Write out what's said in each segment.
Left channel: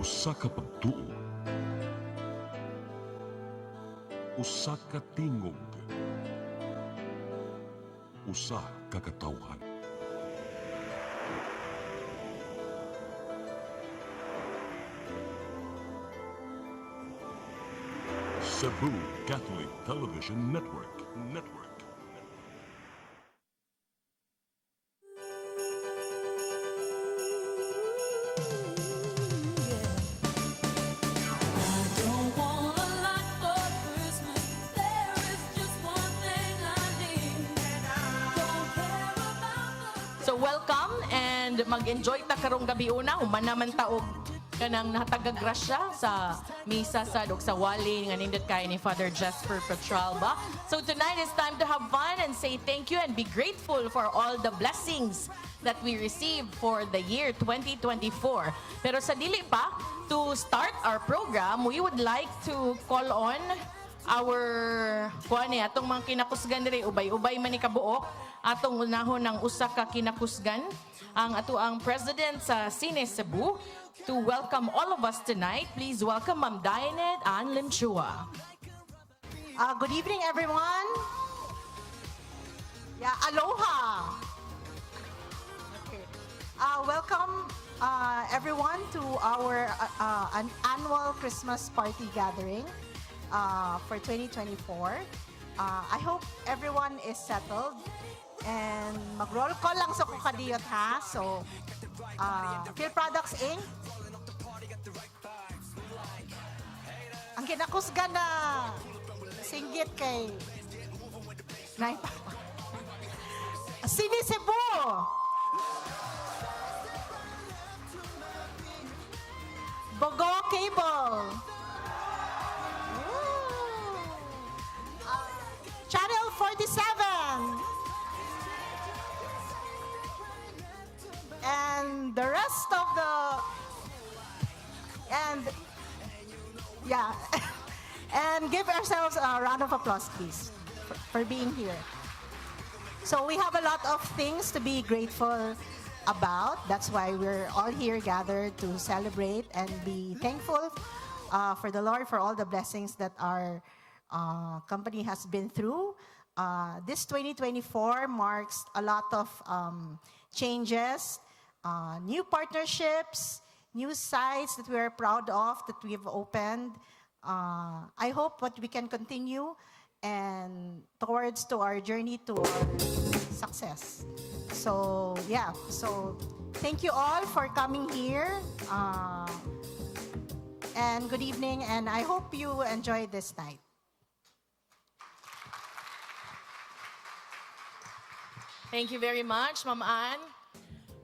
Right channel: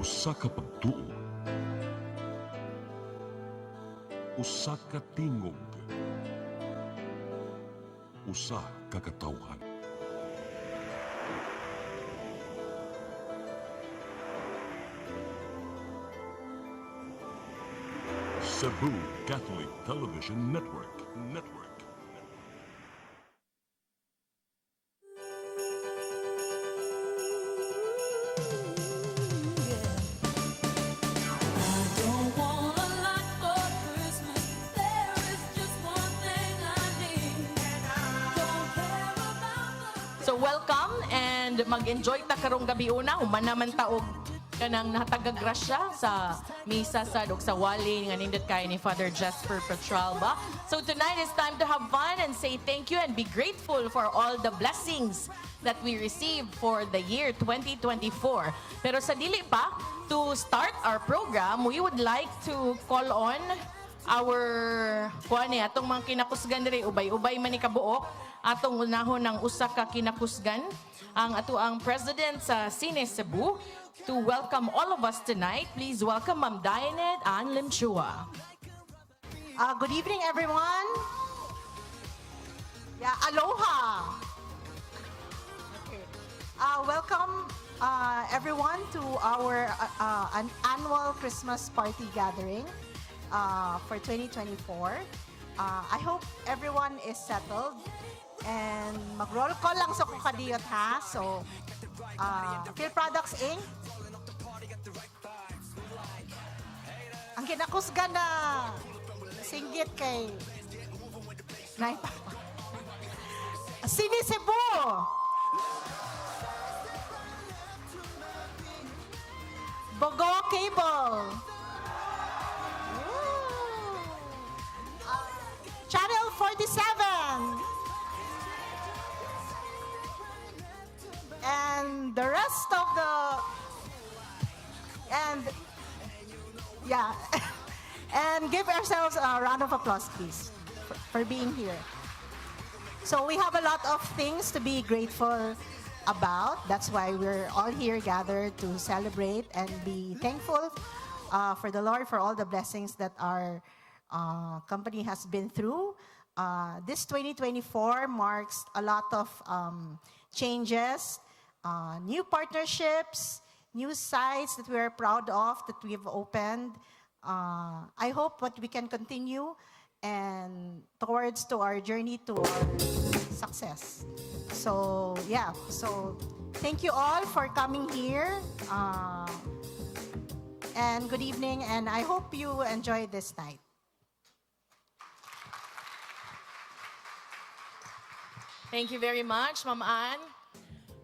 Usa ka pagtuo, usa ka tingog, usa ka katawhan. Cebu Catholic Television Network. Don't want a lot for Christmas. There is just one thing I need. Don't care about So welcome and mag-enjoy ta karong gabi una human naman taog kanang natagagrasya sa misa sa Dugsawali nga nindot kay ni Father Jasper Petralba. So tonight is time to have fun and say thank you and be grateful for all the blessings that we received for the year 2024. Pero sa dili pa, to start our program, we would like to call on our atong mga kinakusgan diri ubay-ubay man ni kabuok atong unahon ng usa ka kinakusgan ang ato ang president sa Cine Cebu to welcome all of us tonight. Please welcome Ma'am Dayanet Ann Limchua. Good evening, everyone. Yeah, aloha. Okay. Welcome, everyone, to our an annual Christmas party gathering for 2024. I hope everyone is settled. And mag-roll call lang sa kukadiyot, ha? So, Phil Products Inc. Ang kinakusgan na singgit kay Cine Cebu. Bogo Cable. Ooh. Channel 47. And the rest of the and give ourselves a round of applause, please, for being here. So we have a lot of things to be grateful about. That's why we're all here gathered to celebrate and be thankful for the Lord for all the blessings that our company has been through. This 2024 marks a lot of changes, new partnerships, new sites that we are proud of that we have opened. I hope what we can continue and towards to our journey to our success. So yeah, so thank you all for coming here, and good evening, and I hope you enjoy this night. Thank you very much, Ma'am Ann.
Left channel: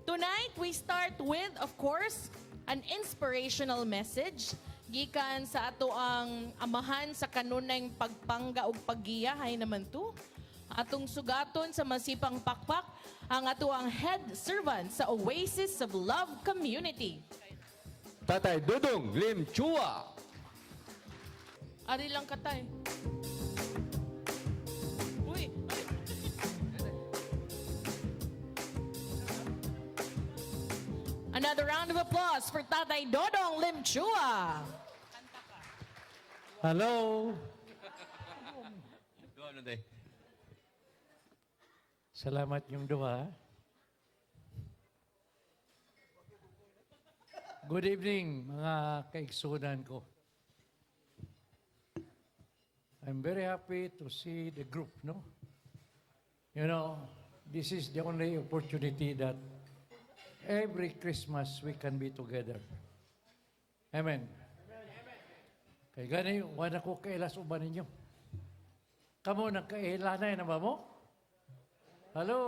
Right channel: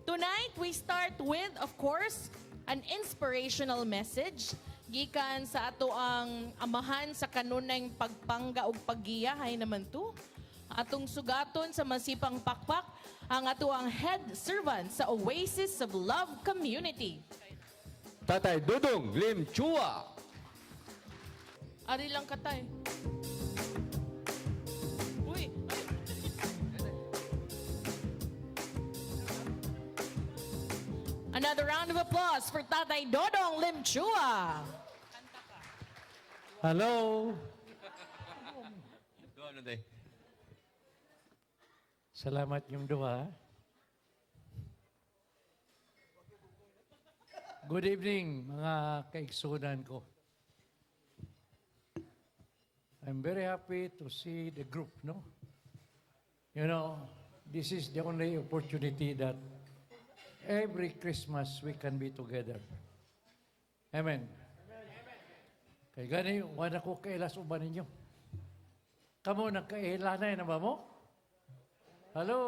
Tonight, we start with, of course, an inspirational message gikan sa ato ang amahan sa kanunay pagpangga ug paggiyahay naman to. Atong sugaton sa masipang pakpak ang ato ang head servant sa Oasis of Love Community. Tatay Dudong Limchua. Ari lang katay. Uy. Another round of applause for Tatay Dodong Limchua. Hello. Salamat yung duha. Good evening, mga kaigsunan ko. I'm very happy to see the group, no? You know, this is the only opportunity that every Christmas we can be together. Amen. Kaya gani, wala ko kailas uban ninyo. Kamu nagkailanay na ba mo? Hello?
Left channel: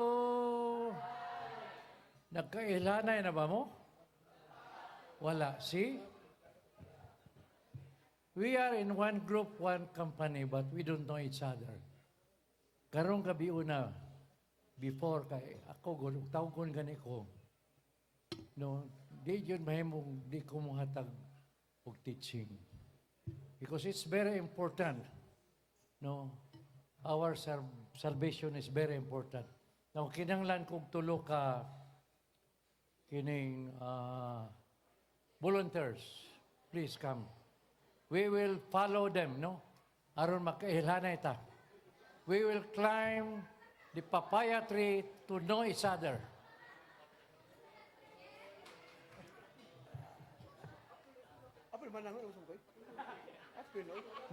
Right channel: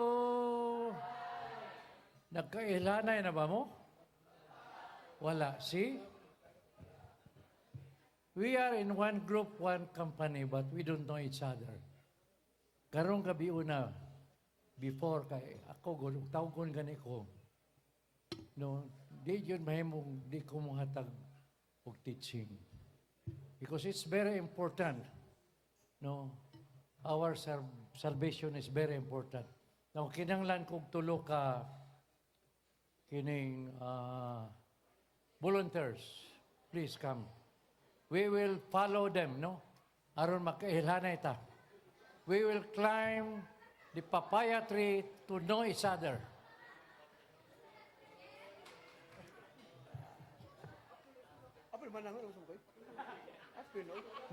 Nagkailanay na ba mo? Wala. See? We are in one group, one company, but we don't know each other. Karong gabi una, before kay ako, tawgon gani ko, no, di yun mahimong di ko muhatag og teaching. Because it's very important, no, our salvation is very important. Now, kinanglan kog tulo ka kining volunteers please come. We will follow them, no? Aron magkailhanay ta. We will climb the papaya tree to know each other.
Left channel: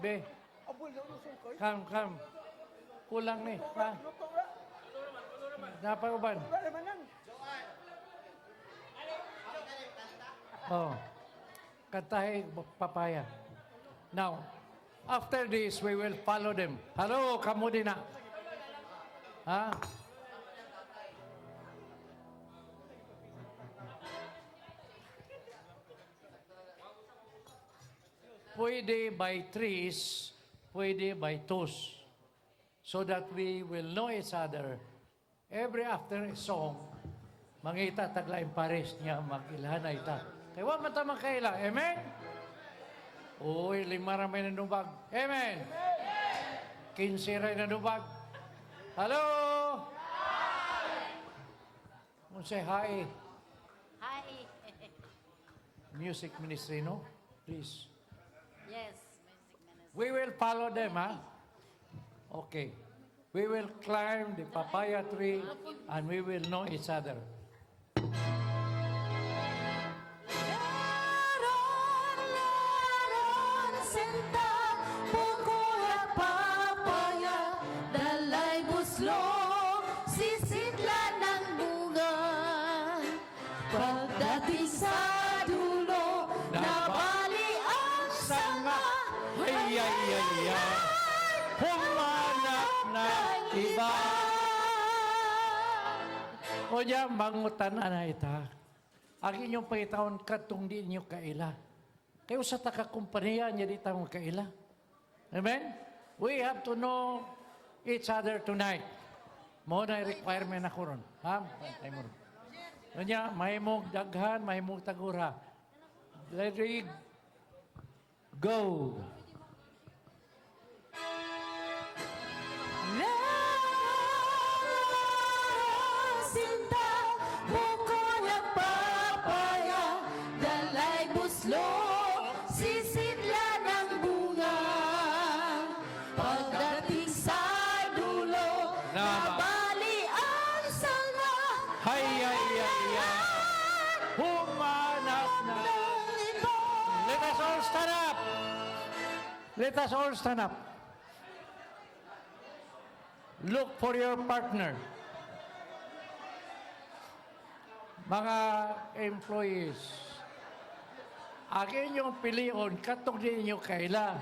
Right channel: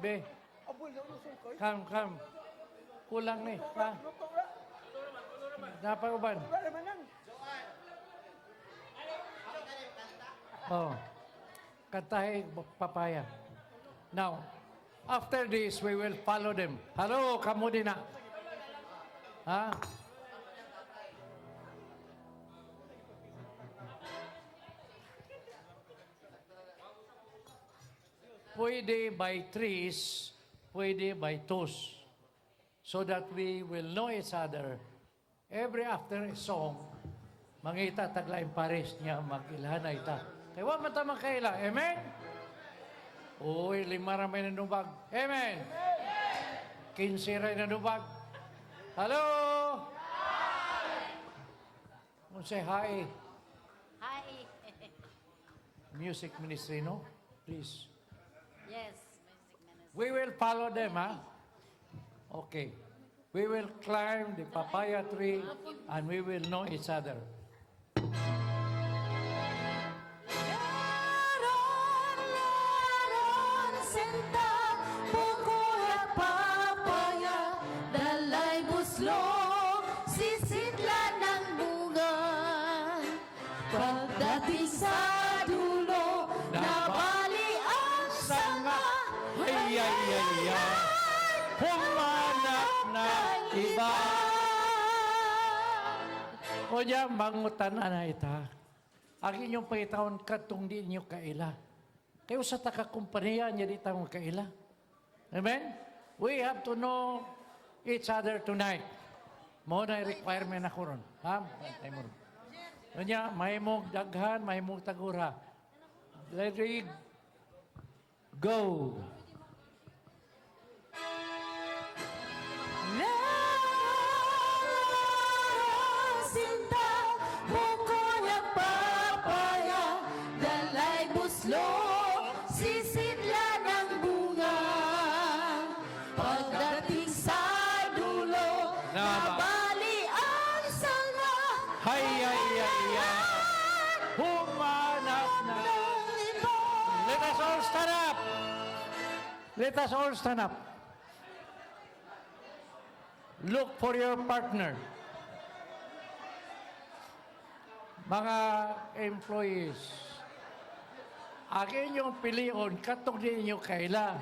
Be, come. Kulang ni, ha? Napauban. Oh, kantahe papaya. Now, after this, we will follow them. Hello, kamu din na. Ha? Pwede by threes, pwede by twos, so that we will know each other. Every after a song, mangita taglaing pares niya mag-ilhanay ta. Kaya wa man ta makaila. Amen? Uy, 5 ramay nanubag. Amen? 15 ray nanubag. Hello? Say hi. Hi. Music ministry, no? Please. Yes, music minister. We will follow them, ha? Okay. We will climb the papaya tree and we will know each other. Laron, senta, buko at papaya, dalay buslo, sisidla ng bunga. Pagdating sa dulo, nabali ang sanga. Ay, ay, ay, ay. Humanap na iba. O niya, mangutan na ita. Ang inyong pangitaon katong di inyo kaila. Kayo sa takakumpanya niya di tayo kaila. Amen? We have to know each other tonight. Mo na requirement ako ron. Ha? Ay mo ron. O niya, may mong daghan, may mong tagura. Ready? Go! Sinta, buko at papaya, dalay buslo, sisidla ng bunga. Pagdating sa dulo, nabali ang sanga. Hay, ay, ay, ay. Humanap na. Let us all stand up. Let us all stand up. Look for your partner. Mga employees, ang inyong pilion, katong din inyo kaila.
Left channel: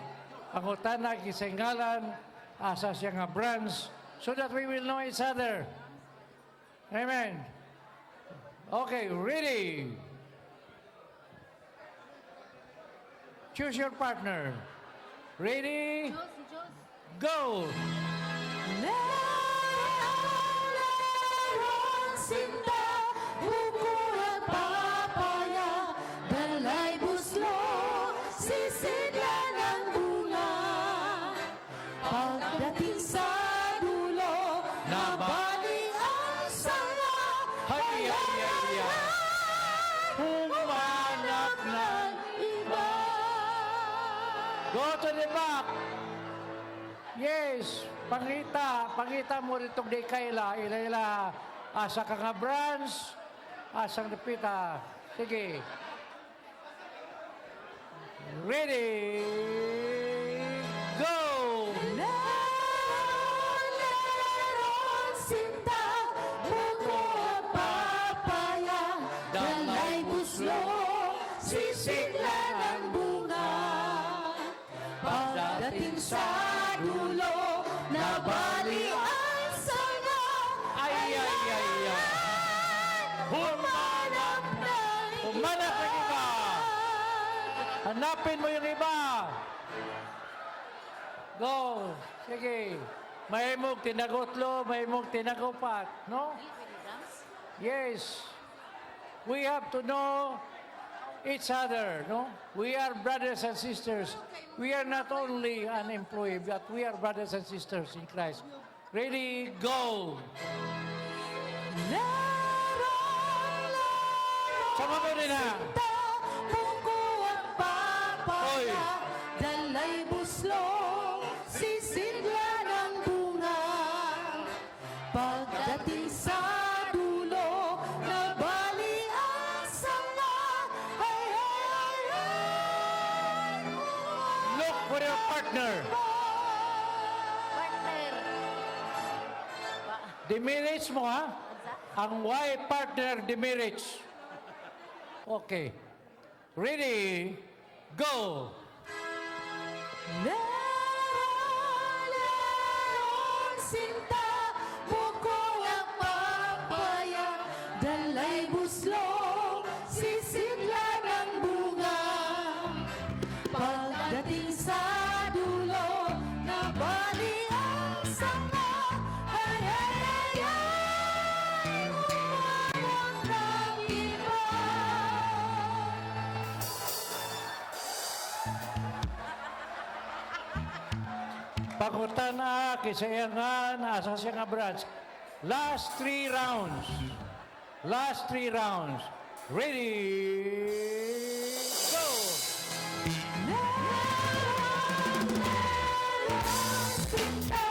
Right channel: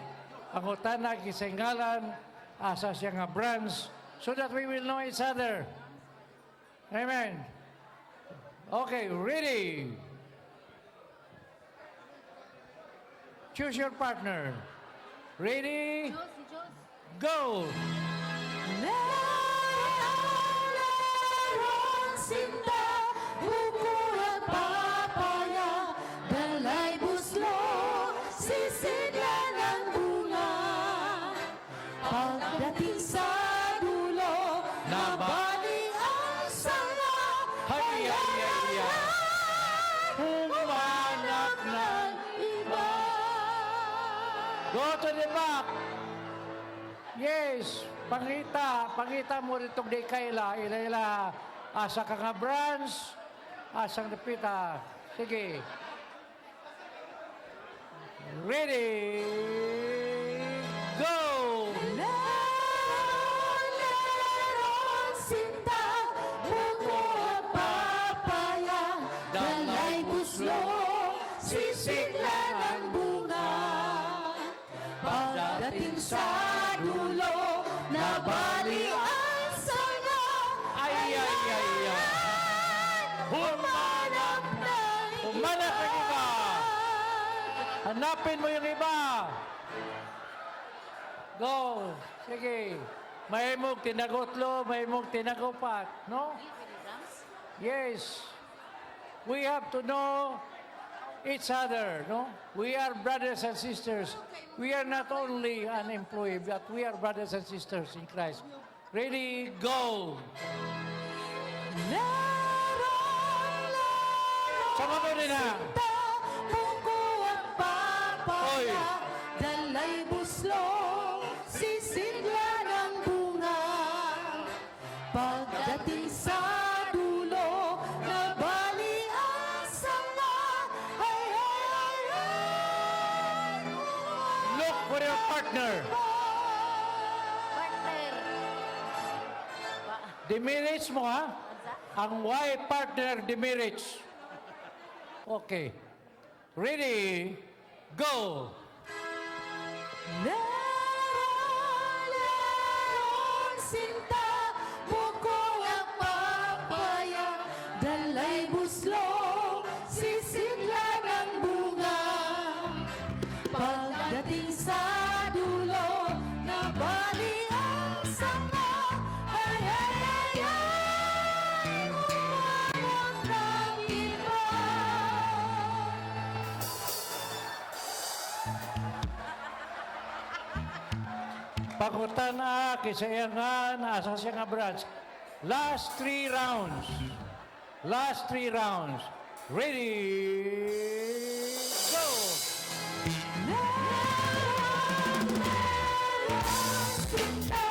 Ang utana, kisenggalan, asa siya nga branch, so that we will know each other. Amen. Okay, ready? Choose your partner. Ready? Go! Laron, sinta, buko at papaya, dalay buslo, sisidla ng bunga. Pagdating sa dulo, nabali ang sanga. Hay, ay, ay, ay. Humanap ng iba. Go to the back. Yes, pangita mo ritong di kaila, ila, asa ka nga branch, asang dapita. Sige. Ready, go! Laron, sinta, buko at papaya, dalay buslo, sisidla ng bunga. Pagdating sa dulo, nabali ang sanga. Ay, ay, ay, ay. Humanap ng Humanap ng iba. Hanapin mo yung iba. Go. Sige. May mong tinagotlo, may mong tinagopat. No? Yes. We have to know each other. No? We are brothers and sisters. We are not only an employee, but we are brothers and sisters in Christ. Ready? Go. Sama ko din na. buko at papaya, Dalay buslong, sisidla ng bunga. Pagdating sa dulo, nabali ang sanga. Ay, ay, ay, ay. Look for your partner. Partner. Demerits mo, ha? Ang Y partner demerits. Okay. Ready? Go! Lerong sinta, buko ang papaya. Dalay buslong, sisidla ng bunga. Pagdating sa dulo, nabali ang sanga. Ay, ay, ay, ay, umarang ng iba. Pagutan na, kisayangan, asa siya nga branch. Last 3 rounds. Last 3 rounds. Ready? Go! Sinta,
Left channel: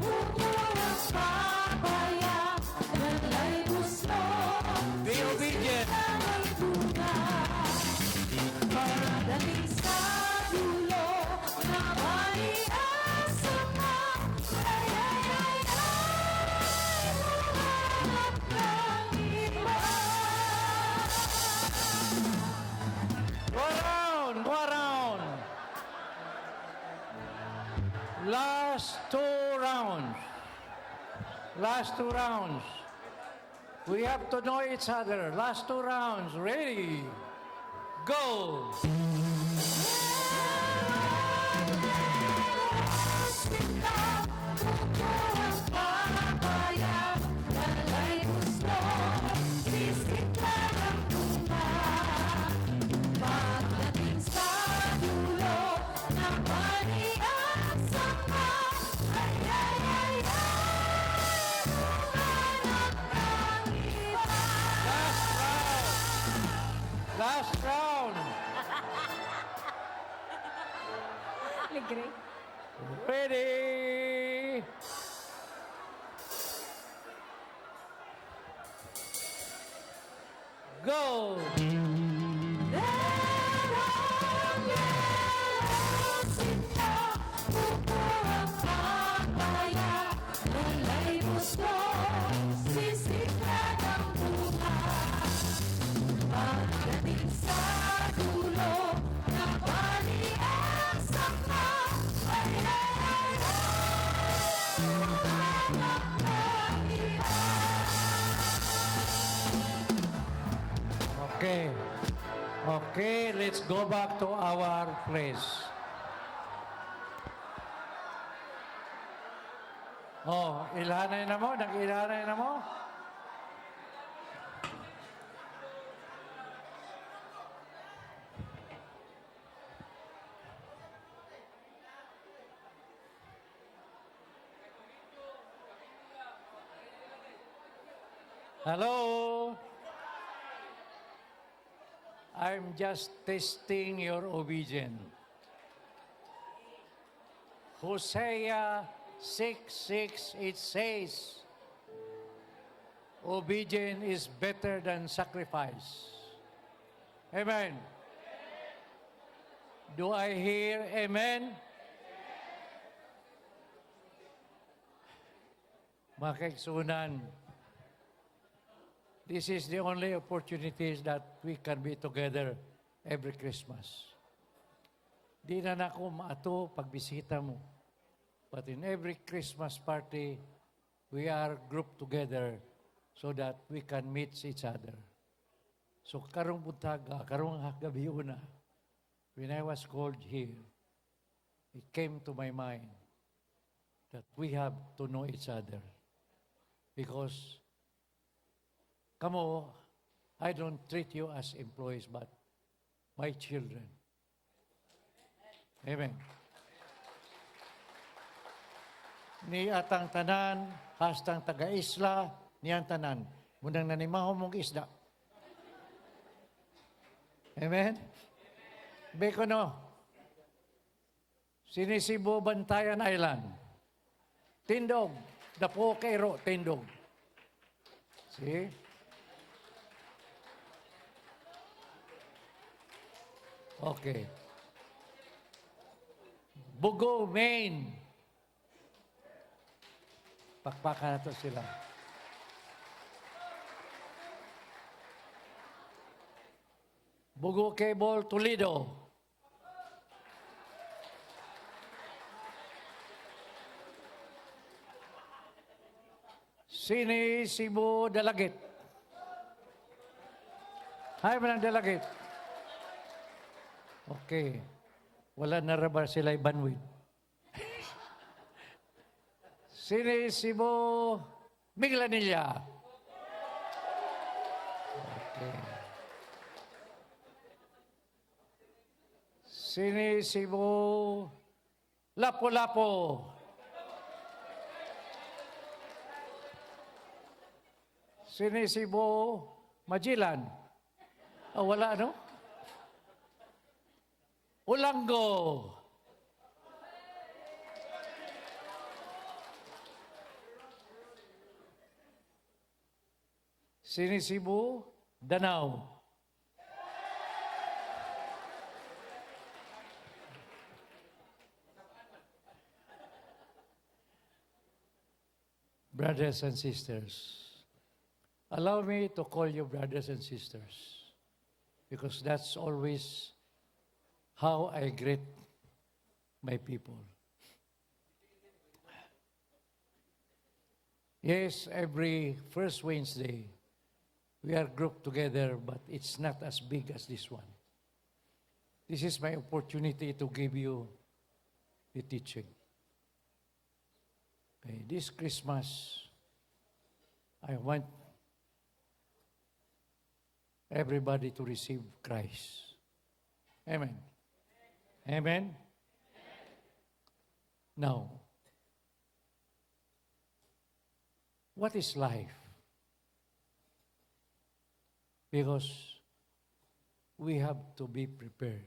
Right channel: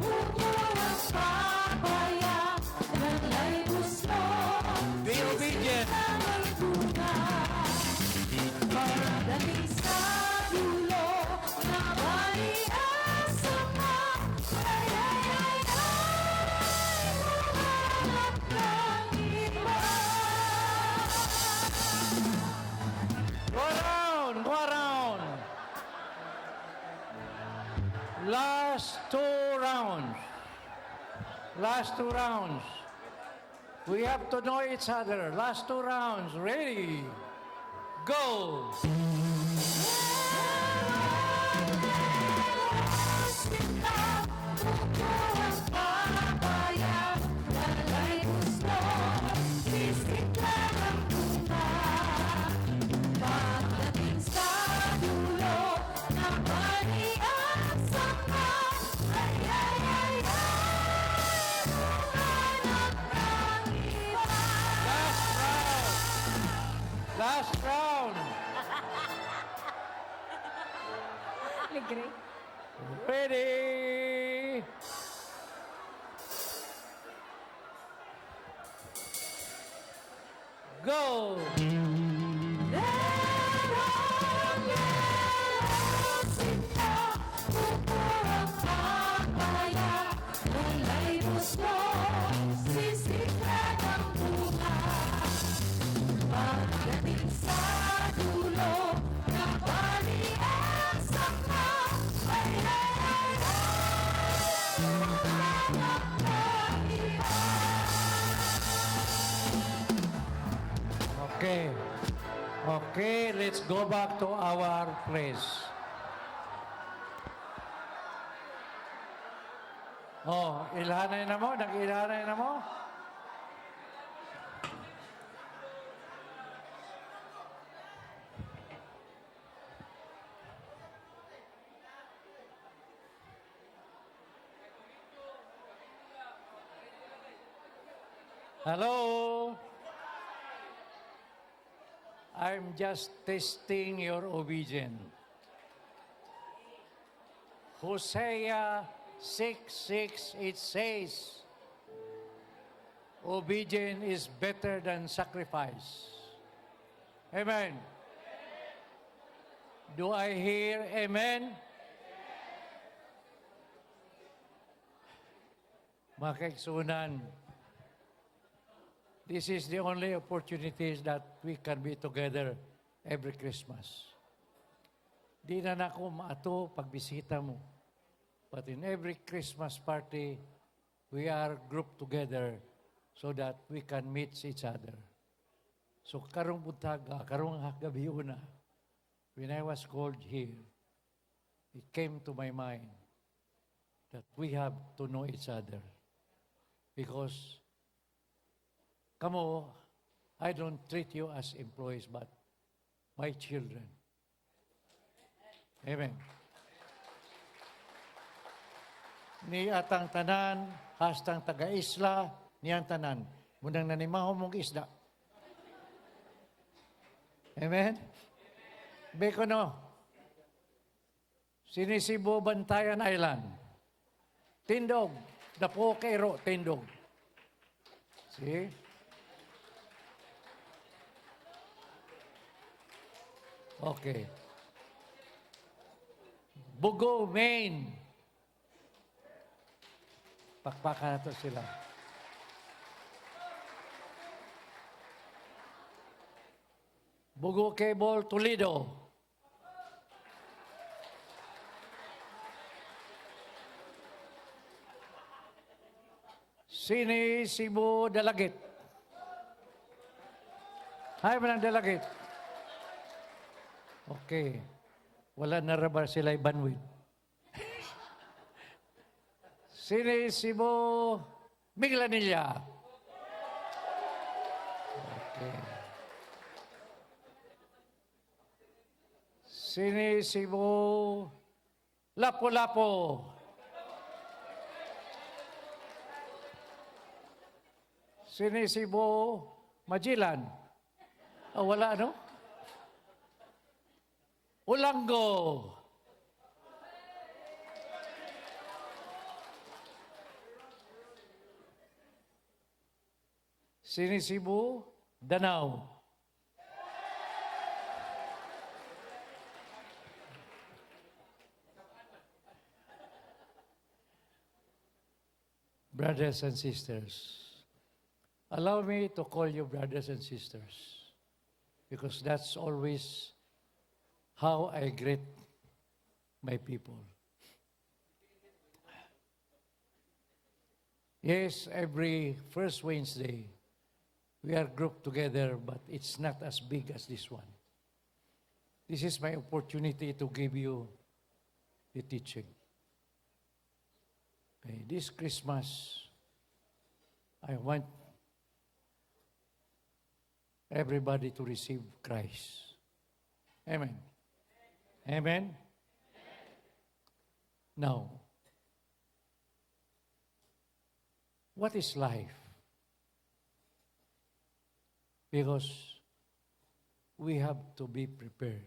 buko ang papaya. Dalay buslong, Be obedient. pagdating sa dulo, nabali ang sanga. Ay, ay, ay, ay, umarang ng iba. Go round! Go round! Last 2 rounds. Last 2 rounds. We have to know each other. Last 2 rounds. Ready? Go! Last round. Ready? Go! Okay. Okay, let's go back to our place. Oh, ilanay na mo? Nag-ilanay na mo? Hello? I'm just testing your obedience. Hosea 6:6, it says, obedience is better than sacrifice. Amen. Do I hear amen? Mga kaigsunan, this is the only opportunities that we can be together every Christmas. Di na nako maato pagbisita mo. But in every Christmas party, we are grouped together so that we can meet each other. So karong buntaga, karong gabi una, when I was called here, it came to my mind that we have to know each other. Because, kamo, I don't treat you as employees, but my children. Amen. Ni atang tanan, hastang taga-isla, niyang tanan. Munang nanimaho mong isda. Amen? Beko no. Sinisibo, Bantayan Island. Tindog. Dapo, Cairo, Tindog. See? Okay. Bugo, Maine. Pakpakan na to sila. Bugo, Cable, Toledo. Sini, Cebu, Dalagit. Hay mo ng Dalagit. Okay. Wala na rabar sila ibanwid. Sini, Cebu, Minglanilla. Okay. Sini, Cebu, Lapu-Lapu. Sini, Cebu, Magellan. Ah, wala, ano? Ulango. Sinisibu, Danau. Brothers and sisters, allow me to call you brothers and sisters because that's always how I greet my people. Yes, every first Wednesday, we are grouped together, but it's not as big as this one. This is my opportunity to give you the teaching. Okay, this Christmas, I want everybody to receive Christ. Amen. Amen. Now, what is life? Because we have to be prepared.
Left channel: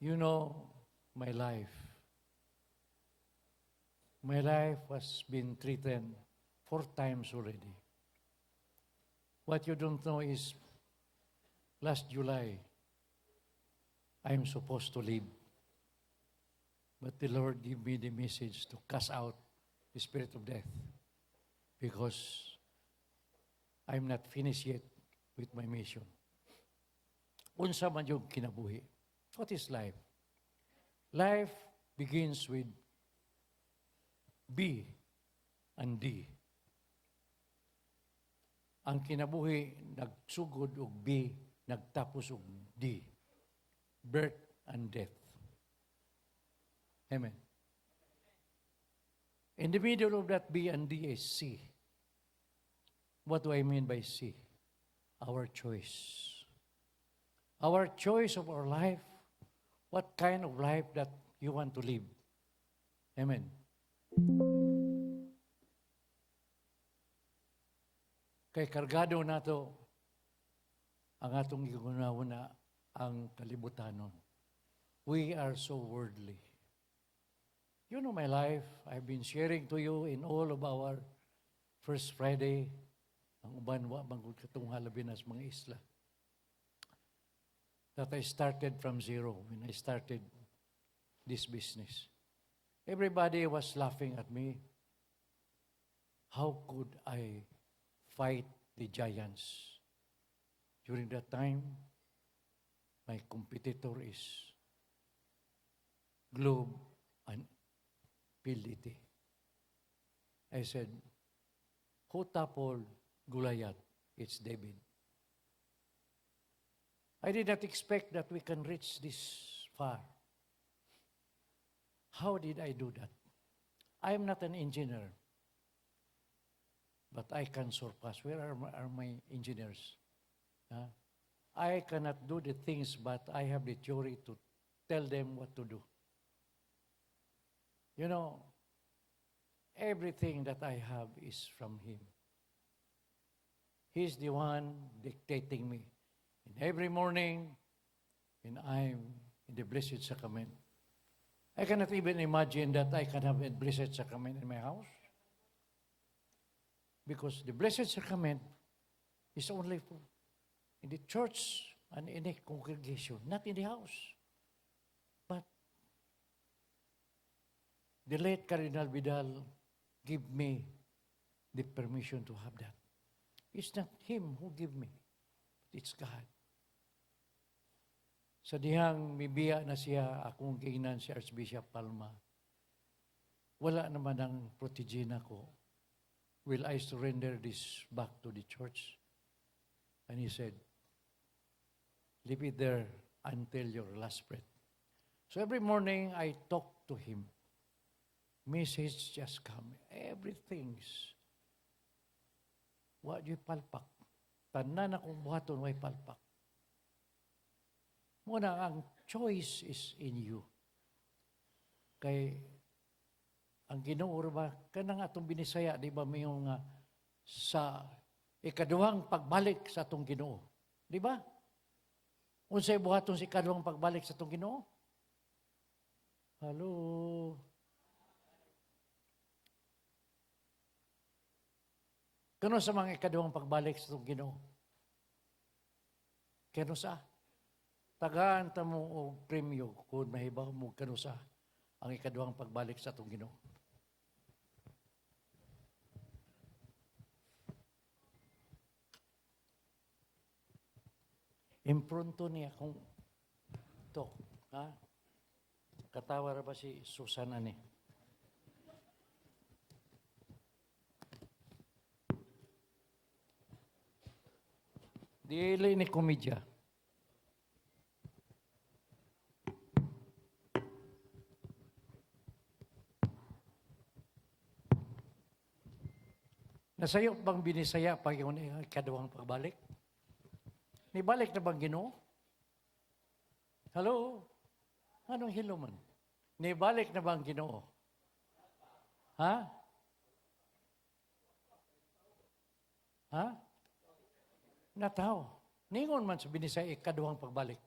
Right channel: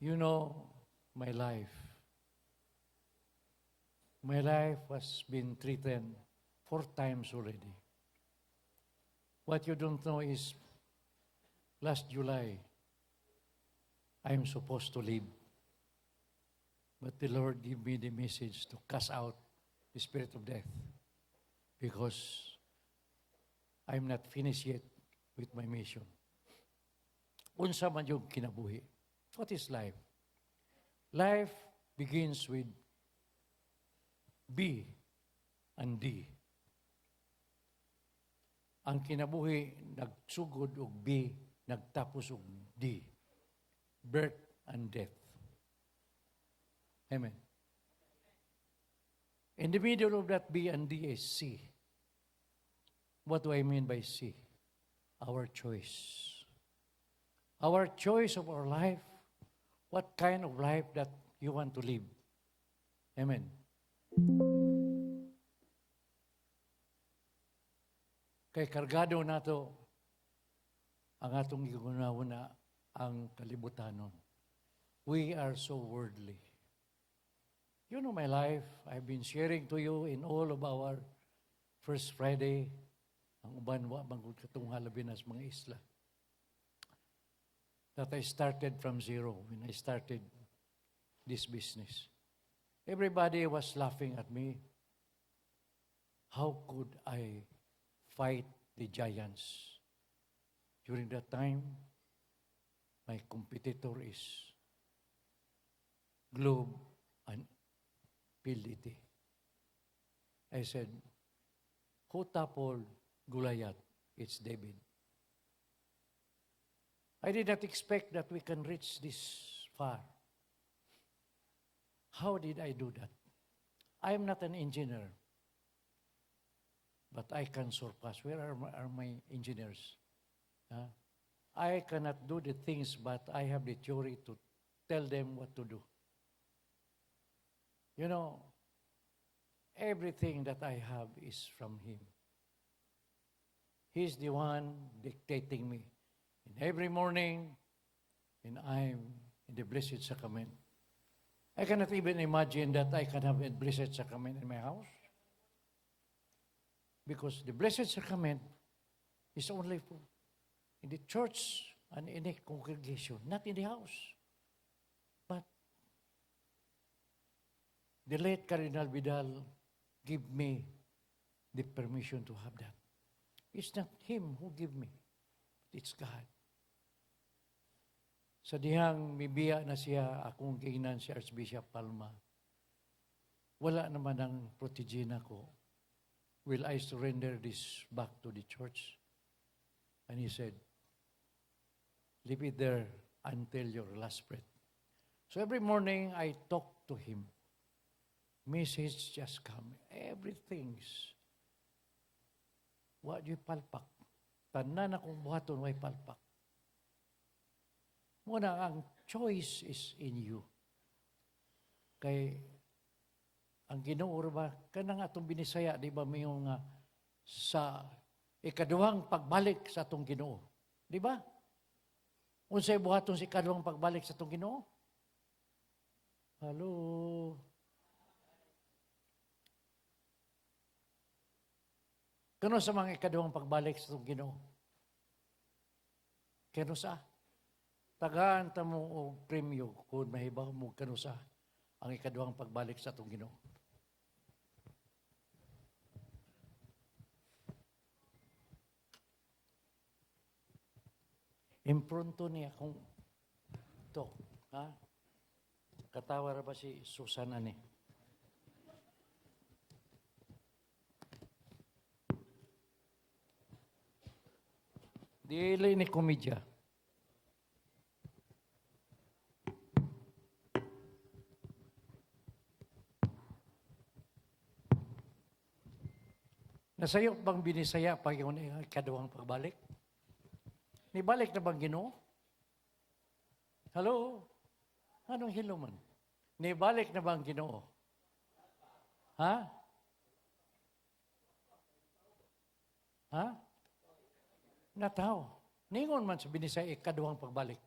You know my life. My life has been threatened 4 times already. What you don't know is last July, I'm supposed to leave. But the Lord gave me the message to cast out the spirit of death because I'm not finished yet with my mission. Unsa man yung kinabuhi. What is life? Life begins with B and D. Ang kinabuhi nagsugod og B, nagtapos og D. Birth and death. Amen. In the middle of that B and D is C. What do I mean by C? Our choice. Our choice of our life. What kind of life that you want to live. Amen. Kay kargado nato ang atong gigunahuna ang kalibutanon. We are so worldly. You know my life. I've been sharing to you in all of our First Friday. Ang uban wa bangod katong halabinas mga isla. That I started from zero when I started this business. Everybody was laughing at me. How could I fight the giants? During that time, my competitor is Globe and PLDT. I said, who toppled Goliath? It's David. I did not expect that we can reach this far. How did I do that? I am not an engineer, but I can surpass. Where are my engineers? I cannot do the things, but I have the theory to tell them what to do. You know, everything that I have is from Him. He's the one dictating me. And every morning, when I'm in the Blessed Sacrament. I cannot even imagine that I can have a Blessed Sacrament in my house. Because the Blessed Sacrament is only for in the church and in a congregation, not in the house. But the late Cardinal Vidal gave me the permission to have that. It's not him who gave me, it's God. Sa dihang mibiya na siya, akong kainan si Archbishop Palma, wala naman ang protegina ko. Will I surrender this back to the church? And he said, leave it there until your last breath. So every morning, I talk to him. Message just come. Everything's what you palpak. Tanan akong buhaton way palpak. Muna, ang choice is in you. Kay, ang Ginoo ba, kanang atong binisaya, di ba, mayong sa ikaduhang pagbalik sa atong Ginoo. Di ba? Unsay buhaton sa ikaduhang pagbalik sa atong Ginoo? Hello? Kano sa mga ikaduhang pagbalik sa atong Ginoo? Kano sa? Tagaan ta mo og premyo kung nahibaw mo kano sa ang ikaduhang pagbalik sa atong Ginoo. Impronto niya kung to, ha? Katawa ra ba si Susan ani? Dili ni komedya. Nasayo bang binisaya pag yung ikaduhang pagbalik? Nibalik na bang Ginoo? Hello? Anong hello man? Nibalik na bang Ginoo? Ha? Ha? Nataw. Ningon man sa binisaya ikaduhang pagbalik.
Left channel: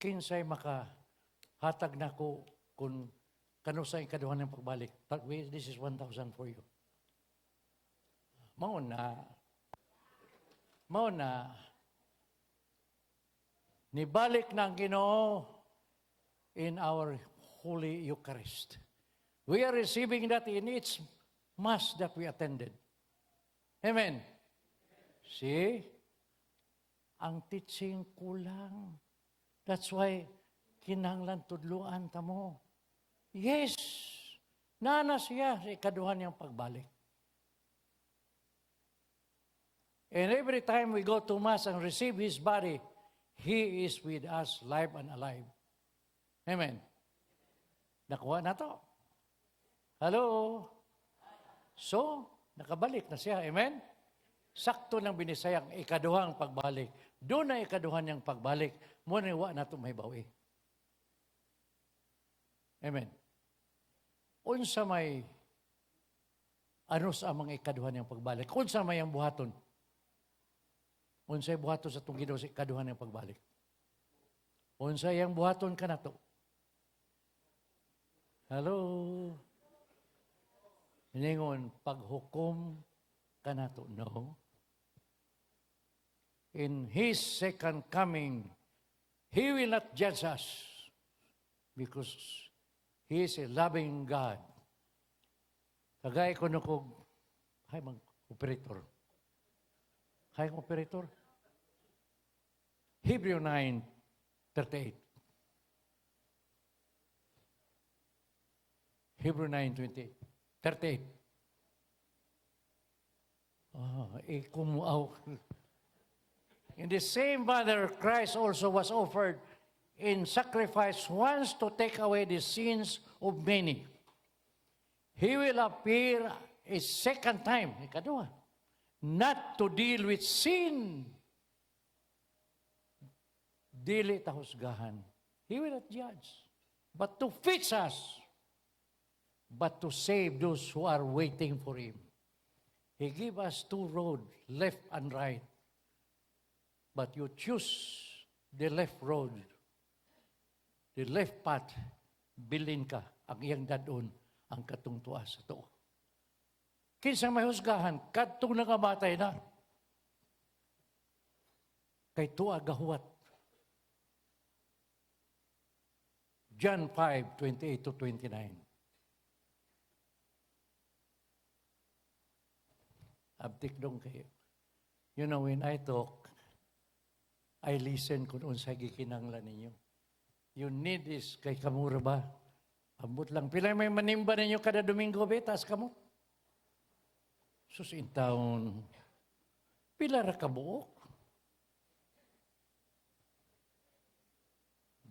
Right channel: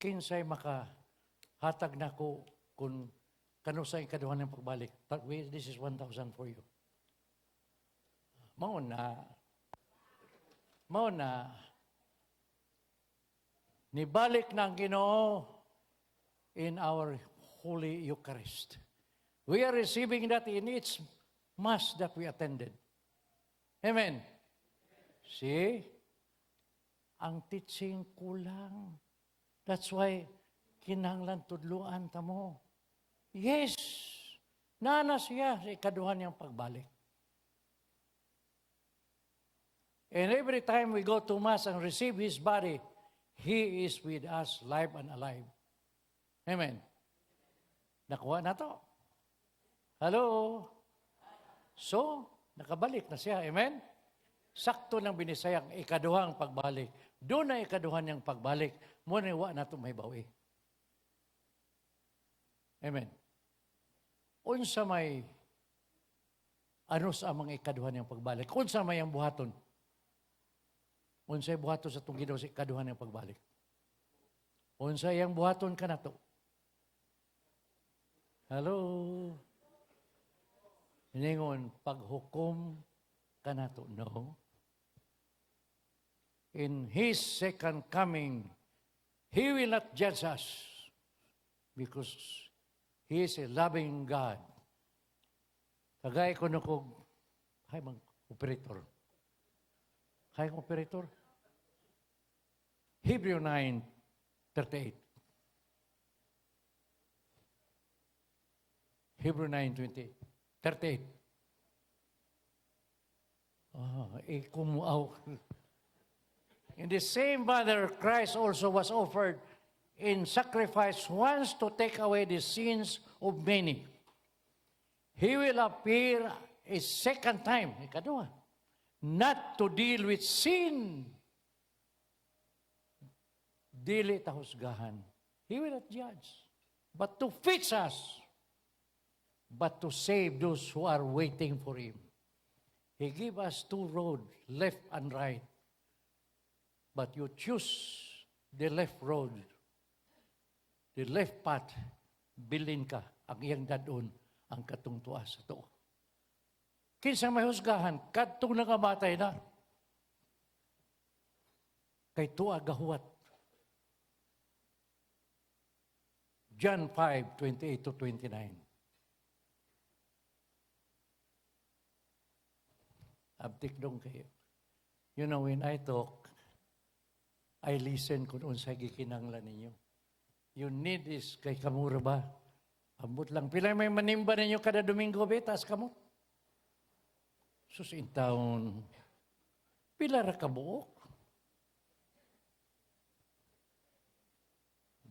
Kinsay makahatag na ko kung kano sa ikaduhan ng pagbalik. This is 1,000 for you. Mao na, nibalik na ang Ginoo in our Holy Eucharist. We are receiving that in each Mass that we attended. Amen. See? Ang teaching kulang. That's why kinahanglan tudluan ta mo. Yes, nana siya sa ikaduhan niyang pagbalik. And every time we go to Mass and receive His body, He is with us, live and alive. Amen. Nakuha na to. Hello? So, nakabalik na siya. Amen? Sakto ng binisayang ikaduhang pagbalik. Doon na ikaduhan niyang pagbalik. Muna wa na ito may bawi. Amen. Unsa may ano sa mga ikaduhan niyang pagbalik? Unsa may ang buhaton? Unsay buhaton sa itong Ginoo sa ikaduhan niyang pagbalik? Unsay ang buhaton ka na to? Hello? Hiningon, paghukom ka na to? No. In His second coming, He will not judge us because He is a loving God. Kagay ko na kog, hay mang operator. Hay operator. Hebrew 9:38. Hebrew 9:38. Kumuaw. In the same manner, Christ also was offered in sacrifice once to take away the sins of many. He will appear a second time, ikaduha, not to deal with sin. Dili ta husgahan. He will not judge, but to fix us, but to save those who are waiting for Him. He gave us two roads, left and right. But you choose the left road, the left path, bilin ka, ang iyang dadon, ang katungtuas sa to. Kinsa may husgahan, katong nakamatay na. Kay tuwa gahuwat. John 5:28 to 29. Abtik dong kayo. You know, when I talk, I listen kung unsay gikinanglan ninyo. You need this kay kamura ba? Ambot lang. Pila may manimba ninyo kada Domingo, betas kamot. Sus in taon. Pila ra ka buok?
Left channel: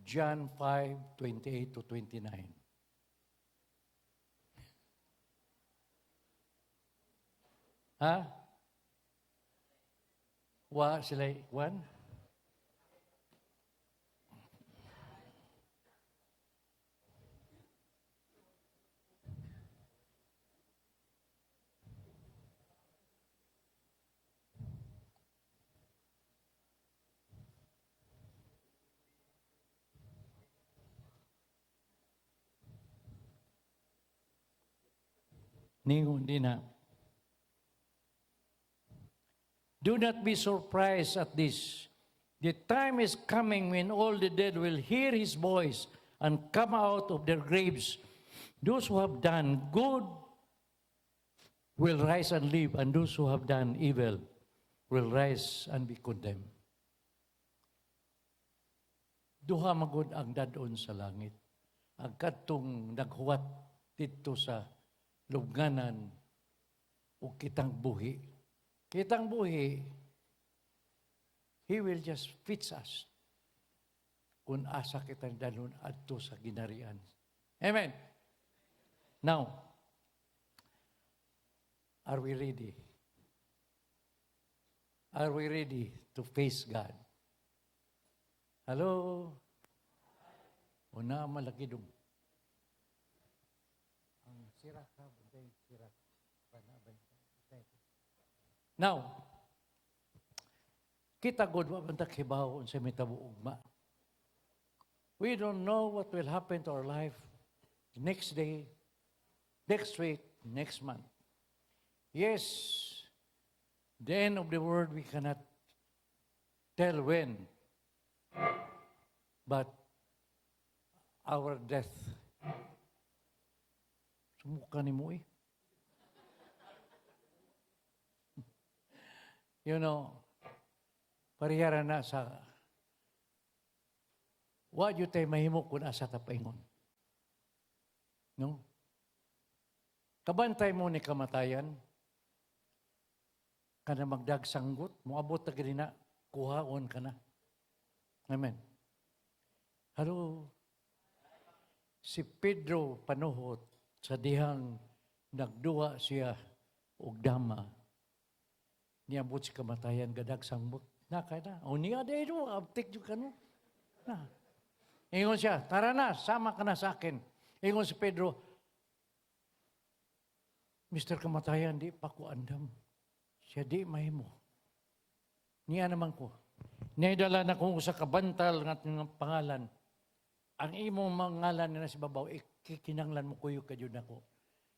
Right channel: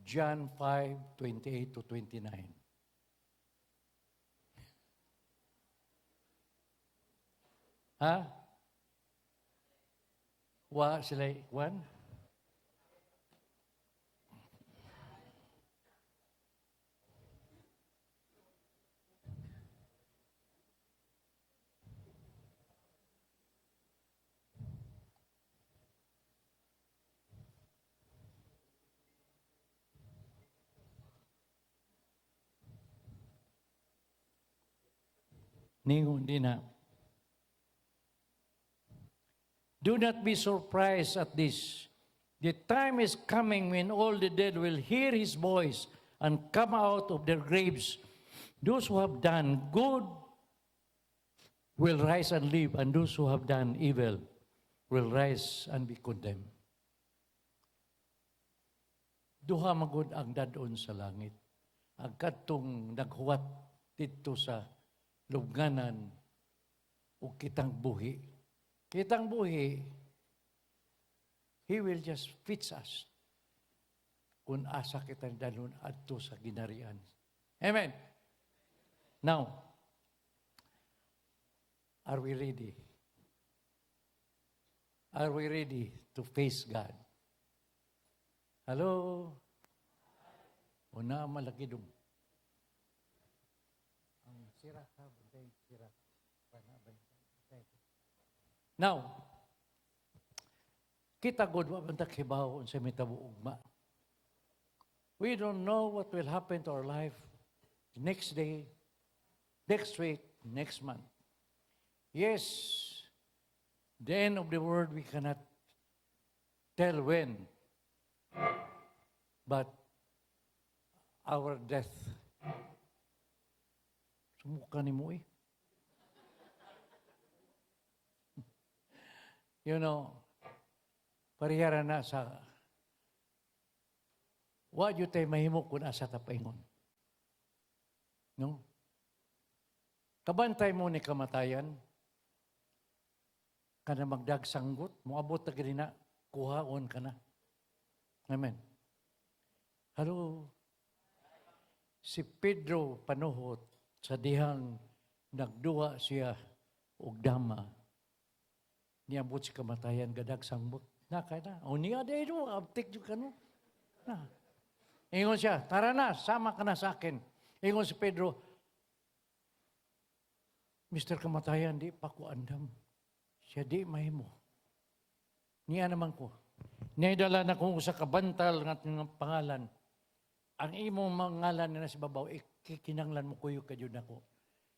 John 5:28 to 29. Ha? Wa sila, one? Ningon din na. Do not be surprised at this. The time is coming when all the dead will hear his voice and come out of their graves. Those who have done good will rise and live, and those who have done evil will rise and be condemned. Duha magud ang dadon sa langit. Ang katong naghuwat dito sa lubnganan o kitang buhi. Kitang buhi, He will just fix us kung asa kitang dalon adto sa ginarian. Amen. Now, are we ready? Are we ready to face God? Hello? Una malaki dong. Ang sira ka, bantay, sira. Now, kita god wa bantag hibaw sa mitabuugma. We don't know what will happen to our life next day, next week, next month. Yes, the end of the world we cannot tell when, but our death. Sumuka ni mo eh. You know, parihara na sa what you tay mahimo kung asa ka paingon. No? Kabantay mo ni kamatayan, kana magdagsanggot, moabot na gani na, kuhaon ka na. Amen. Hello? Si Pedro panuhot sa dihang nagduwa siya og dama. Niabot si kamatayan, gadag sangbot. Naka na. O niya day do, abtik yung kano. Ingon siya, tara na, sama ka na sa akin. Ingon si Pedro, Mr. Kamatayan, di pa ko andam. Siya di mahimo. Niya naman ko. Naidala na kong sa kabantal ng pangalan. Ang imong mangalan na si babaw, ikikinanglan mo kuyo ka dyan ako.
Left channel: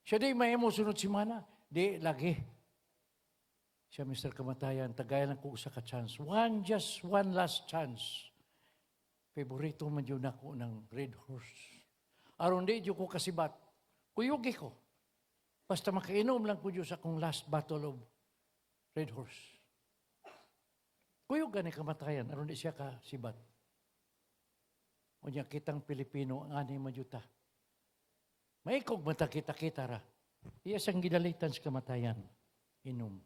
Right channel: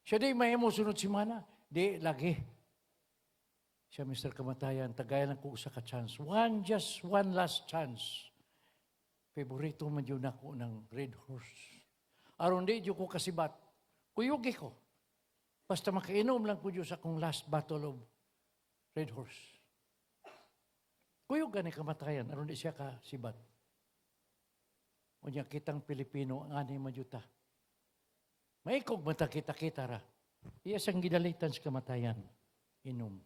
Siya di mahimo sunod si mana. Di lagi. Siya, Mr. Kamatayan, tagayan ko sa ka-chance. Just one last chance. Favorito man yun ako ng Red Horse. Aron di ko kasibat. Kuyugi ko. Basta makainom lang ko sa akong last battle of Red Horse. Kuyog ni kamatayan. Aron di siya kasibat. O niya kitang Pilipino, ang ani majuta. Maikog mata kita-kita ra. Iya sang gidalitan sa kamatayan. Inom.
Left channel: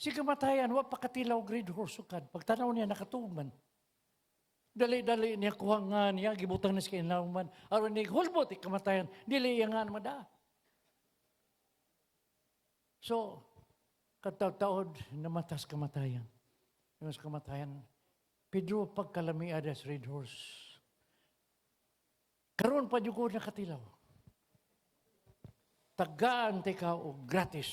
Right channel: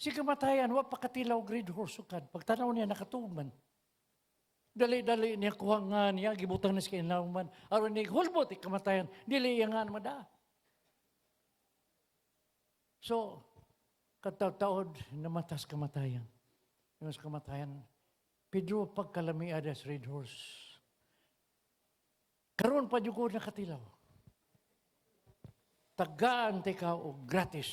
Si kamatayan, wa pakatilaw Red Horse sukad. Pagtanaw niya, nakatuman. Dali-dali niya kuhangan niya, gibutang na sa kinauman. Aron ni hulbot, kamatayan, dili yangan mada. So, kataw-taod, namatas kamatayan. Yung sa kamatayan, Pedro, pagkalami adas Red Horse. Karoon pa yung ko nakatilaw. Tagaan te ka o gratis.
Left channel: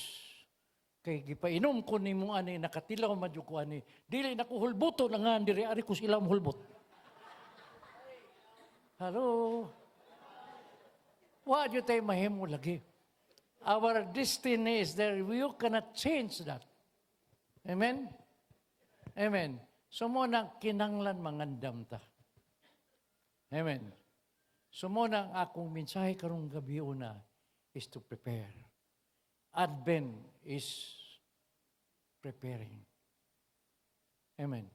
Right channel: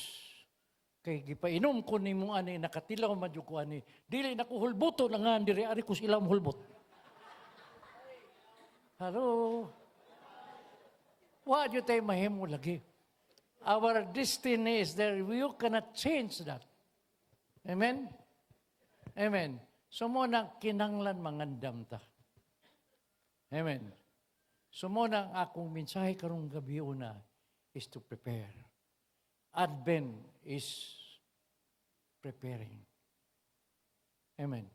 Kay gipainom ko ni mo ani, nakatilaw madyo ko ani. Dili na ko hulbuto na nga, diri ari ko sila hulbot. Hello? What you tayo mahimo lagi? Our destiny is there. You cannot change that. Amen? Amen. So mo na kinanglan mangandam ta. Amen. So mo na akong mensahe karong gabi una is to prepare. Advent is preparing. Amen.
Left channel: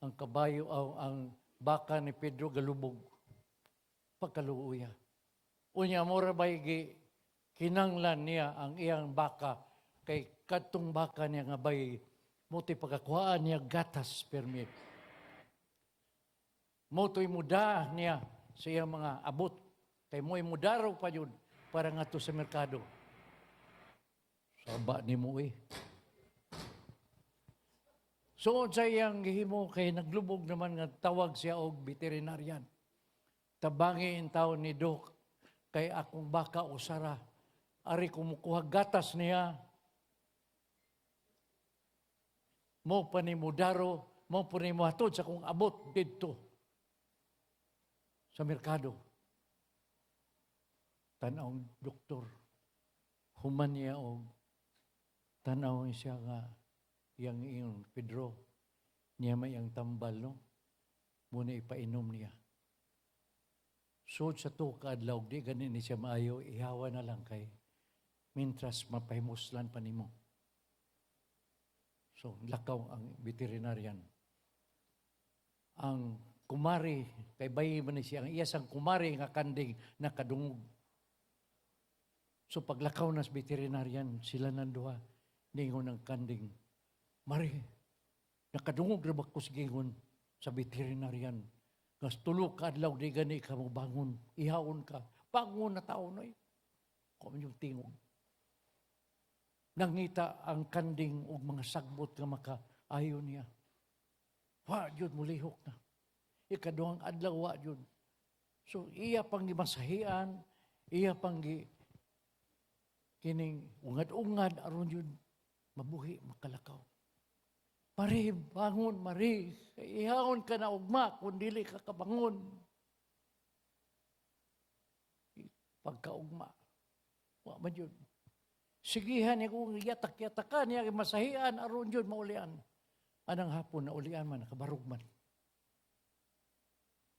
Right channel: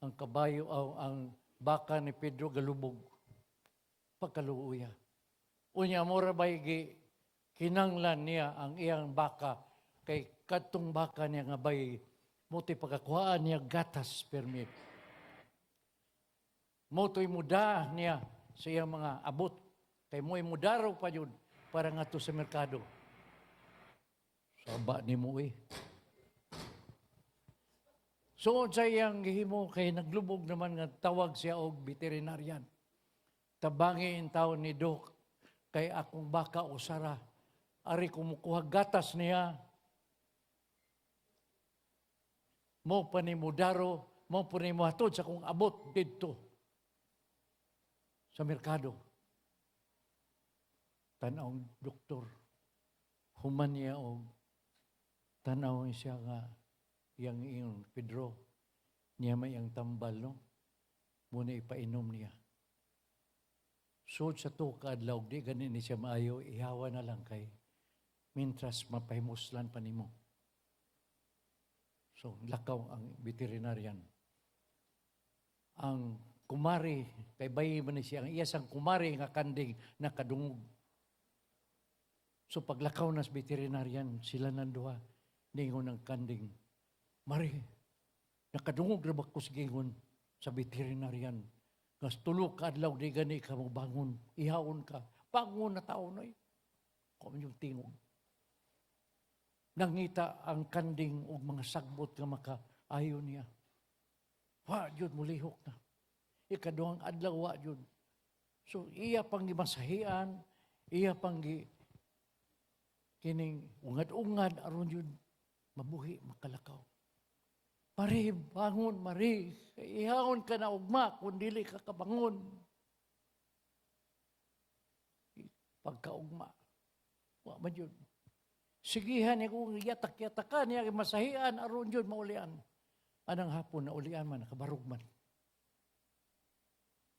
Ang kabayo ang baka ni Pedro galubog pagkaluuya. Unya mora bay kinanglan niya ang iyang baka kay kadtong baka niya nga bay muti pagkakuhaan niya gatas permit. Moto'y muda niya sa iyang mga abot. Kay mo'y mudaraw pa yun para nga to sa merkado. Saba ni mo eh. So sa iyang gihimo kay naglubog naman nga tawag siya og veterinarian. Tabangin taon ni Dok kay akong baka usara. Ari kumukuha gatas niya. Mo pa ni mudaro, mo pa ni muhatod sa kong abot dito sa merkado. Tanawang doktor, human niya og tanawang siya nga yung Pedro, niya may ang tambal, no? Muna ipainom niya. So sa to kaadlaw, di ganin ni siya maayo, ihawa na lang kay mintras mapahimuslan pa nimo. So, lakaw ang veterinarian. Ang kumari, kay bayi man ni siya, ang iyasang kumari nga kanding nakadungog. So, paglakaw na sa veterinarian, sila nanduha, ningon ng kanding, Mari, nakadungog na ba kusgingon sa veterinarian? Nas tulog ka adlaw, di gani ka mo bangon, ihaon ka, bangon na tao na eh. Kung yung tingog. Nangita ang kanding o mga sagbot nga makaayo niya. Wa, yun, mulihok na. Ikaduhang adlaw, wa, yun. So, iya pang gimasahian, iya pang kining ungad-ungad, aron yun, mabuhi, makalakaw. Mari, bangon, mari. Ihawon ka na ugma, kung dili ka kabangon. Pagkaugma. Wa man yun. Sigihan niya kung yatak-yatakan niya, masahian, aron yun, maulian. Anang hapon na ulian man, nakabarog man.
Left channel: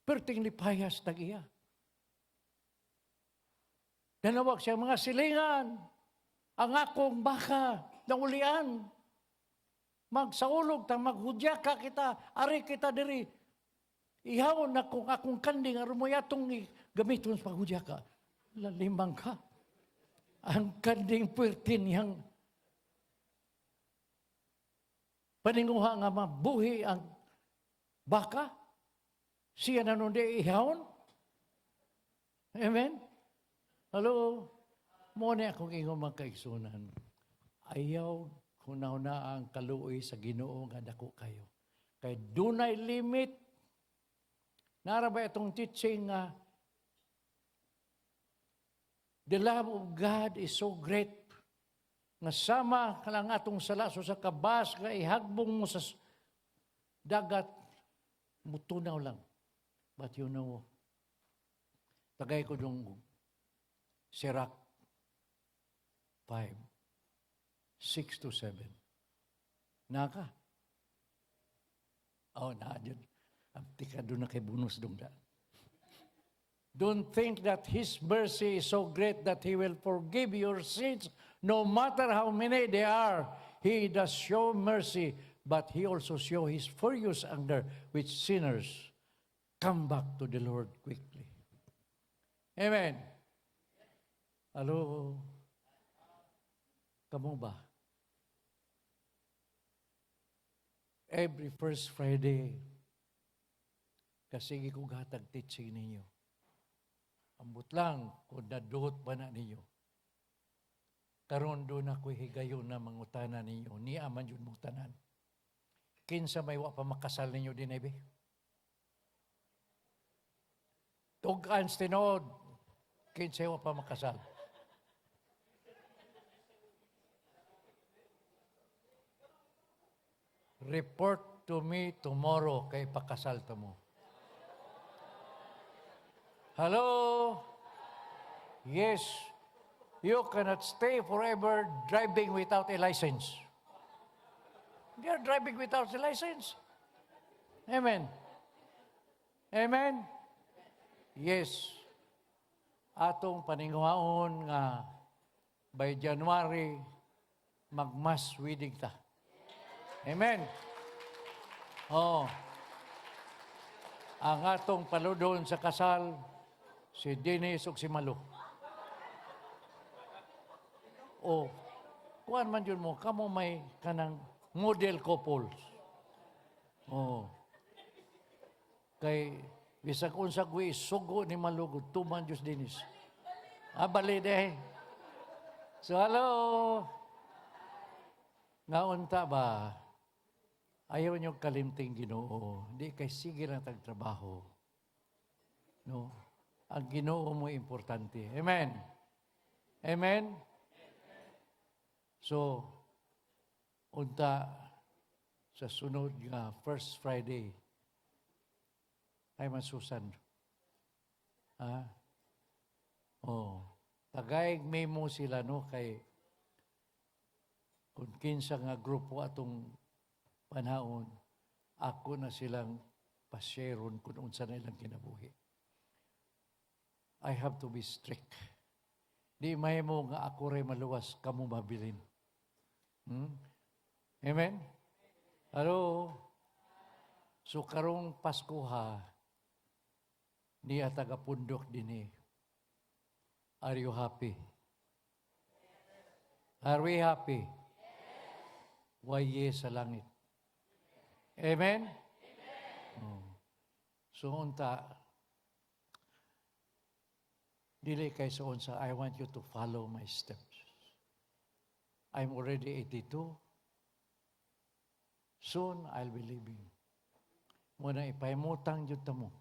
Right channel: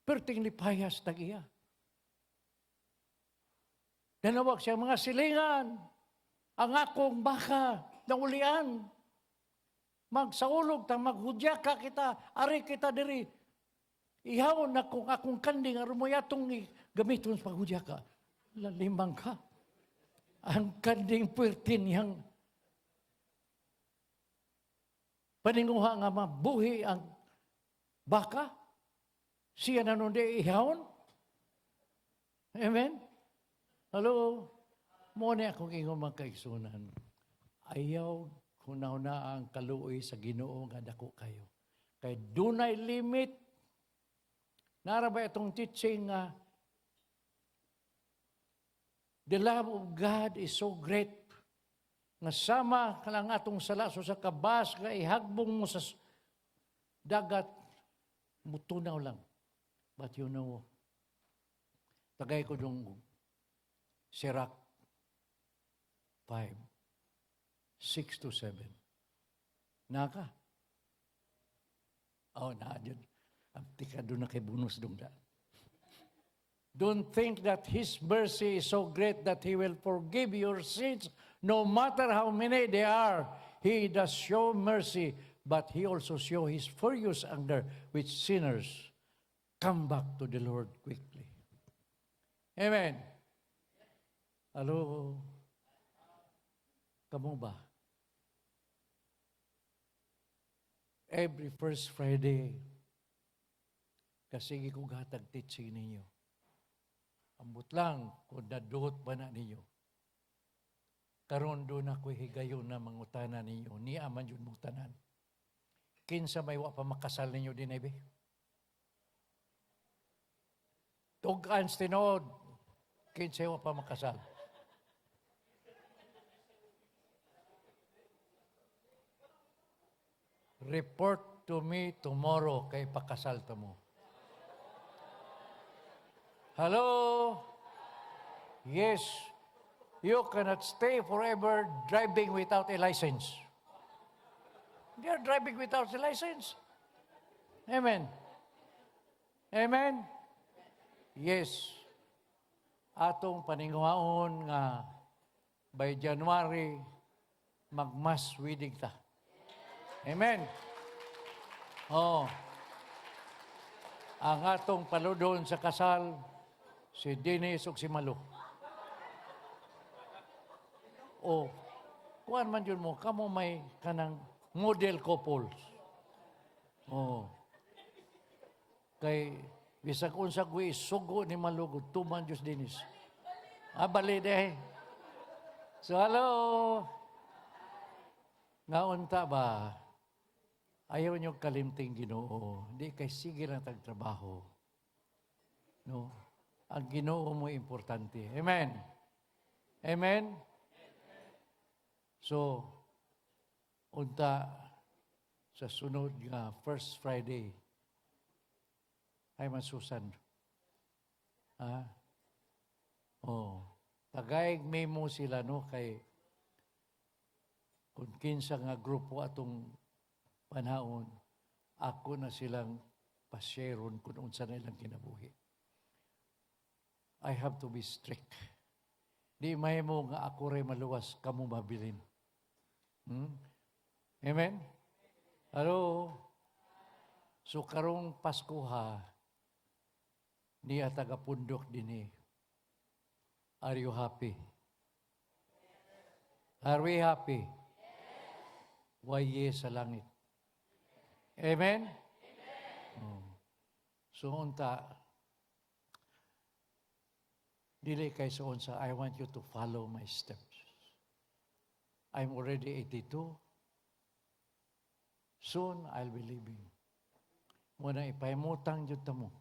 Perting lipayas tag-iya. Nanawag siya mga silingan, ang akong baka na ulian. Magsaulog ta, maghudya ka kita, ari kita diri. Ihawon na kung akong kanding, aron mo yatong gamiton sa paghudya ka. Lalimang ka. Ang kanding puwerte niyang paninguha nga mabuhi ang baka, siya na nun di ihawon. Amen? Hello? Muna akong ingon magkaigsunan. Ayaw kung nauna ang kaluoy sa Ginoo nga dako kayo. Kay dunay limit. Naraba itong teaching nga the love of God is so great nga sama ka lang atong salaso sa kabas nga ihagbong mo sa dagat mutunaw lang. But you know, tagay ko yung Sirach 5, 6 to 7. Naka? Oh, na yun. Amti ka doon na kay bonus doon da. Don't think that His mercy is so great that He will forgive your sins no matter how many they are. He does show mercy, but He also show His furious anger with sinners. Come back to the Lord quickly. Amen. Hello? Kamu ba? Every first Friday, kasi ko gatag teaching ninyo. Ambot lang kung naduhot ba na ninyo. Karon doon ako'y higayon na mangutana ninyo. Ni aman yun mong tanan. Kinsa may wa pa makasal ninyo din, Ebe? Tugan tinod. Kinsa wa pa makasal. report to me tomorrow kay pakasal ta mo. Hello? Yes. You cannot stay forever driving without a license. They are driving without a license. Amen. Amen? Yes. Atong paninguhaon nga by January magmas wedding ta. Amen. Oh. Ang atong paludon sa kasal si Dennis ug si Malu. O kuan man yun mo kamo may kanang model couples. Oh. Kay bisag unsa kuy sugo ni Malugod tuman Diyos Dinis. Abali de. So hello. Nga unta ba? Ayaw niyo kalimting Ginoo. Di kay sige lang tagtrabaho. No. Ang Ginoo mo importante. Amen. Amen. So unta sa sunod nga first Friday ay masusan. Ha? Oh. Tagayag memo sila no kay kung kinsa nga grupo atong panahon, ako na silang pasyeron kung unsa na ilang kinabuhi. I have to be strict. Di may mo nga ako rin maluwas kamo mabilin. Amen? Hello? So karong Pasko ha, niya taga-pundok din eh. Are you happy? Are we happy? Why yes sa langit? Amen? So unta, dili kay sa unsa, I want you to follow my steps. I'm already 82. Soon, I'll be leaving. Muna ipaimutang jud ta mo.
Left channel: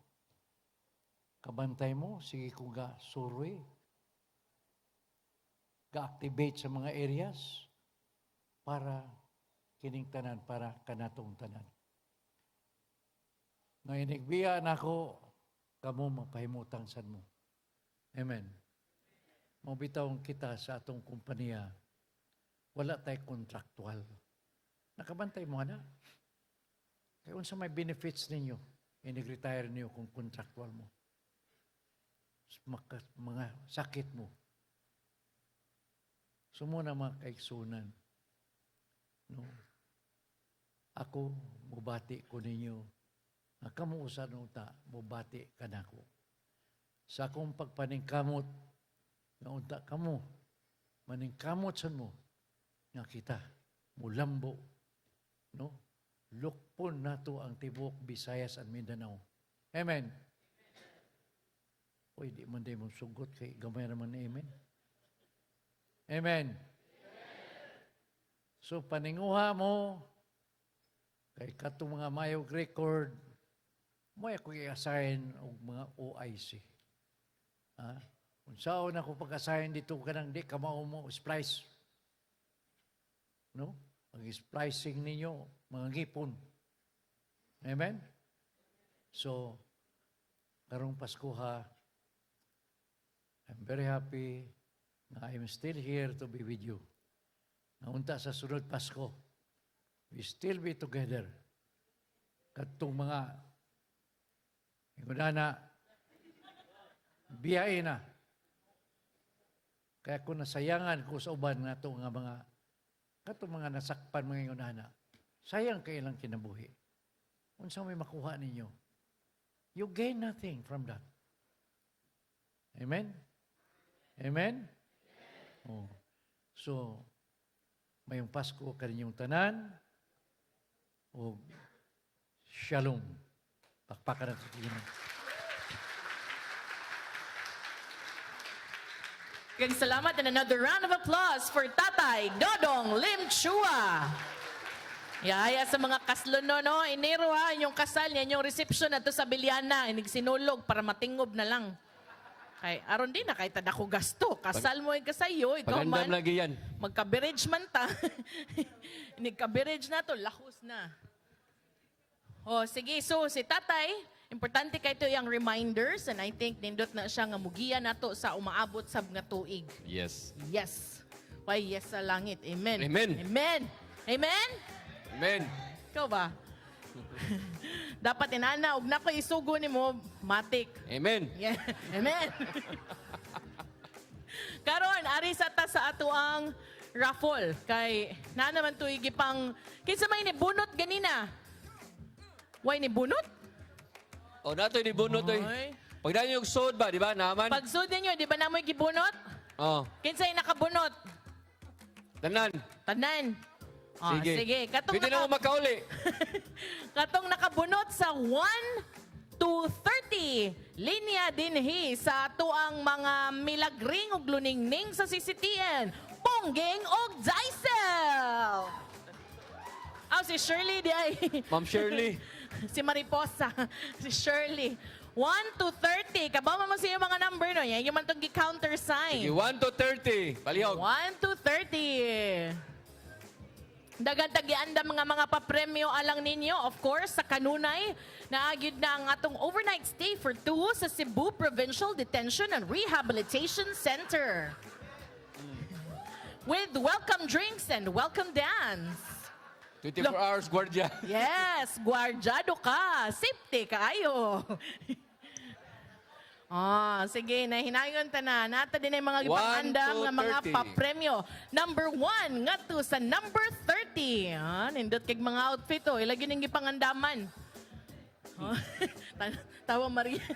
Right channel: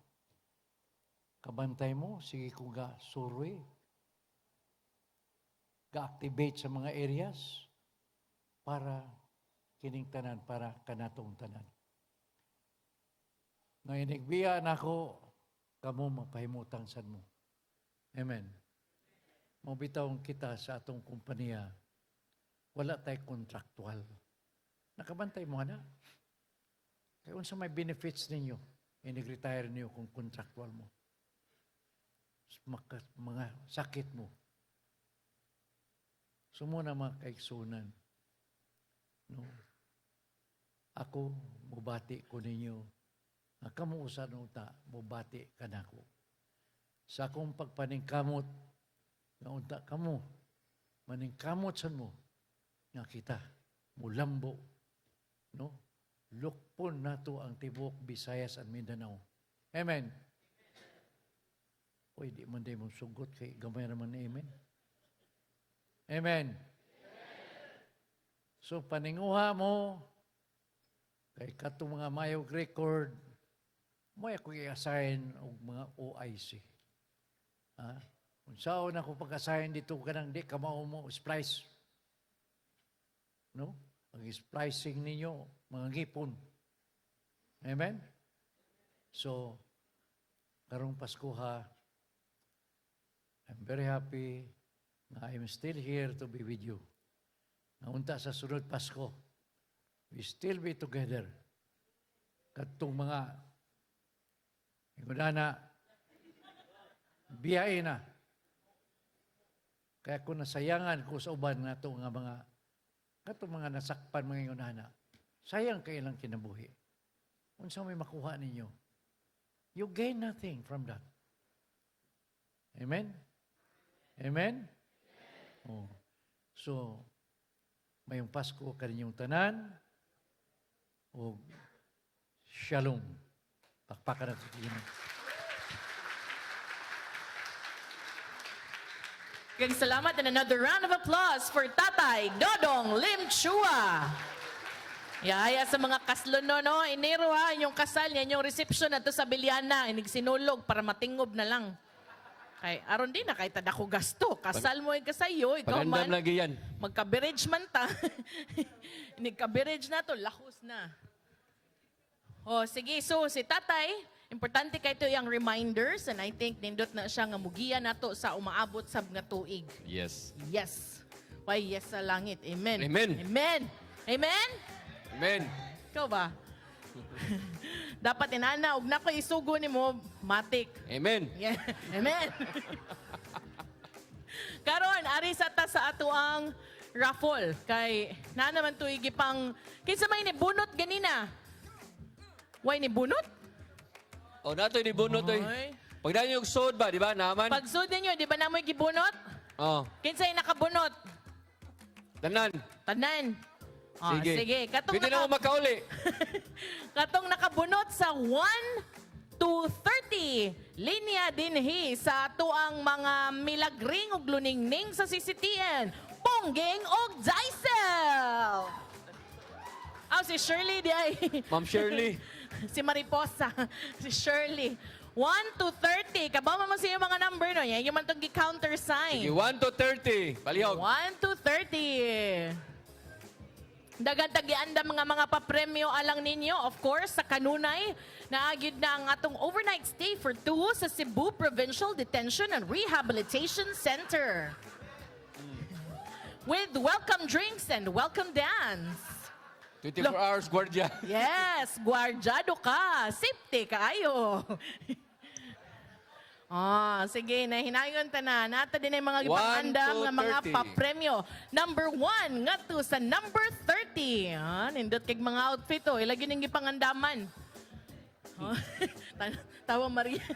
Kabantay mo, sige ko ga survey. Ga-activate sa mga areas para kining tanan, para kanatong tanan. Ngayon, nagbiya na ako, kamo mapahimutang sad mo. Amen. Mabitawon kita sa atong kumpanya, wala tay kontraktual. Nakabantay mo na. Kaya unsa may benefits ninyo, nag-retire niyo kung kontraktual mo. Mga sakit mo. Sumuna mga kaigsunan. No. Ako, mubati ko ninyo. Nakamuusan uta, mubati ka na ko. Sa akong pagpaningkamot, nga unta kamo, maningkamot sa mo, nga kita, mulambo, no? Lukpon nato ang tibok, Visayas at Mindanao. Amen. Uy, di man di mong sugot kay gamay naman na amen. Amen. So, paninguha mo, kay katong mga mayog record, may ako i-assign og mga OIC. Ha? Kung saan ako pag-assign dito ka nang di ka mo splice. No? Ang splicing ninyo, mga ngipon. Amen? So, karong Pasko ha, I'm very happy na I'm still here to be with you. Naunta sa sunod Pasko, we still be together. Katong mga ingunana, biyain na. Kaya kung nasayangan ko sa uban nga ito nga mga katong mga nasakpan mga ingunana, sayang kayo lang kinabuhi. Kung saan may makuha ninyo, you gain nothing from that. Amen? Amen? Oh. So, mayong Pasko kaninyong tanan o shalom. Pakpakan natin ito. Kaya salamat and another round of applause for Tatay Dodong Lim Chua. Yaya sa mga kaslono, no? Enero ha, yung kasal niya, yung reception na to sa Biliana, sinulog para matingob na lang. Kay aron din na kahit tadako gasto. Kasal mo yung kasayo, ikaw Pagandam man. lagi yan. Magka-beverage man ta. Nagka-beverage na to, lahos na. Oh, sige. So, si tatay, importante kay ito yung reminders and I think nindot na siya nga mugiya nato sa umaabot sab nga tuig. Yes. Yes. Why yes sa langit. Amen. Amen. Amen. Amen. Amen. Ikaw ba? Dapat inana, og nako isugo nimo matik. Amen. Yeah. Amen. Karon ari sa ta sa ato ang raffle kay na naman to igipang kinsa may ni bunot ganina. Why ni bunot? O nato ni bunot oy. Oy. Pag dahil yung sod ba, di ba? Naman. Pagsud ninyo, di ba namoy gibunot? Oh, Kinsay nakabunot? tanan. Tanan. Oh, Sige. sige. Katong Pwede na mo makauli. Katong nakabunot sa 1 to 30. Linya dinhi sa ato ang mga milagring ug luningning sa CCTN. Pongging og Jaisel. Si Shirley di ay. Ma'am Shirley. Si Mariposa. Si Shirley. 1 to 30. Kabaw mo sa iyong mga number no. Yan yung man itong counter sign. Sige, 1 to 30. Palihog. 1 to 30. Dagan tagianda mga papremyo alang ninyo. Of course, sa kanunay, naagyod na ang atong overnight stay for 2 sa Cebu Provincial Detention and Rehabilitation Center. With welcome drinks and welcome dance. 24 hours guardia. Yes, guardyado ka. Safety kaayo. Sige, nahinayon ta na. Nata din ay mga 1 gipangandam to nga mga 30. papremyo. Number 1, ngadto sa number 30. Nindot kay mga outfit o. Ilagi ning gipangandaman. Tawa Maria.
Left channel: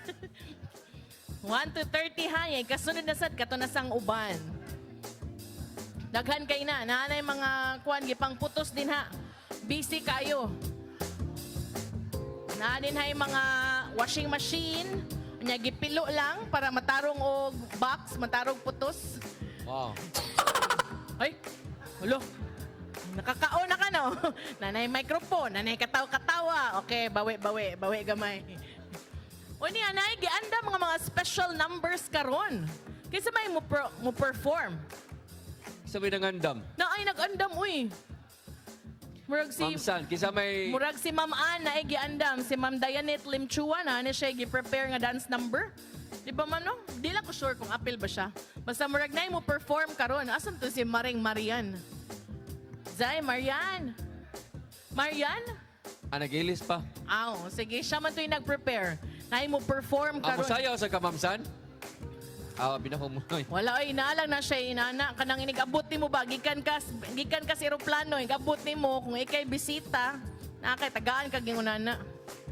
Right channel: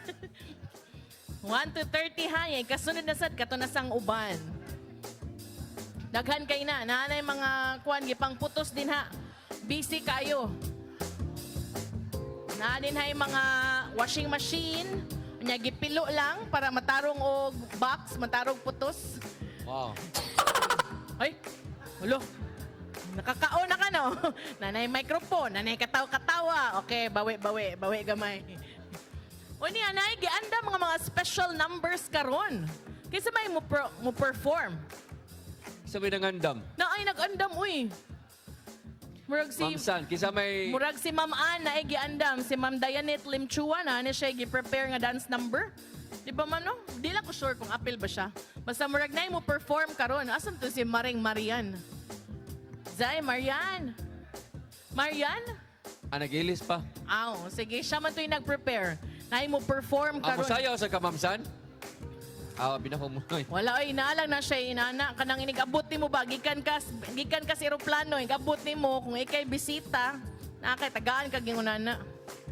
1 to 30 ha. Kasunod na sad katunasang uban. Daghan kay na. Naanay mga kuan gipang putos din ha. Busy kayo. Na din hay mga washing machine. Nya gipilo lang para matarong og box, matarong putos. Oh. Ay, hulo. Nakakaon na ka no. Nanay microphone, nanay katawa-katawa. Okay, bawi gamay. O niya, nanay, gianda mga special numbers karon. Kaysa may mo perform. Sabi ng andam. Na ay nag-andam, uy. Murag si... Ma'am San, kisa may... Murag si Ma'am Ann na giandam, si Ma'am Dianet Limchua na siya gi-prepare nga dance number. Di ba man no? Di lang ko sure kung apil ba siya. Basta murag na mo perform karon. Asan to si Maring Marian? Zay, Marian. Marian? Nagilis pa. Sige, siya man to yung nag-prepare. Na mo perform Ako karon. sayo sa Ma'am San. Binako mo. Wala ay inaalang na siya inana kanang inigabot nimo ba gikan ka sa eroplano igabot nimo kung ikay bisita na kay tagaan ka gingunana.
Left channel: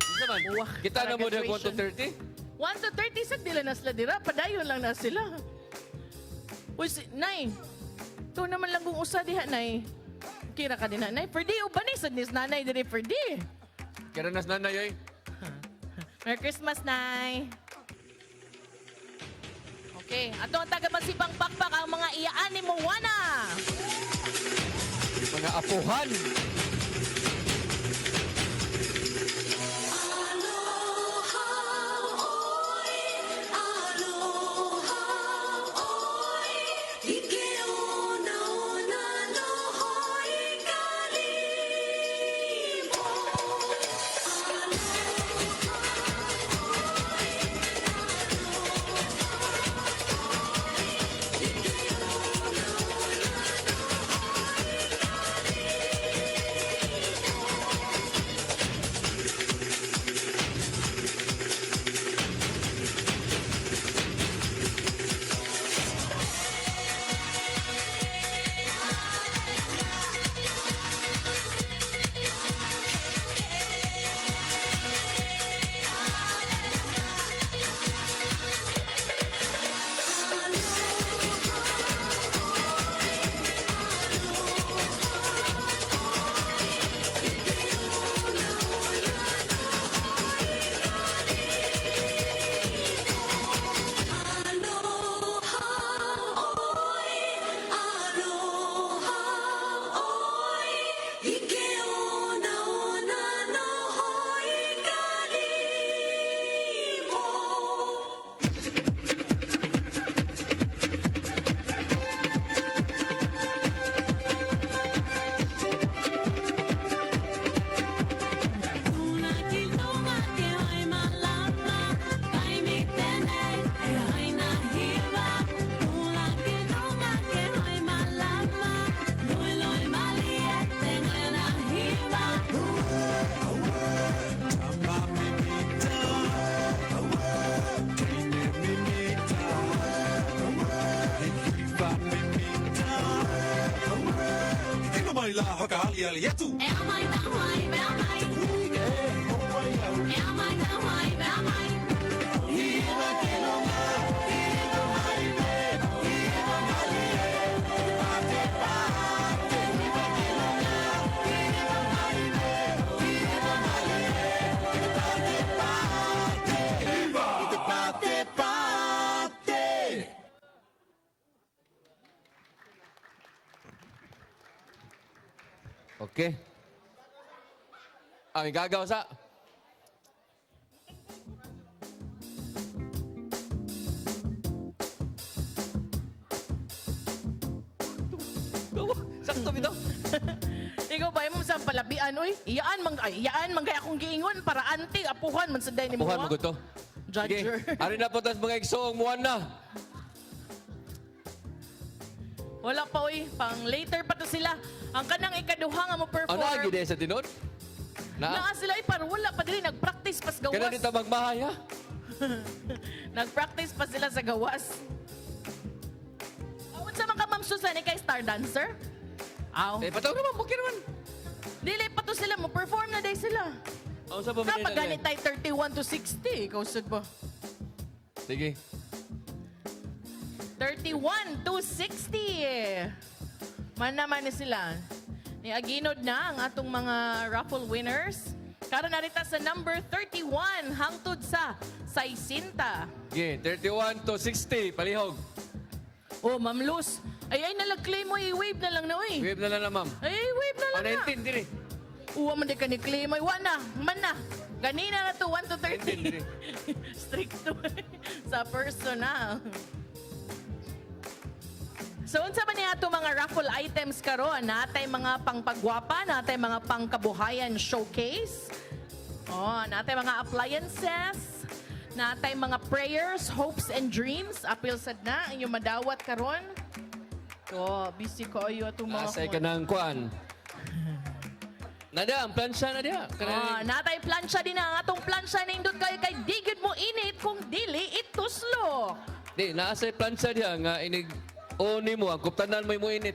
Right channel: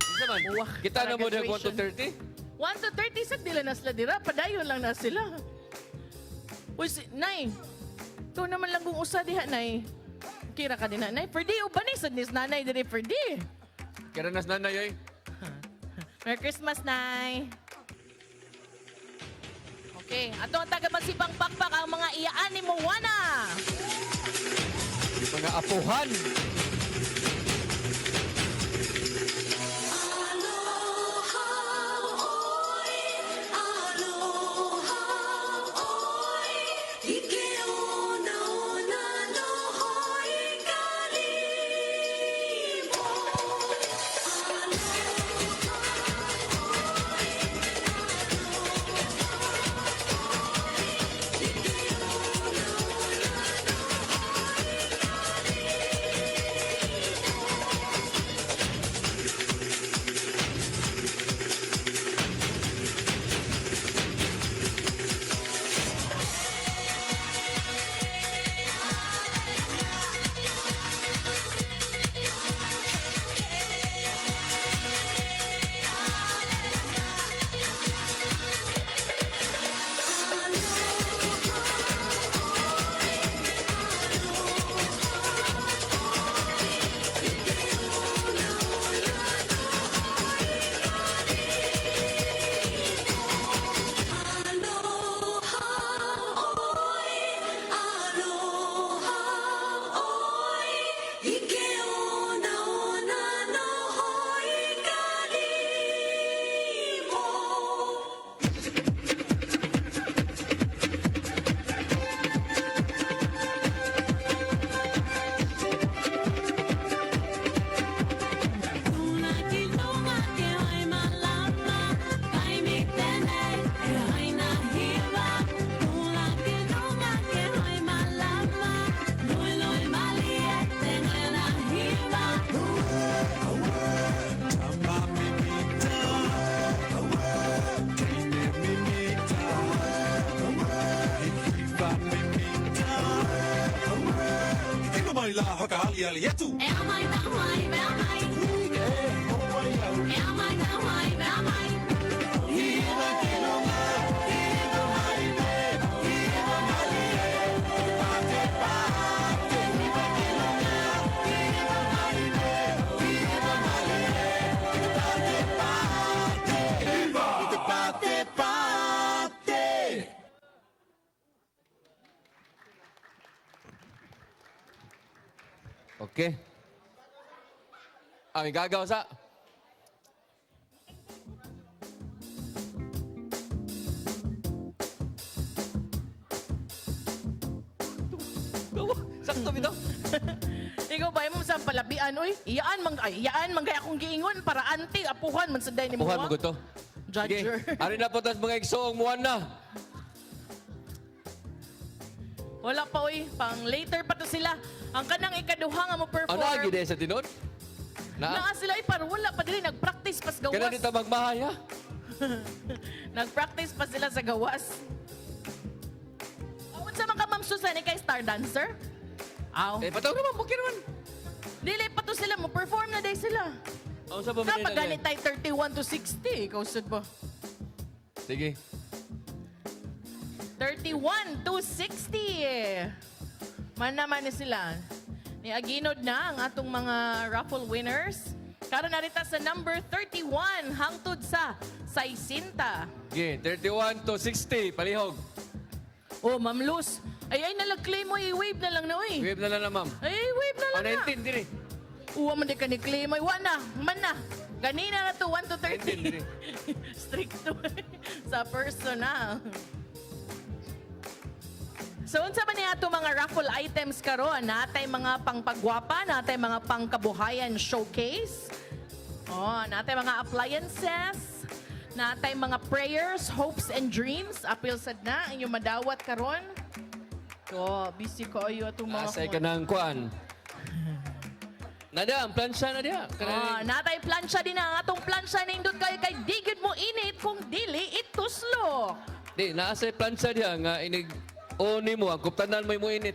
Isa man. Uwah, Kita na mo na 1 to graduation. 30? 1 to 30 sa dila na sila dira padayon lang na sila. Uy, nay. To naman lang kung usa diha nay. Kira ka din na nay. Perdi ubani sa nis nanay diri perdi. Karanas nanay ay. Merry Christmas nay. Okay, ato ang taga-masipang pakpak ang mga iyaan ni Moana. Mga apuhan. Okay. May gagaw sa. Sakto bitaw. Ikaw ba mo sa palabian oy? Iyaan man kay akong giingon para anti apuhan man sa day ni mo. Bukan mo gusto. Judger. Sige. Ari na po tas mga igsoong muwan na. Wala pa oy, pang later pa to sila. Ang kanang ikaduha nga mo perform. Ano lagi din sa tinod? Na? Naa sila ay parang wala pa dili nagpractice pas gawas. Kaya dito magmahaya. Nagpractice pa sila sa gawas. Awat sa mga Ma'am Susan kay Star Dancer? Aw. Eh, pataw naman, bukid naman. Dili pa to sila mo perform na day sila. Ano sa pamilya Kapag ganit tayo 31 to 60, ikaw sud ba? Sige. 31 to 60. Man naman ni sila. Niaginod na ang atong mga raffle winners. Karon narita sa number 31 hangtod sa 60. Sige, 31 to 60, palihog. Oh, Ma'am Luz. Ay nalag-claim mo, i-wave na lang na oy. Wave na lang na, ma'am. Ay, wave na lang na. 19, diri. Uwa man di ka ni claim. Ay, wa na. Man na. Ganina na to, 1 to 30. 19, Strict to sa personal. So, unsa ba niya ito mga raffle items karon? Natay mga pangpagwapa, natay mga pangkabuhayan showcase. Oh, natay mga appliances, natay mga prayers, hopes and dreams. Apil sad na inyong madawat karon. Oh, busy ko ayo itong mga Asay ka ng kuan. Nada, ang plansya na diya. Oh, natay plansya din ang atong plansya na indot kay digid mo init kung dili ituslo. Di, naasay plansya diya nga inig oni mo, ang kuptanan mo init.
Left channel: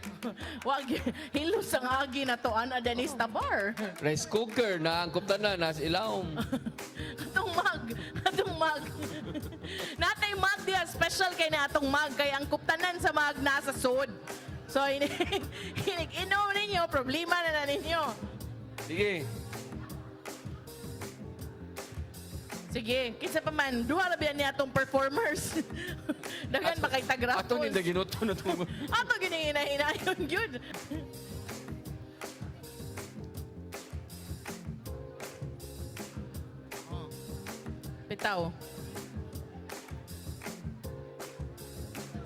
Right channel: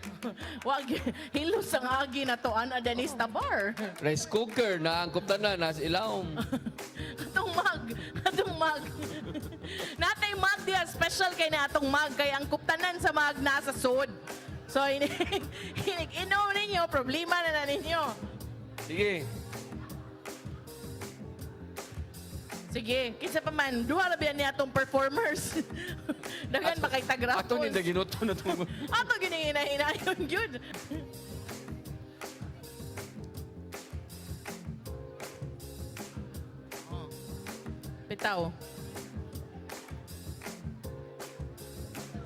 Wag hilos ang agi na to an Adanista bar. Rice cooker na ang kuptanan nasa ilawom. Atong mag. Natay mag dia special kay na atong mag kay ang kuptanan sa mag nasa sud. So inig inom ninyo, problema na ninyo. Sige. Sige, kinsa pa man, duha na biyan ni atong performers. Dagan pa kay tagrapos. Ato ninda ginuto na ito. Ato ginihina-hinayon yun. Bitaw.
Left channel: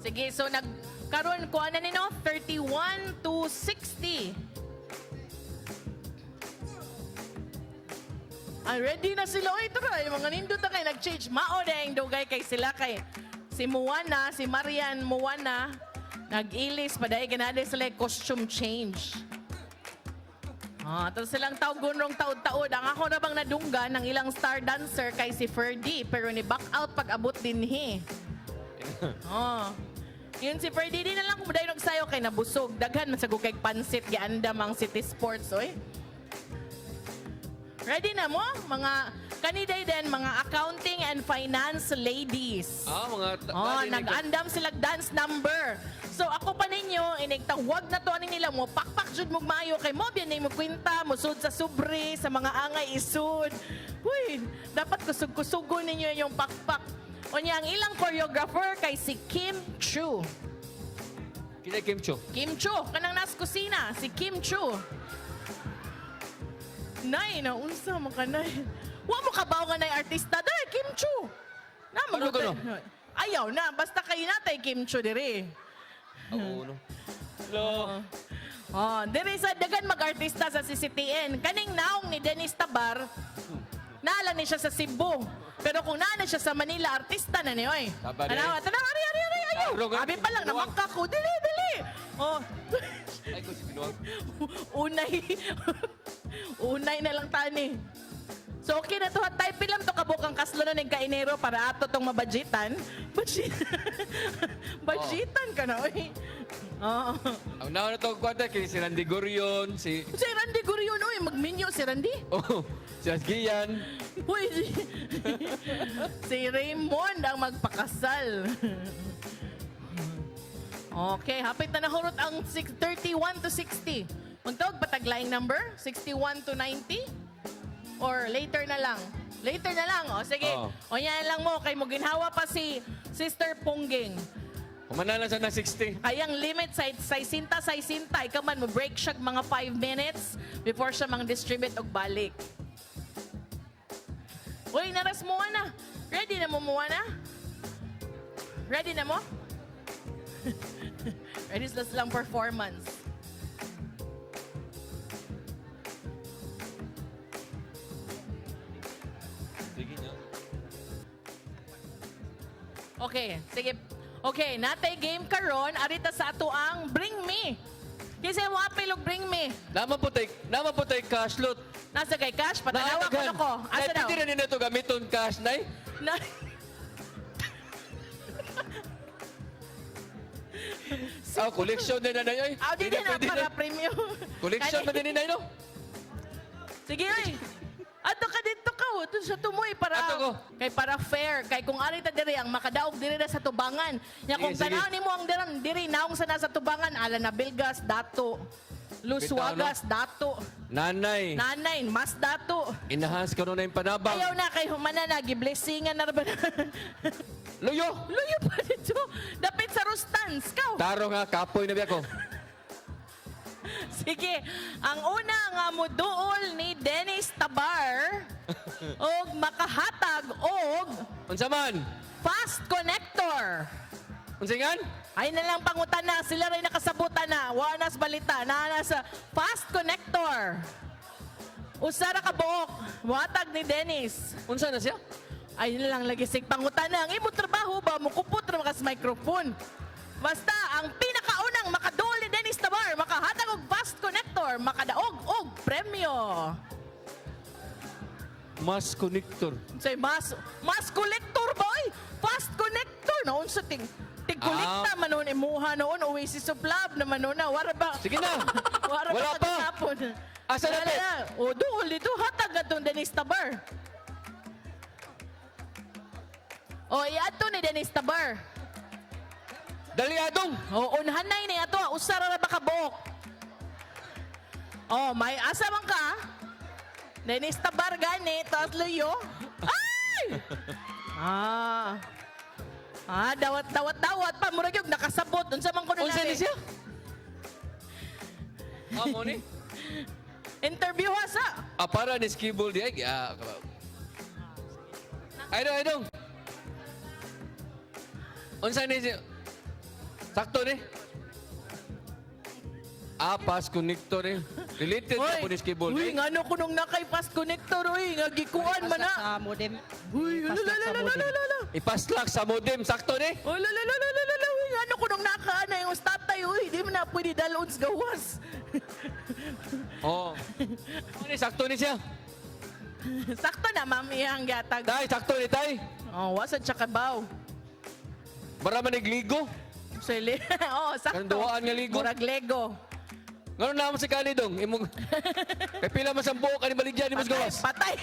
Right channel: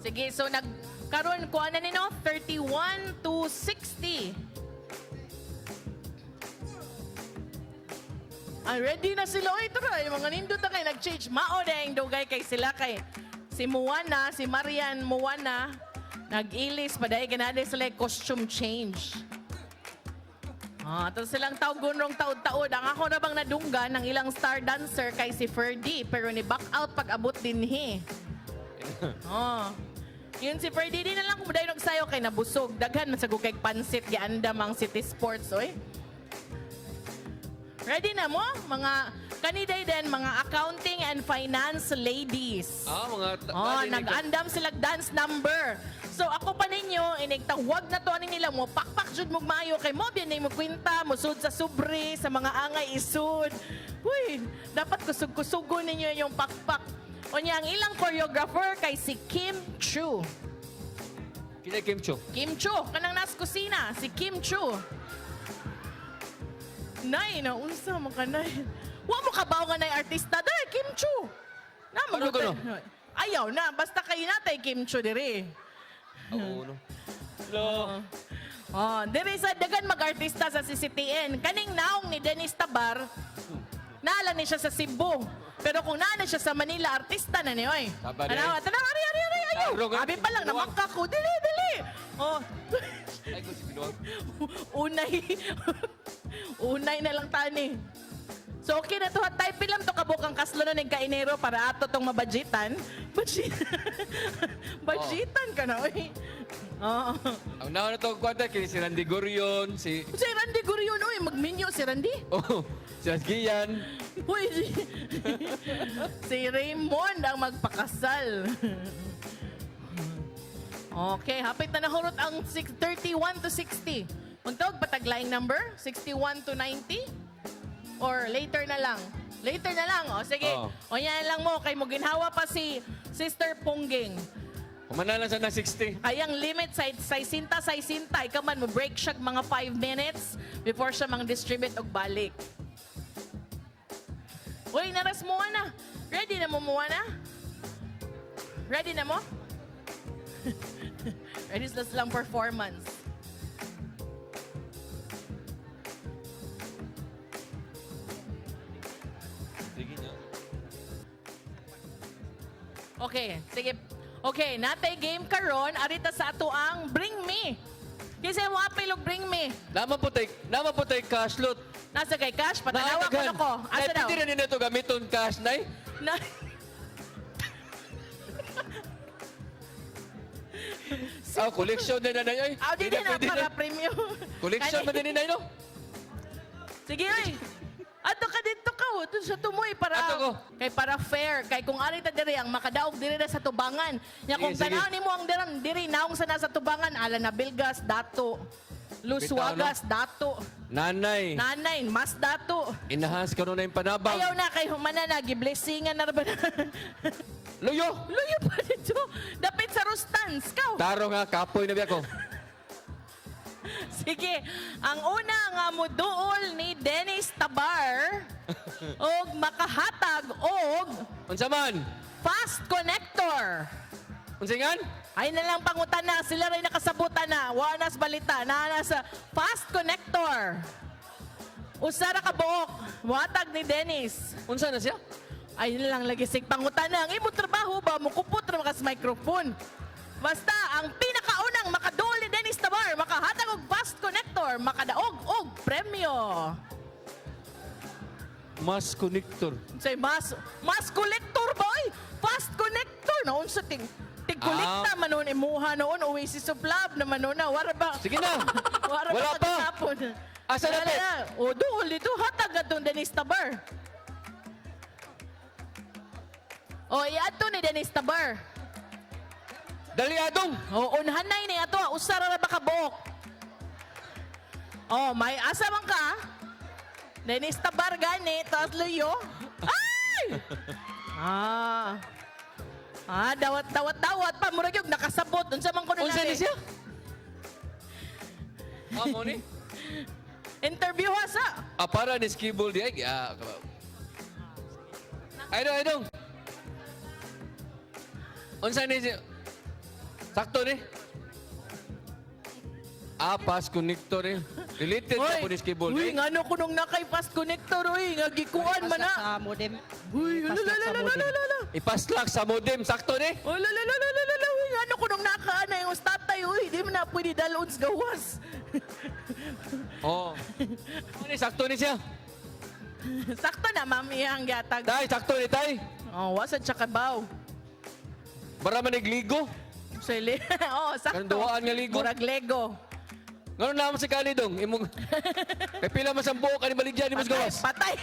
Sige, so nagkaroon ko ano nino 31 to 60. Ready na sila. Ito na, yung mga nindot na kayo nag-change. Mao na yung dugay kay sila kay si Moana, si Marian Moana, nag-ilis, paday ganade sila yung costume change. Tapos silang taon-gunrong taon-taon. Ang ako na bang nadunggan ng ilang star dancer kay si Ferdy, pero ni back out pag abot din he. Yun si Ferdy, di na lang kung dahil nagsayo kay nabusog. Daghan sa gugay pansit, giandam ang City Sports, oy. Ready na mo? Mga kaniday din, mga accounting and finance ladies. Mga Nag-andam sila dance number. So ako pa ninyo, inigtawag na to ani nila mo, pakpak jud mo maayo kay mo, biyan mo kwinta, musud sa sobre, sa mga angay isud. Uy, dapat kusug-kusugon ninyo yung pakpak. O niya, ang ilang choreographer kay si Kim Chu. Kina Kim Cho. Kim Chu, kanang nas kusina, si Kim Chu. Nay, naunsa man ka nay. Wa mo kabaw nga nay artista dai Kim Chu. Na Ano gano? Ayaw na, basta kayo natay Kim Chu diri. Oo, no. Hello. Diri sa dagan mag-artista sa CCTN. Kaning naong ni Dennis Tabar, naala ni siya sa Cebu. Pero kung naana siya sa Manila, artista na ni oy. Baba, Tanaw, ari, ayaw. Bro, Abi pa lang, namangka ko. Dili. Ay, kung si Pinuwag. Unay na lang tani. So okay na to, type lang to kabukang kaslo na ng kainero para ato tong mabudgetan. Budgetan ka na, oy. Oo. Ang naon na to kwanta kay si Randy Gorion, si Si Randy Gurion, uy, magminyo si Randy. oh, si Asgian. Uy, si Raymond ang magpakasal. Okay, hapit na nahurot ang 31 to 60. Untog, pataglaing number? 61 to 90? Or later na lang? Later na lang, o sige. Oo. O yan lang mo, kay mo ginhawa pa si Sister Pungging. Kumana lang sa na 60. Ay, ang limit sa sinta, ikaw man mo break siya mga 5 minutes before siya mang distribute og balik. Uy, naras mo na. Ready na mo na? Ready na mo? Ready sa silang performance. Sige na. Okay, sige. Okay, natay game karon arita sa ato ang Bring Me. Kasi mo apil og Bring Me. Naman po tay cash lot. Nasa kay Cash, patanawa ko na ko. Asa daw? Pwede na nito gamiton cash, nay. Na, Collection na na, nay. di Hindi na pwede na. para premium. Collection na din, nay, no? Sige, ay. Ato ka dito ka, ito sa tumoy para Ato ko. kay para fair kay kung ari ta diri ang makadaog diri na sa tubangan. Nya kung Sige, sige. ganaon nimo ang diri naong sa nasa tubangan ala na Bilgas dato. Luswagas dato. Nanay, Nanay mas dato. inahas ka na yung panabang. Ayaw na kay humana na giblessingan na ba? Luyo! Luyo pa dito. Dapit sa Rustans kaw. Taro nga, kapoy na biya ko. Sige, ang una nga moduol ni Dennis Tabar og makahatag og Unsa man? fast connector. Unsingan? Ay na lang pangutan na, sila rin nakasabutan na. Wanas balita, na sa fast connector. Usara ka buok, watag ni Dennis. Unsa na siya? Ay na lang lagi sig pangutan na. Ang imo trabaho ba, mukupot ra makas microphone. Basta, ang pinakaunang makaduol ni Dennis Tabar, makahatag og fast connector, makadaog og premyo. Mas connector. Say, mas collector boy, fast connector. Noon sa tigkolekta man noon, imuha noon, Oasis of Love naman noon na. Wala ba? Sige na. Wala Wala pa. katapon. Asa na, Pet? O, doon dito, hatag atong Dennis Tabar. O, iato ni Dennis Tabar. Dali adong! O, unhanay ni ato, usara na ba kabok? O, may asa man ka? Dennis Tabar gani, taas luyo. Ay! Dawat pa, murag yung nakasabot. Unsa man ko na Unsa ni siya? Amo ni? Interview ha sa. Para ni skibol di ay. Ay dong. Unsa ni siya? Sakto ni? Pas connector eh. Related sa ni skibol. Uy, nga ano ko nung nakay fast connector, uy, nga gikuan man na. Sa modem. Uy, Paslak sa modem. Ipaslak sa modem. Sakto ni? Oh, uy, nga ano ko nung nakaana yung tatay, uy, di mo na pwede dalon sa gawas. Oo. Ano ni? Sakto ni siya? Sakto na, mami, ang gatag. Tay, sakto ni tay. Oh, wasad siya kabaw. Bara man nagligo. Sili. Oh, sakto. Kanduaan nga ligo. Murag Lego. Ngano naman si Kani dong? Imong kay pila man sa buok ani baligyan ni mas gawas. Patay.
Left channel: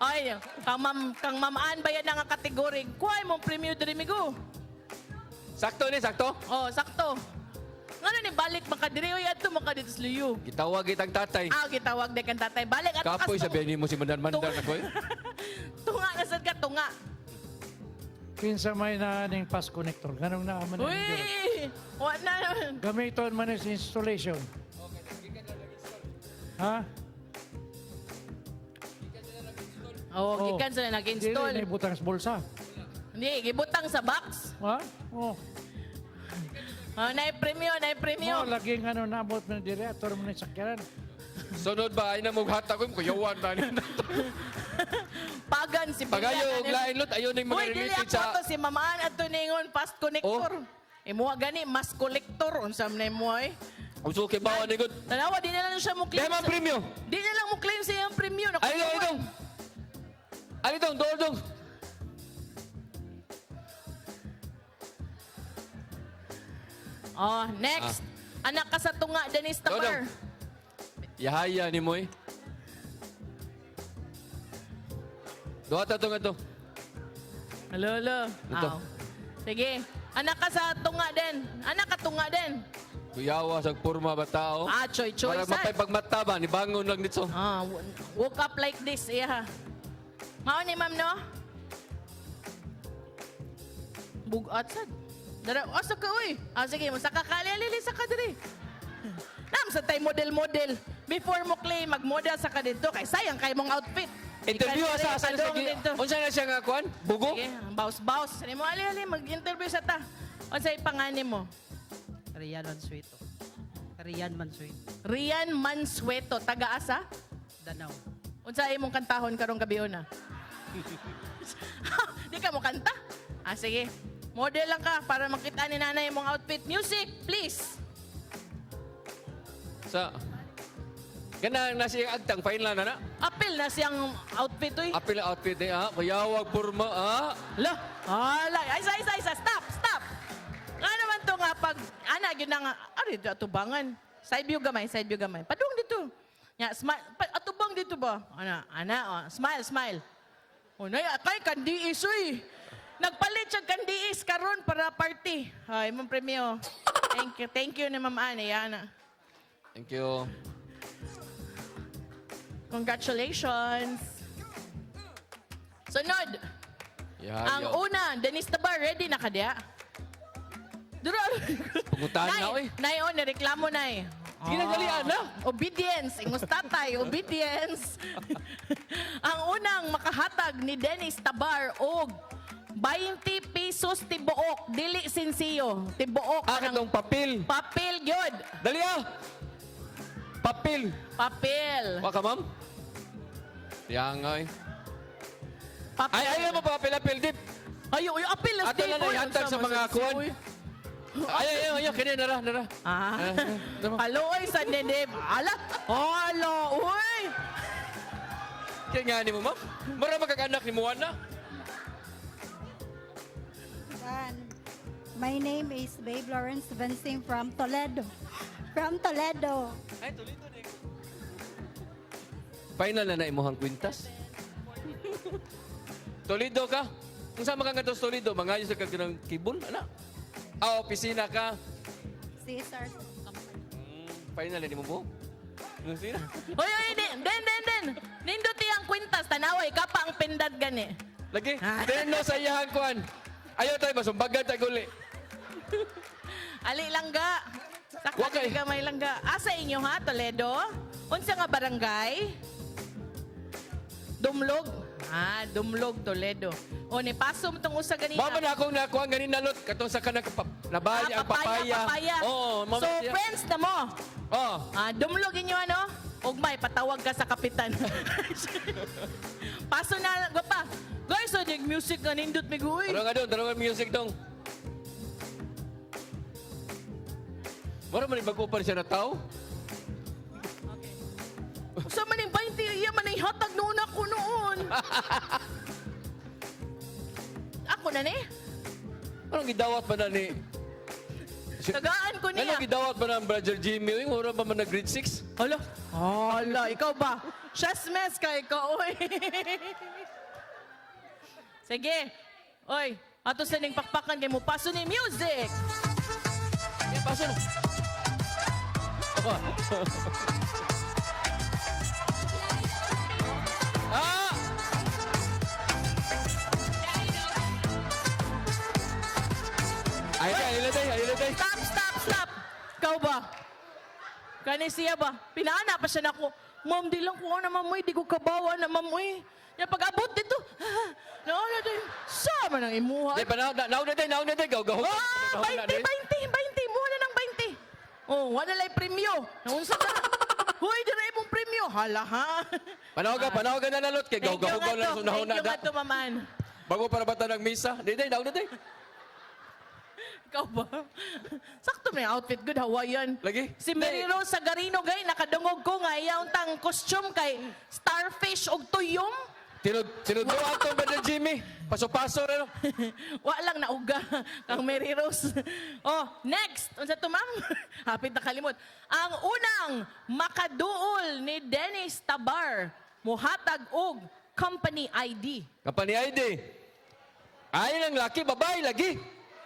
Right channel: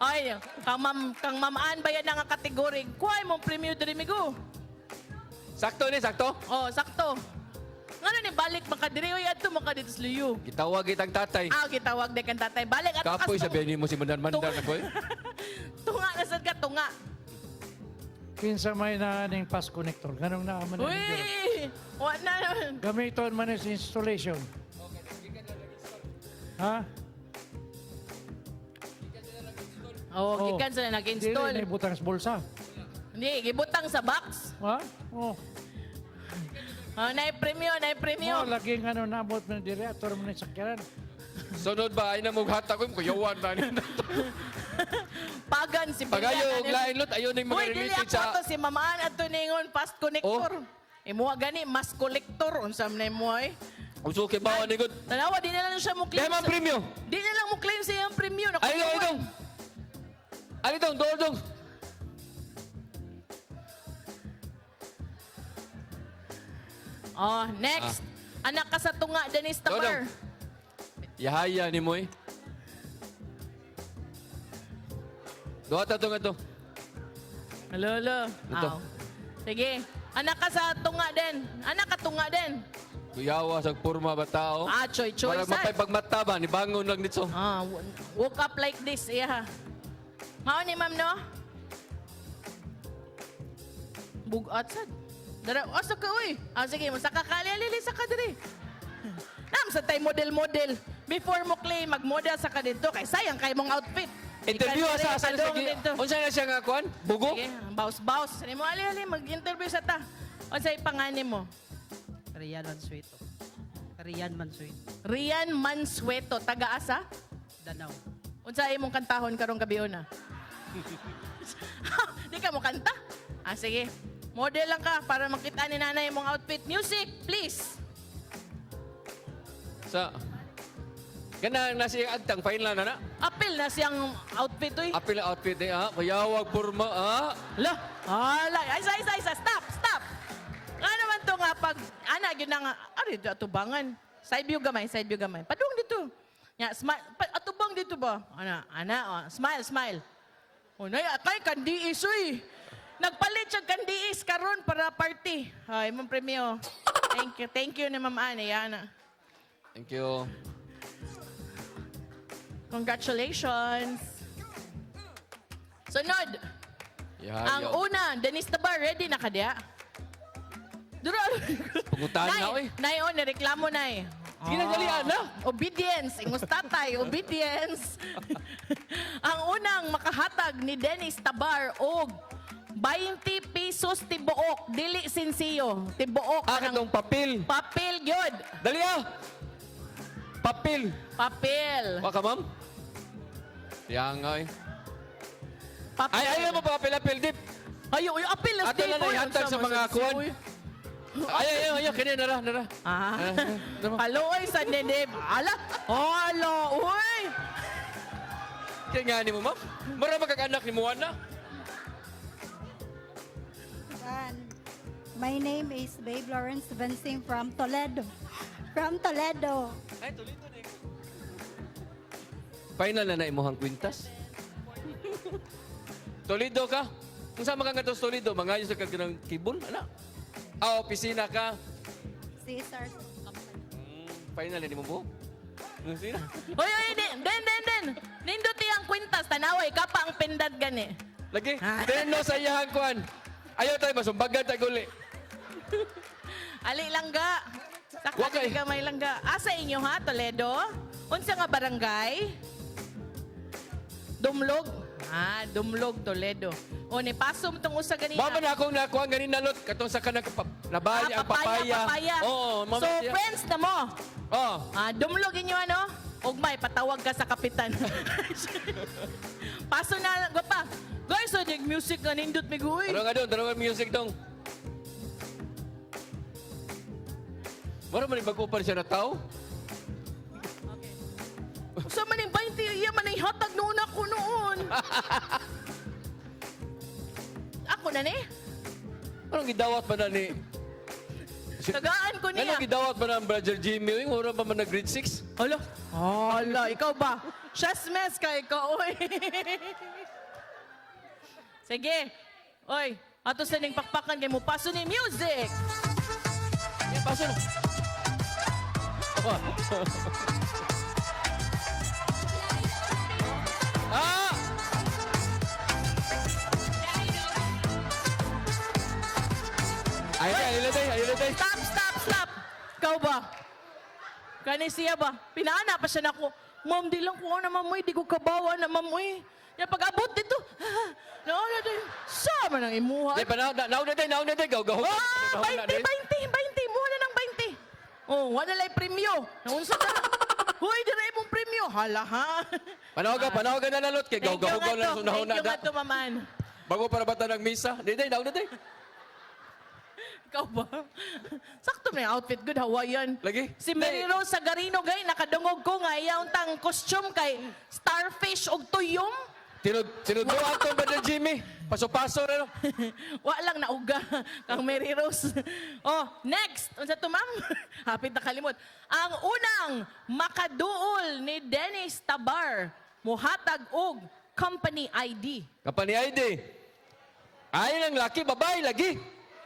Ay, kang mamaan ba yan ang kategory? Kuhay mong premium diri migo. Sakto ni, sakto. Oh, sakto. Ngano ni balik makadiri oy adto makadito sa luyo. Gitawag itang tatay. Gitawag de kan tatay. Balik ato Kapoy sabihin mo si Mandan-Mandan Tunga. ako eh. Tunga na sad ka tunga. Pinsa may na ning pass connector. Ganong na man. Uy! Wa na. Gamiton man is installation. Ha? Oh, gikan sa nag-install. Dili na ibutang sa bulsa. Hindi, gibutang sa box. Ha? Oh. Nay premium, nay Oh, premium. laging ano nabot man diri ator man sa sakyanan. Sunod ba ay na mong hata ko kuyawan ba ni. Pagan si Pagayo og lain lot ayo ning mga Uy, dili related ako sa to si Mamaan adto ningon fast connector. Imuha gani mas collector unsam na mo ay. uso kay bawa ni gud. Tanawa di na lang siya mo claim. Kaya man premium. Di na lang mo claim sa iyang premium. Ay dong. Ay dong, door dong. Oh, next. Anak ka sa tunga, Dennis Ikaw Tabar. daw. Yahaya ni mo eh. Duha ta to nga to. Hello. Ito. Aw. Sige. Anak ka sa tunga din. Anak ka tunga din. Kuyawa sa porma ba tao? Choy. Para mapay pagmata ba, ni bangon lang nito. Woke up like this, iya. Mao ni ma'am, no? Bugat sad. Dara, asa ka, uy. Sige, masaka ka, alili sa ka diri. Nam, sa tay model. Before mo claim, mag-model sa ka dito. Kay sayang kay mong outfit. Interview Ikaw sa diri, padung dito. Unsa na siya nga kuan? Bugo? Sige, baus-baus. Sani mo, ali, mag-interview sa ta. O sa ipangani mo? Rian Mansueto. Rian Mansueto. Rian Mansueto, taga-asa? Danau. Unsa imong kantahon karong gabi na? Di ka mo kanta? Sige. Model lang ka para makita ni nanay mong outfit. Music, please. Sa kana na siya agtang pain lang na. Apil na siyang outfit, uy. Apil ang outfit eh ha. Kuyawag porma ha. Lah, isa. Stop. Nga naman to nga pag, yun na nga, atubangan. Side view gamay. Padung dito. Ya, smile, atubang dito ba? Smile. O, kay kandiis, uy. Nagpalit siya kandiis karon para party. Ay, mong premyo. Thank you ni Ma'am Ana. Yana. Thank you. Congratulations. Sunod. Ang una, Dennis Tabar, ready na ka diya? Dura. Pungutan na, uy. Nay, nireklamo, Nay. Ginagalian na. Obedience. Ingos tatay, obedience. Ang unang makahatag ni Dennis Tabar og 20 pesos tibuok. Dili sinsiyo. Tibuok. Itong papel. Papel, yun. Dali ah. Papel. Papel. Waka ma'am? Yang ay. Papel. Ayaw mo pa apil dip. Ayo, apil. Ato na naihatag sa mga kuwan. Ayaw, kini nara. Kaluoy sa dedeb. Ala, uy. Kaya nga ni mo ma'am. Mara magkakanak ni mo na. My name is Babe Lawrence Vincing from Toledo. From Toledo. Ay, tuloy. Final na imuhang kwintas. Toledo ka? Kung saan mga sa Toledo, mga sa kagandang kibon, ana? Opisina ka? Caesar. Final na mo mo? Opisina? Uy, den. Ninduti ang kwintas, tanaway ka pa ang pindad gani. Lagi, terno sa iyahan kuan. Ayaw tayo, masumbagan tayo uli. Ali langga. Wakay. Sakay may langga. Asa inyo ha, Toledo? Unsa nga barangay? Dumlog. Dumlog, Toledo. O, ni pasom tong usa ganina. Mama na akong nakuha ganin nalot. Katong sa kanang nabali ang papaya. Oo, mama So, siya. friends na mo. Oo. Dumlog inyo ano? Ugmay, patawag ka sa kapitan. Paso na, pa. Guys, music na nindot mi guy. Tarong music dong. Mara man bago pa siya na tao. Sa maning 20, iya man ay hatag noon ako noon. Ako na ni. Anong gidawat ba na ni? Tagaan ko niya. Anong gidawat ba na ang Brother Jimmy? Mura ba man na grade 6? Hala, ikaw ba? Chasmes ka ikaw, oy. Sige. Oy, ato sa ning pakpakan kay mo paso ni music. Paso na. Ayun. Stop. Ikaw ba? Kani siya ba? Pinaana pa siya nako. Ma'am, di lang ko na mamoy, di ko kabawa na mamoy. Yung pag-abot dito, nauna din. Sama ng imuha. Nauna din. Gaw-gaw. 20. Muna ng 20. Oh, wala lang premyo. Naunsa na. Hoy, di na imong premyo. Hala, ha? Panahon ka na nalot. Kaya gaw-gaw lang sunahon na. Thank you nga to, maman. Bago para bata ng misa. Nauna din. Ikaw ba? Sakto may outfit, good Hawaiian. Lagi? Si Mary Rose Sagarino, gay, nakadungog ko nga, iyang tang costume kay starfish og tuyom. Tinudluan to Brother Jimmy. Paso-paso na no. Wa lang nauga kang Mary Rose. Oh, next. Unsa to, ma'am? Hapit na kalimot. Ang unang makaduol ni Dennis Tabar muhatag og company ID. Kapani ID. Ay lang laki, babae lagi.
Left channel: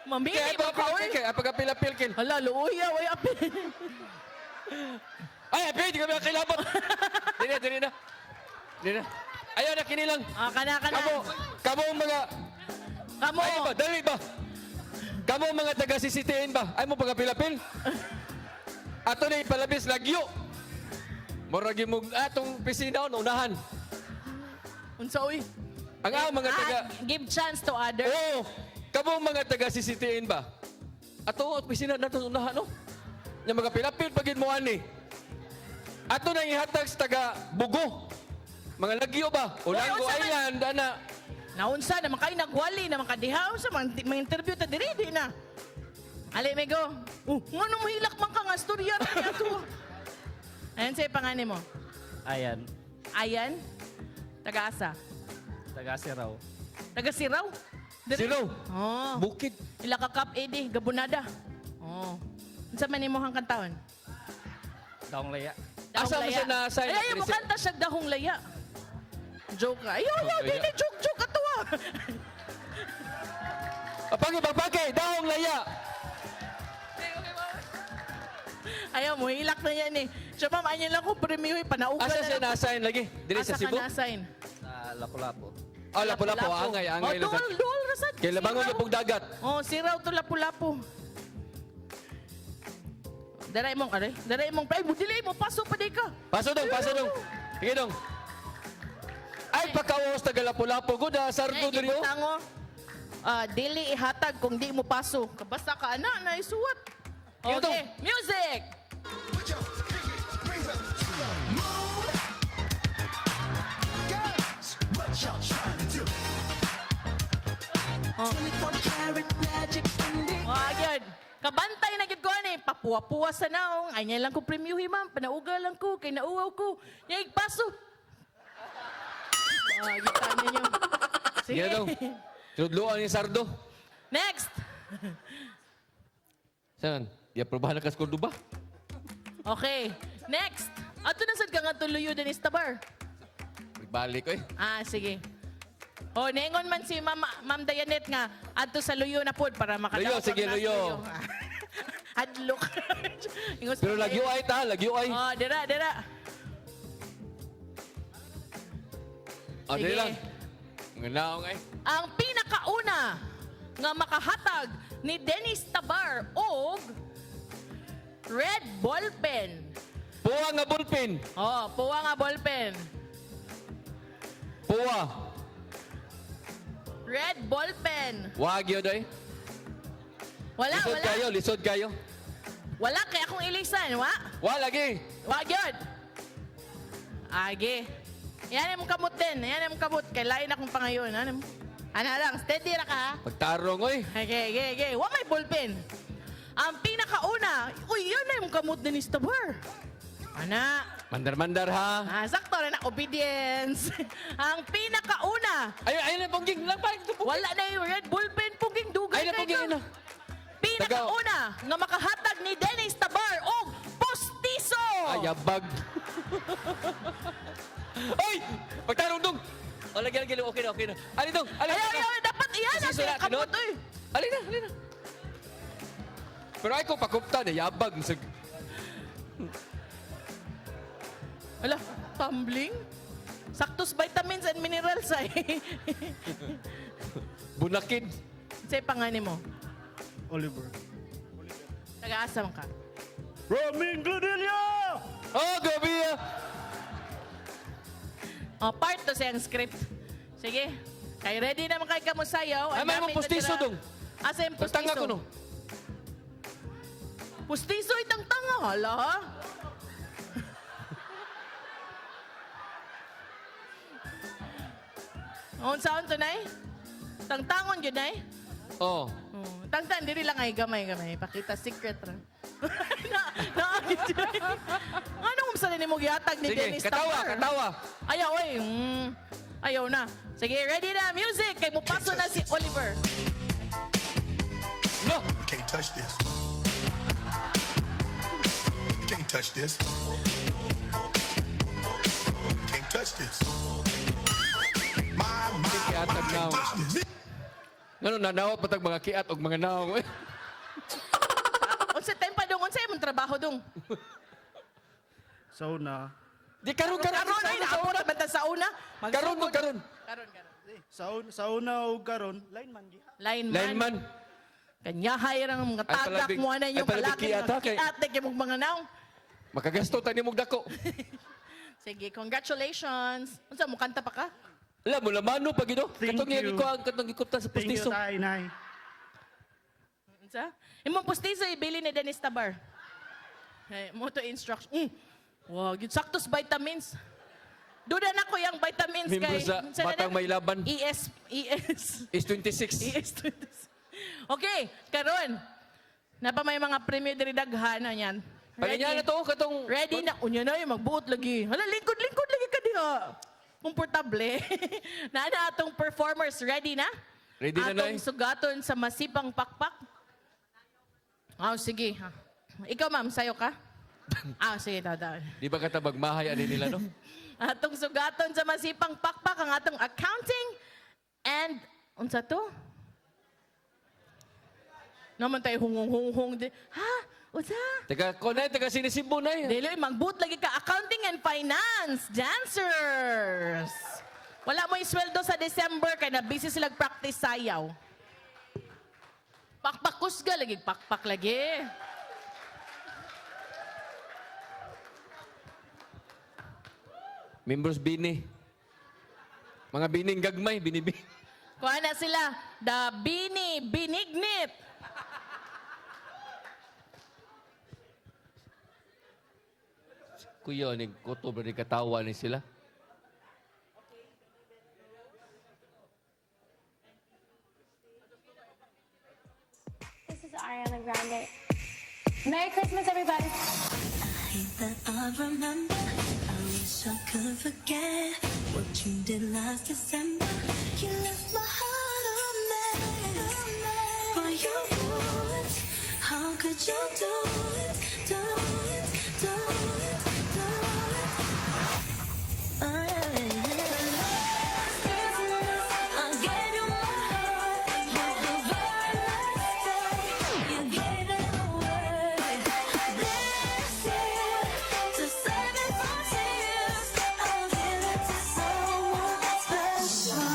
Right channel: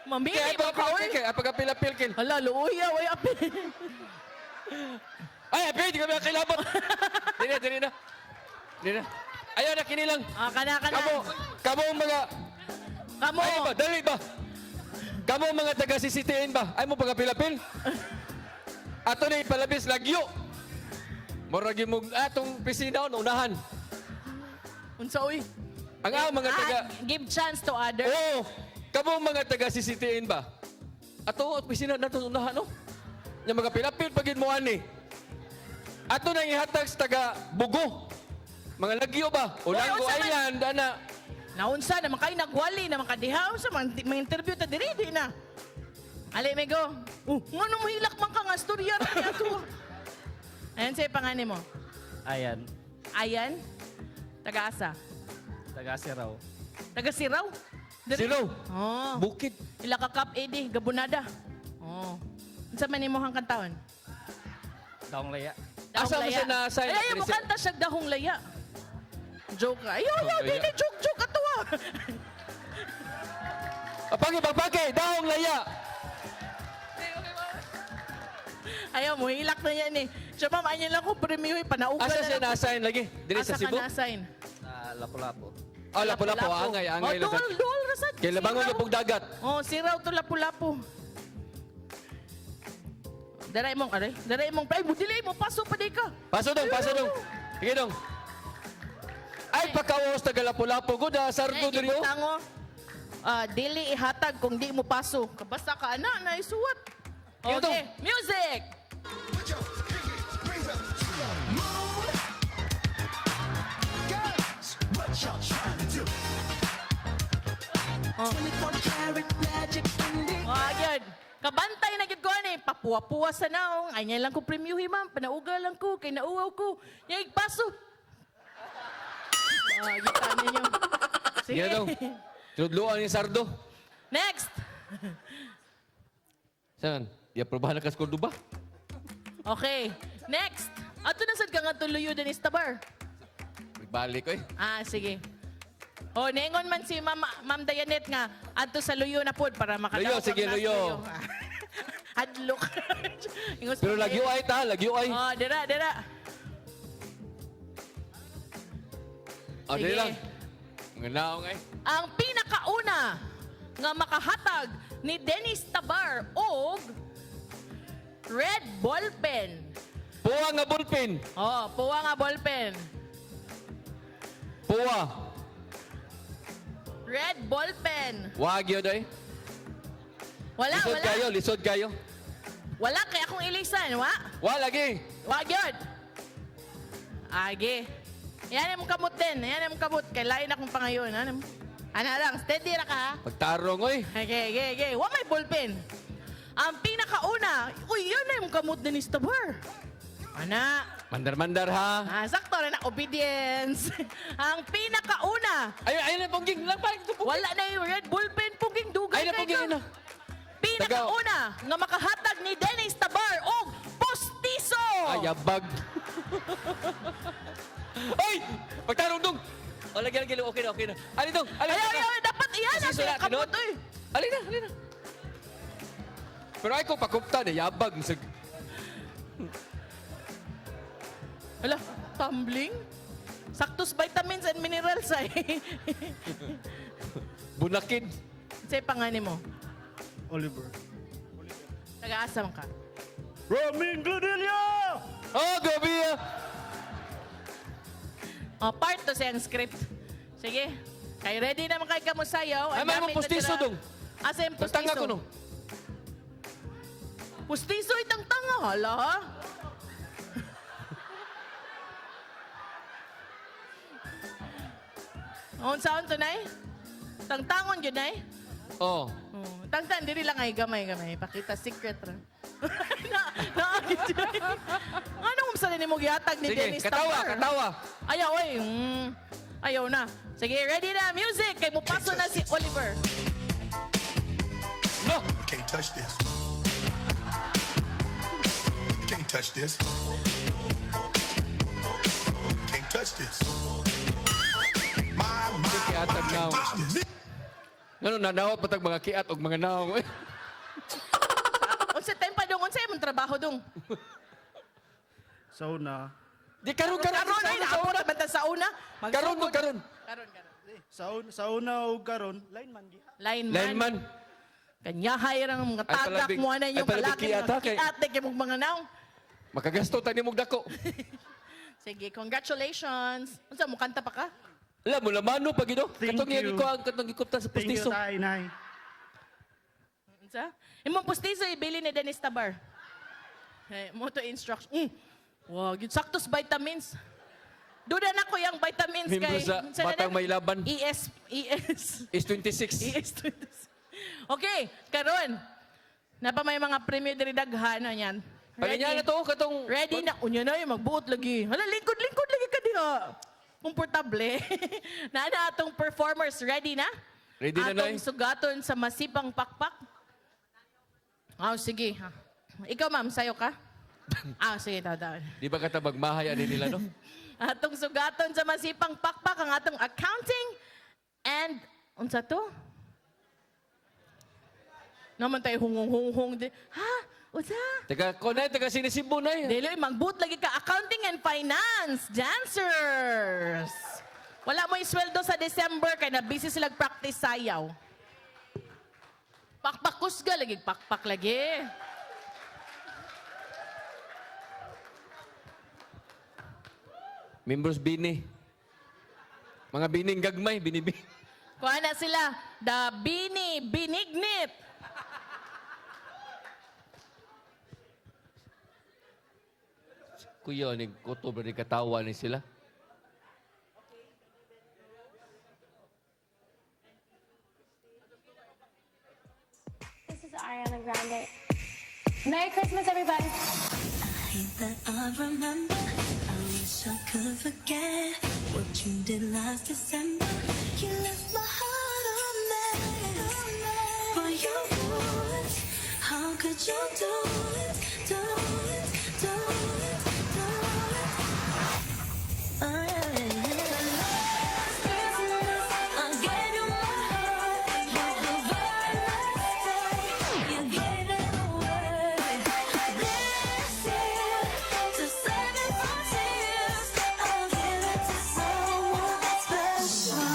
Mamili Kaya mo ka, oy. apagapil-apil kin. Hala, luuya, way api. Ay, apil, di kami kilabot. Dili na. Ayaw na kinilang. Kana. Kamo mga, Kamo. ay ba, dali ba? Kamo mga taga-CCTN ba? Ay mo pagapil-apil? Ato na ipalabis lagyo. Moragi mo atong pisina o unahan. Unsa, oy? Ang mga taga... Give chance to other. Oo, kamo mga taga-CCTN ba? Ato, pisina natin unahan, no? Yung mga pilapil, pagin mo ani. Ato na ihatag sa taga-Bugo. Mga lagyo ba? Olango unsa man? Island, ana. Naunsa naman kayo nagwali naman kadiha unsa man may interview ta diri di na. Ali mego. Ngano mo hilak man ka nga storya ra niya to. Ayan say pangani mo. Ayan, Ayan. Taga-asa. taga Siraw. Taga Siraw. Sino? Oh. Bukid. Ila ka kap edi gabunada. Oh. Unsa man imong kantawan? Daong Laya. Asa mo siya na-assign? Ay, mo kanta siya dahong laya. Joke ka. Ayaw, Dahong laya. dili joke ato ah. Pagpake, daong laya. Ayaw mo hilak na yan eh. Siya pa maanya lang ko premium panaugan Asa siya na-assign lagi? Dili sa Cebu? Asa Sa Lapu-Lapu. Oh, lapo-lapo. Angay lang sa... Dual rasad. Kaya labangon niya pong dagat. Oh, siraw to lapu-lapu. Daray mong aray. Daray mong ay budili mo paso pa di ka. Paso dong. Sige dong. Ay, pagkawas taga lapo-lapo ko na sardo Ay, diri oh. tango. Dili ihatag kung di mo paso. Basta ka ana na isuwat. Ito. Okay, music. Oh, agad. Kabantay na gid ko ani, papuwa-puwa sa naong. Ay niya lang ko premiuhi ma'am, panauga lang ko, kay nauwaw ko. Yay, paso. Gitan ninyo. Sige dong. Tudluan yung sardo. Next. Saan? Di aprobahan na kaskordo ba? Okay, next. Ato na sad ka nga tuluyo din Tabar. Balik ko eh. Sige. Oh, nengon man si Ma'am Dayanet nga adto sa luyo na pod para makadaog. Luyo, sige, ang last luyo. Hadlok. Ingos Pero pa lagyo kayo. ay ta, lagyo ay. Oh, dira. O, Sige. dali lang. Nganaong ay. Ang pinakauna nga makahatag ni Dennis Tabar og red ballpen. Puwa nga bullpen. Oh, puwa nga ballpen. Puwa. Red ballpen. Wagyo doy. Wala. Lisod kayo. Wala kay akong ilisan, wa? Lagi. Wa gyud. Age. Yan ang kamot din. Yan ang kamot. Kay lain akong pangayon. Ano lang, steady ra ka ha. Pagtarong oy. Okay. Wa may ballpen. Ang pinakauna, yan na yung kamot din ni Tabar. Ana. Mandar-mandar ha. Sakto na na, obedience. Ang pinakauna, Ayun na pongging. Lampay ito po. wala na yung red ballpen, puging dugay Ayun na pongging. kayo. Pinakauna, nga makahatag ni Dennis Tabar og postiso. Ayabag. Oy! Pagtarong dong. O, lagi. Okay na. Ali dong. Ali. Ay, dapat iyan ang Sisira, kamot kinod. eh. Ali na. Pero ay ko pakupta na yabag. Ala, tumbling? Saktos vitamins and minerals ay. Bunakid. Say pangani mo. Oliver. Taga-asa mo ka. Roming Gladilla! Oh, gabi ah. Part to siyang script. Sige. Kay ready naman kay kamo sayaw. Ay, Ang may gamit mong na pustiso tira- dong. Asa yung Tanga pustiso? ko no. Pustiso itang tanga. Hala ha? Saan to nay? Tangtangon yun nay? Oh. Tangtan, diri lang ay gamay. Pakita secret ra. Ano kung saan ni mo gihatag ni Sige, Dennis katawa. Tabar? Ayaw, Ayaw na. Sige, ready na. Music. Kay mupaso na si Oliver. No! Can't touch this. Can't touch this. Can't touch this. Kiatag naw. Ngano nanawat patag mga kiat og mga naw. Unsa time pa dong? Unsa imong trabaho dong? Sauna. Di karon Karon ay naabot na banta sa una. Karon mo karon. Karon. Sauna o karon. Line man di. Lineman. Kanyahay rang mga Ay, tagak palabig- mo na ay, yung palabig kalaki kiat, ha, nga kay- kiat kay mong mga naw. Makagasto tani mog dako. Sige, congratulations. Unsa mo kanta pa ka? Alam mo lamano pag ito. Thank Katong you. iko ang katong ikutan sa Thank you, pustiso. tay, nay. Unsa? Imong pustiso ibili ni Dennis Tabar. Mo to instruction. Wow, yun saktos vitamins. Duda na ko yung vitamins Membro kay sa unsa na Batang na? Maylaban. ES Is 26. Okay, karon. Napa may mga premyo diri daghan na yan. Paganya na to katong Ready na. Unya na yung magbuot lagi. Hala, lingkod lagi ka diha. Komportable. Na atong performers. Ready na? Ready na, Atong Nay? sugaton sa masipang pakpak. Sige. Ikaw, ma'am, sayo ka? Sige, dadaan. Di ba katabag mahay ani nila no? Atong sugaton sa masipang pakpak ang atong accounting and unsa to? Naman tayo hungong di. Ha? Unsa? Teka ko na teka sinisibo na. Dili mangbut lagi ka accounting and finance dancers. Wala mo isweldo sa December kay na busy sila practice sayaw. Pakpakusga lagi, pakpak lagi. Members bini. Mga bining gagmay, binibi. Kuha na sila, the binignit. Kuya, ni kuto ba ni katawa ni sila? This is Ariana Grande. Merry Christmas, everybody. That I remember, I wish I could forget what you did last December. You left my heart a mess. Why you would? How could you do it? Do it, do it, do it. I gave you my heart, but the very next day you gave it away. This year, to save it from tears, I'll give it to someone special.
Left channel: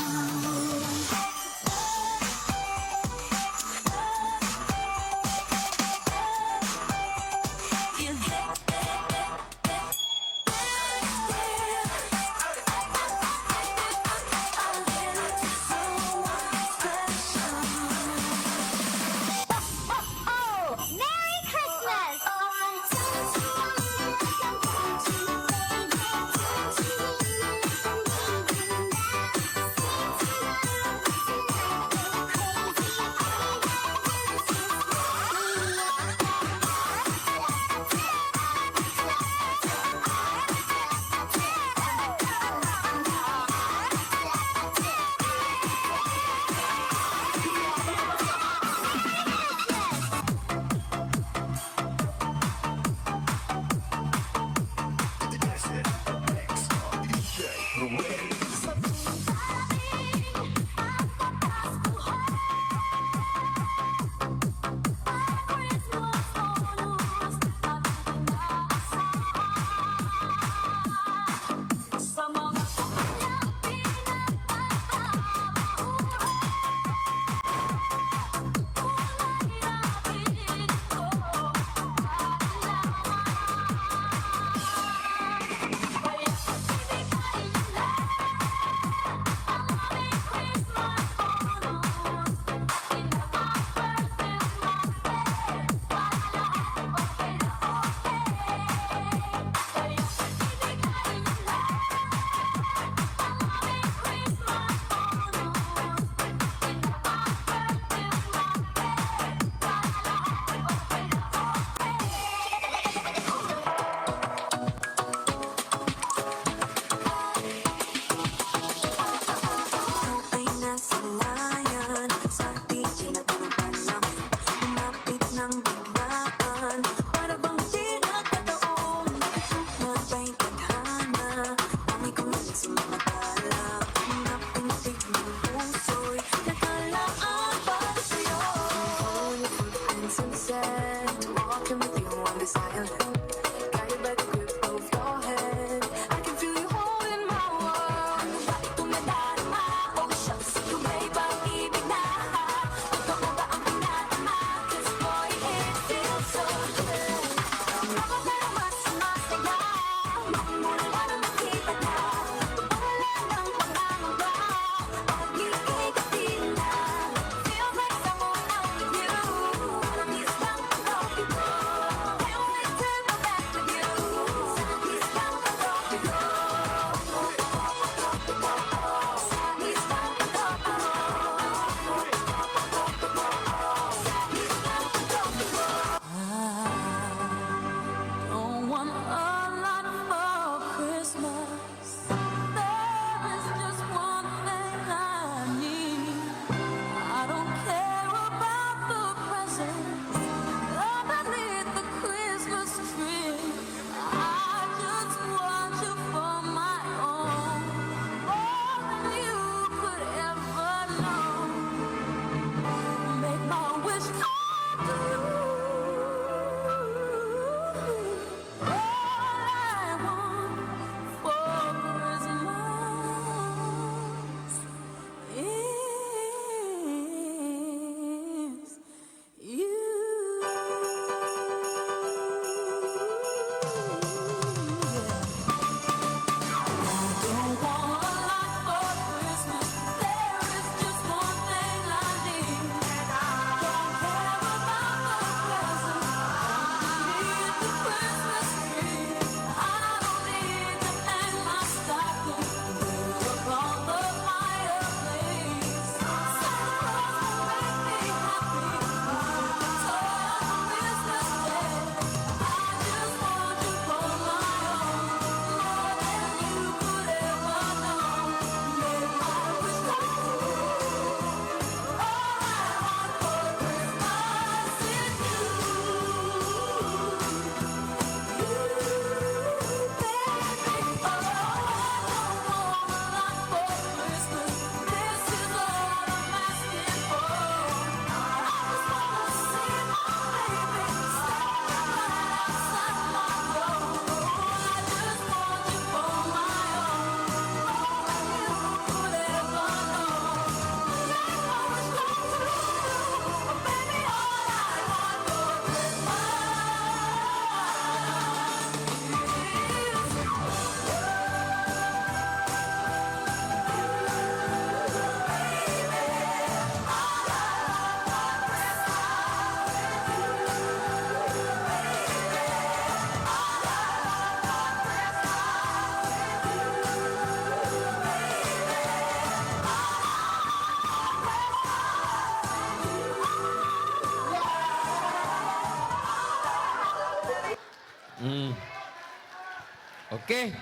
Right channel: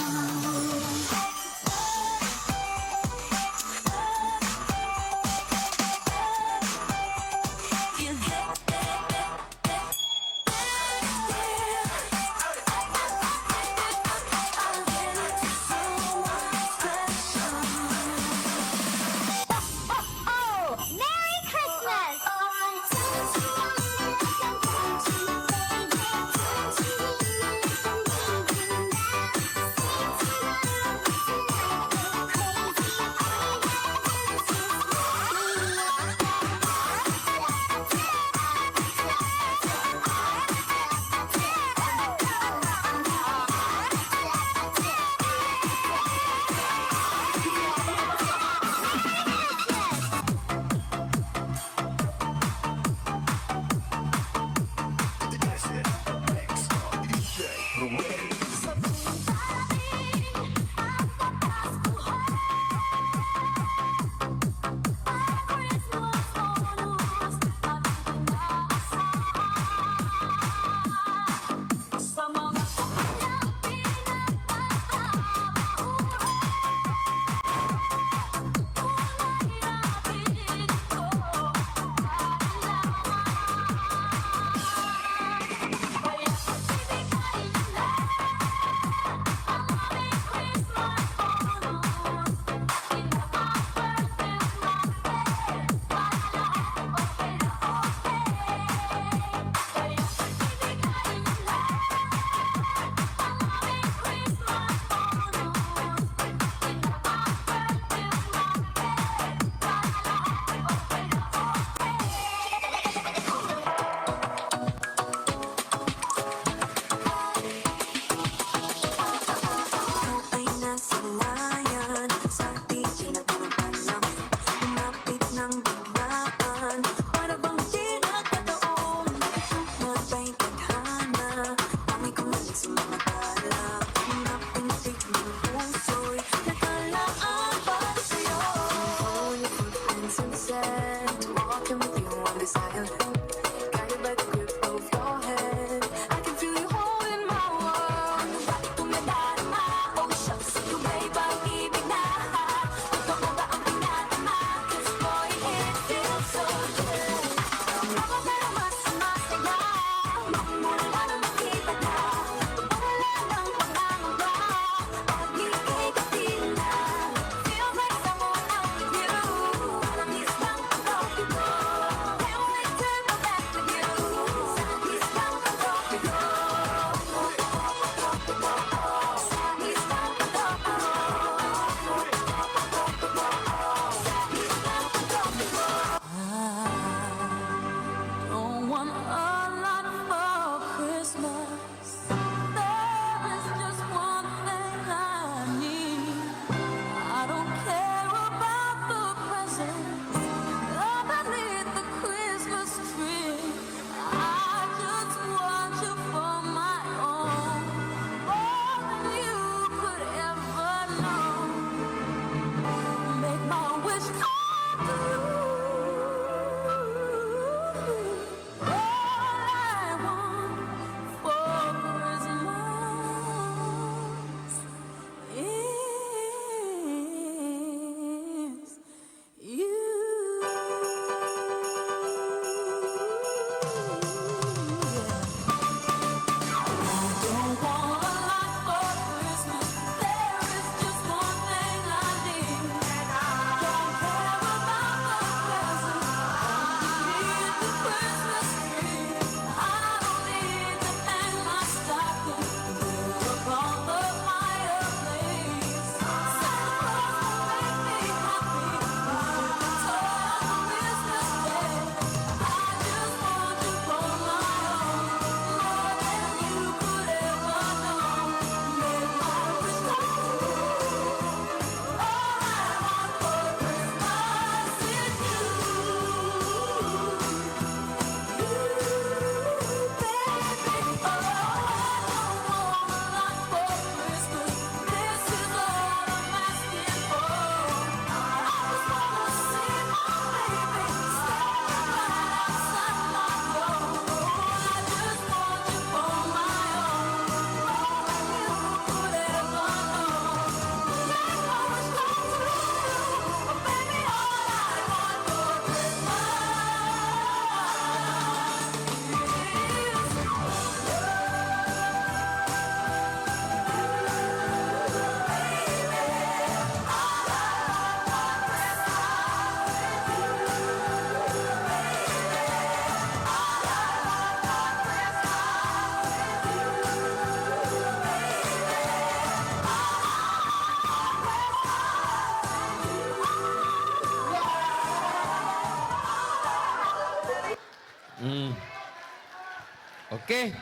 Okay.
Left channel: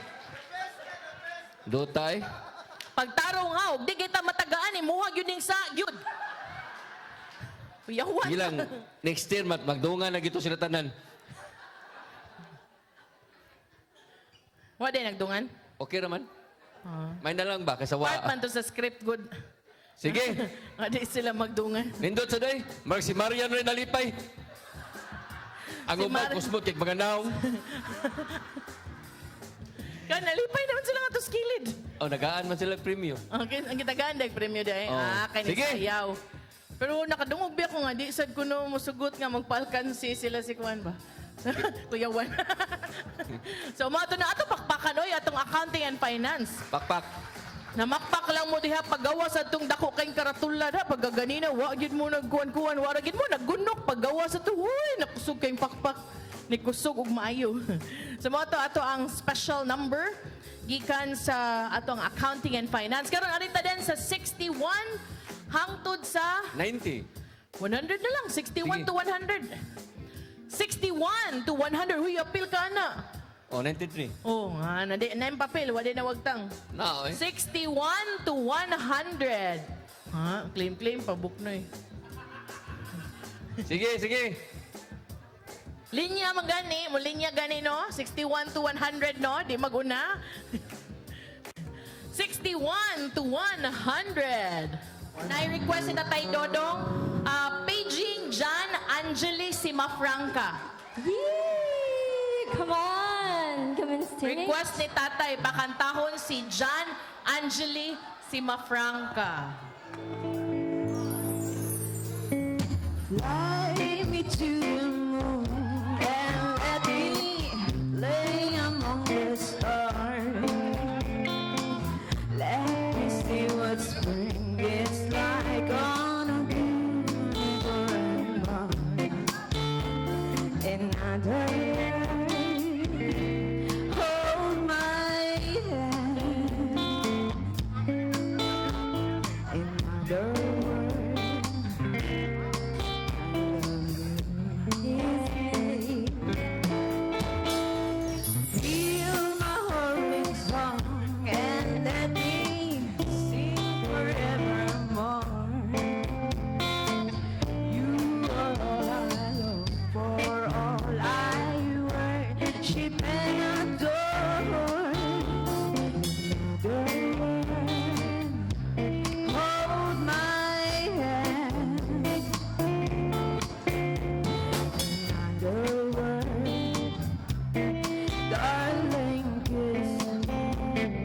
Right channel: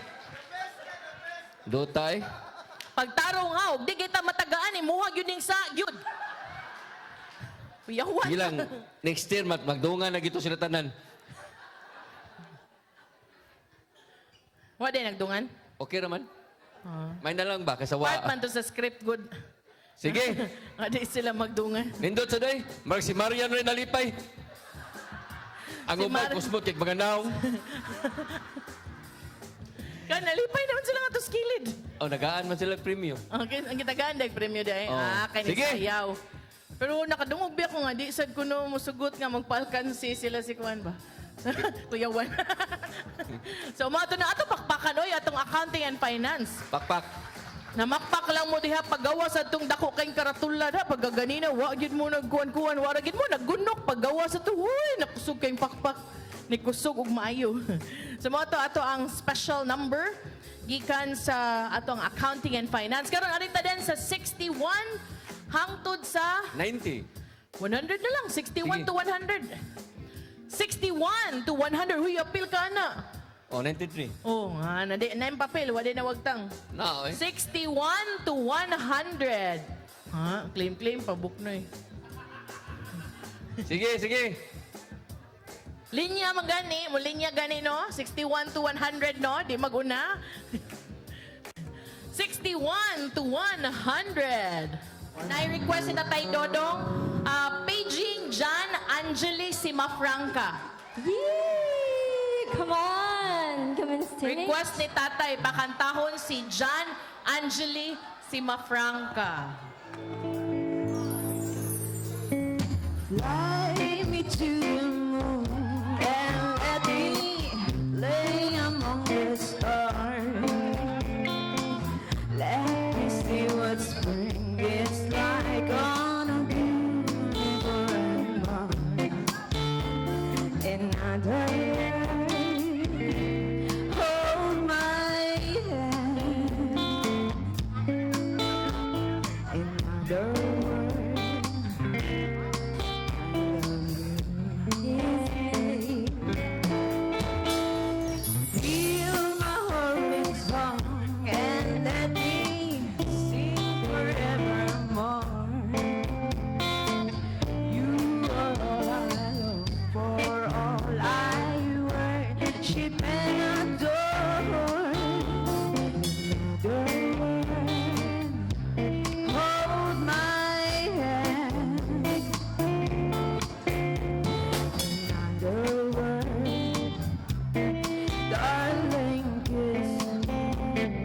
Dutay. Pagtarong nga, og di kita matagaan, imuhag yun yung sa, yun. Kuyawan. Gilang, next year, magdungan na gito sila tanan. Wa din nagdungan? Okay raman? May na lang ba? Kasawa. Part man to sa script, good. Sige. Nga di sila magdungan. Nindot sa day. Si Marian rin nalipay. Ang Si umaw, kusmot, kik mga naong. Nalipay naman sila nga to skilid. Oh, nagaan man sila premium. Okay, ang gitagandag premyo dahil. Oh. Kay Sige. sayaw. Pero nakadungog biya ko nga, di sad ko no musugot nga magpalkansi sila si Kuan ba? Kuyawan. So, mato na ato pakpakan oy atong accounting and finance. Pakpak. Namakpak lang mo diha paggawa sa itong dako kayong karatula na paggaganina wa gid mo nagkuan-kuan wara gid mo naggunok paggawa sa to huy nakusog kayong pakpak ni kusog og maayo. So mo ato ang special number gikan sa atong accounting and finance karon anita din sa 61 hangtod sa 90. 100 na lang 61 Sige. to 100. 61 to 100 huy apil ka na. Oh, 93. Oh, na yung papel, wala na wagtang. Na, eh. 61 to 100. Ha? Claim, pabuk na eh. Sige, sige. Linya magani, mo linya gani no? 61 to 100 no? Di maguna. 61 to 100. Na-request na tayo Dodong, paging John Angeli Simafranca. Yee! Come on! Come and sing. Request ni tatay, pakantahon si John Angeli Simafranca. Fly me to the moon and let me lay among the stars. Let me see what spring is like on a beautiful morning. Another hold my hand. Another feel my holy song and let me sing forevermore. You are all I long for, all I worship and adore. Hold my hand. Another word, darling, kiss me.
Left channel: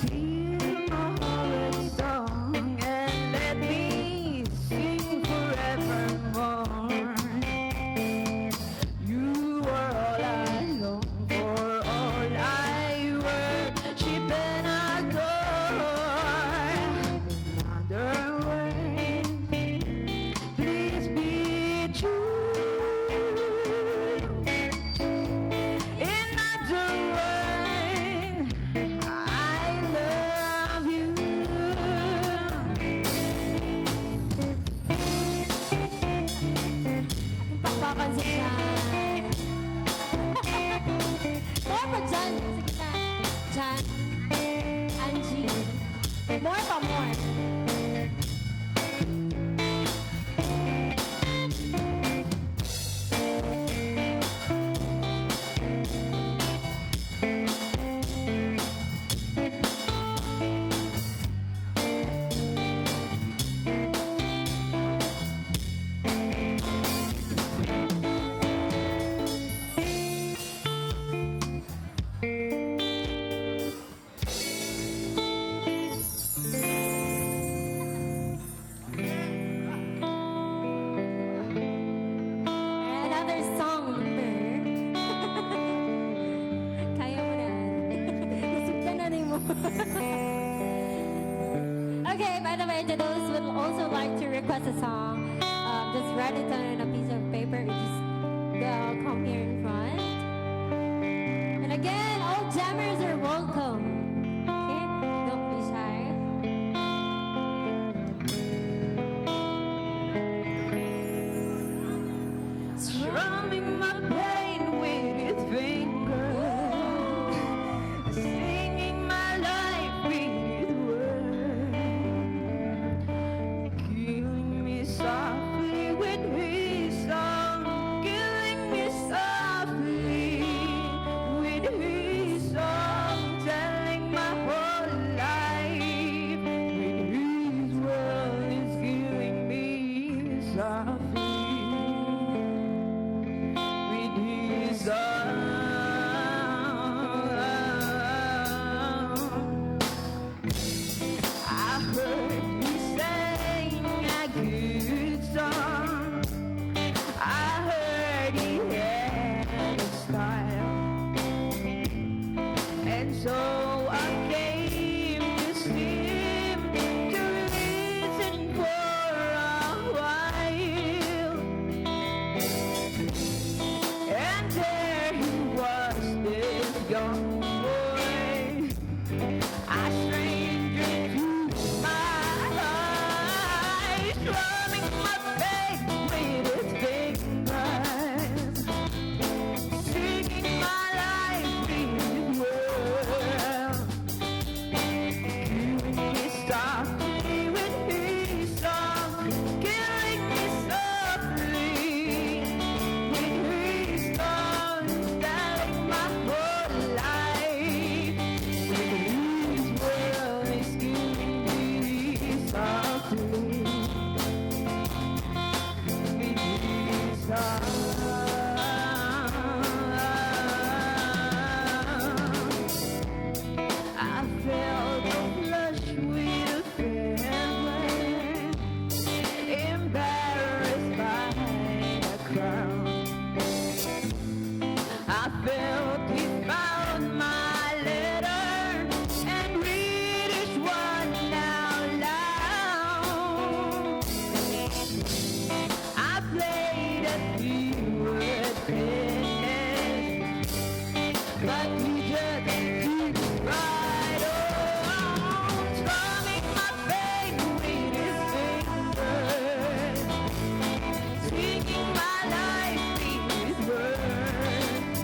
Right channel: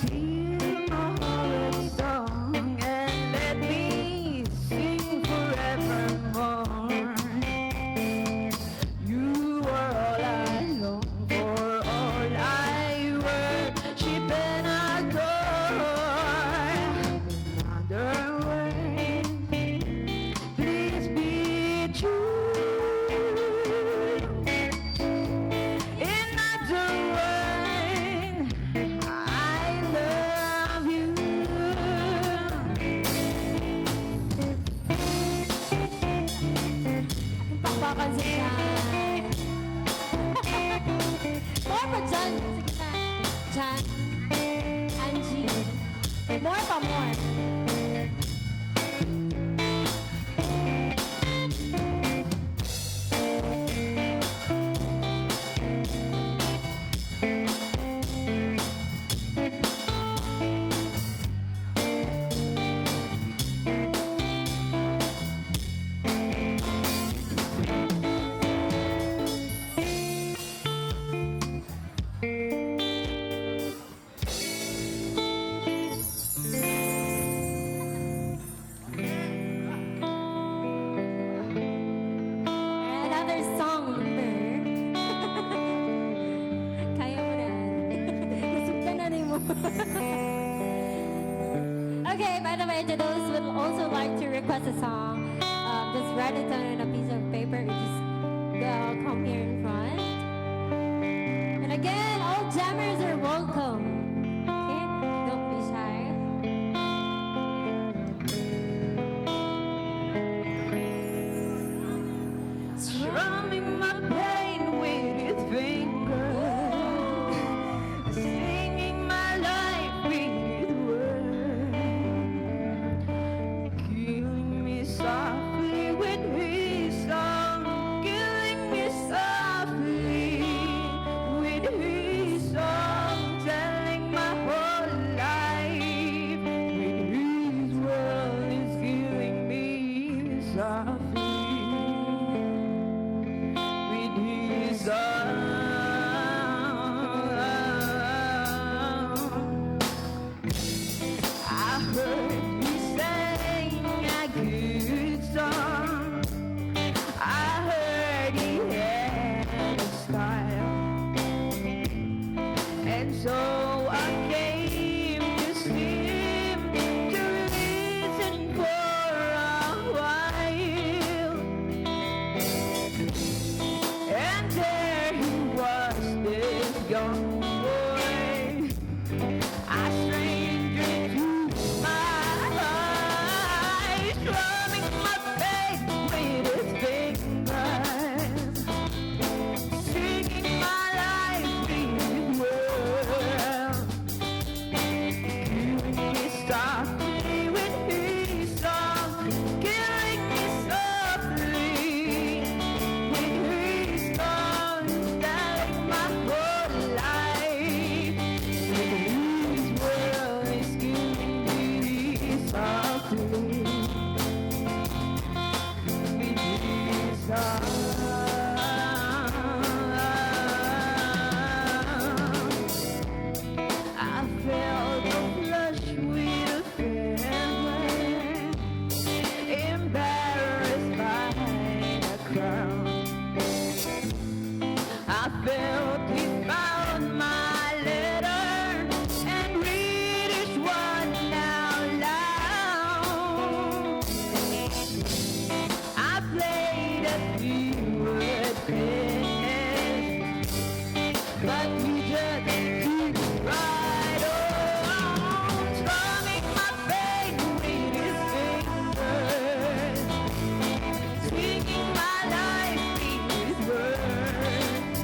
Hear my holy song and let me sing forevermore. You are all I long for, all I worship and adore. Another word, please be true. In other words, I love you. Pakpakan si John. More pa John. Sige na. John. Angie. More pa more. Another song number. Kaya mo na. Nasugtan na rin mo. Okay, by the way, to those who would also like to request a song, just write it down on a piece of paper. Just come here in front. And again, all jammers are welcome. Okay, don't be shy. Strumming my pain with its fingers. So I came to see to listen for a while. And there he was, this young boy, a stranger to my eyes, rubbing my face with his fingers, singing my life in his world. Killing me softly with his song, killing me softly with his song, telling my whole life. His world is killing me softly with his song. I felt a flush with a friend, embarrassed by a crowd. I felt he found my letter and read it one out loud. I played a few with fitness, but he just keep right on, strumming my face with his fingers, singing my life in his words.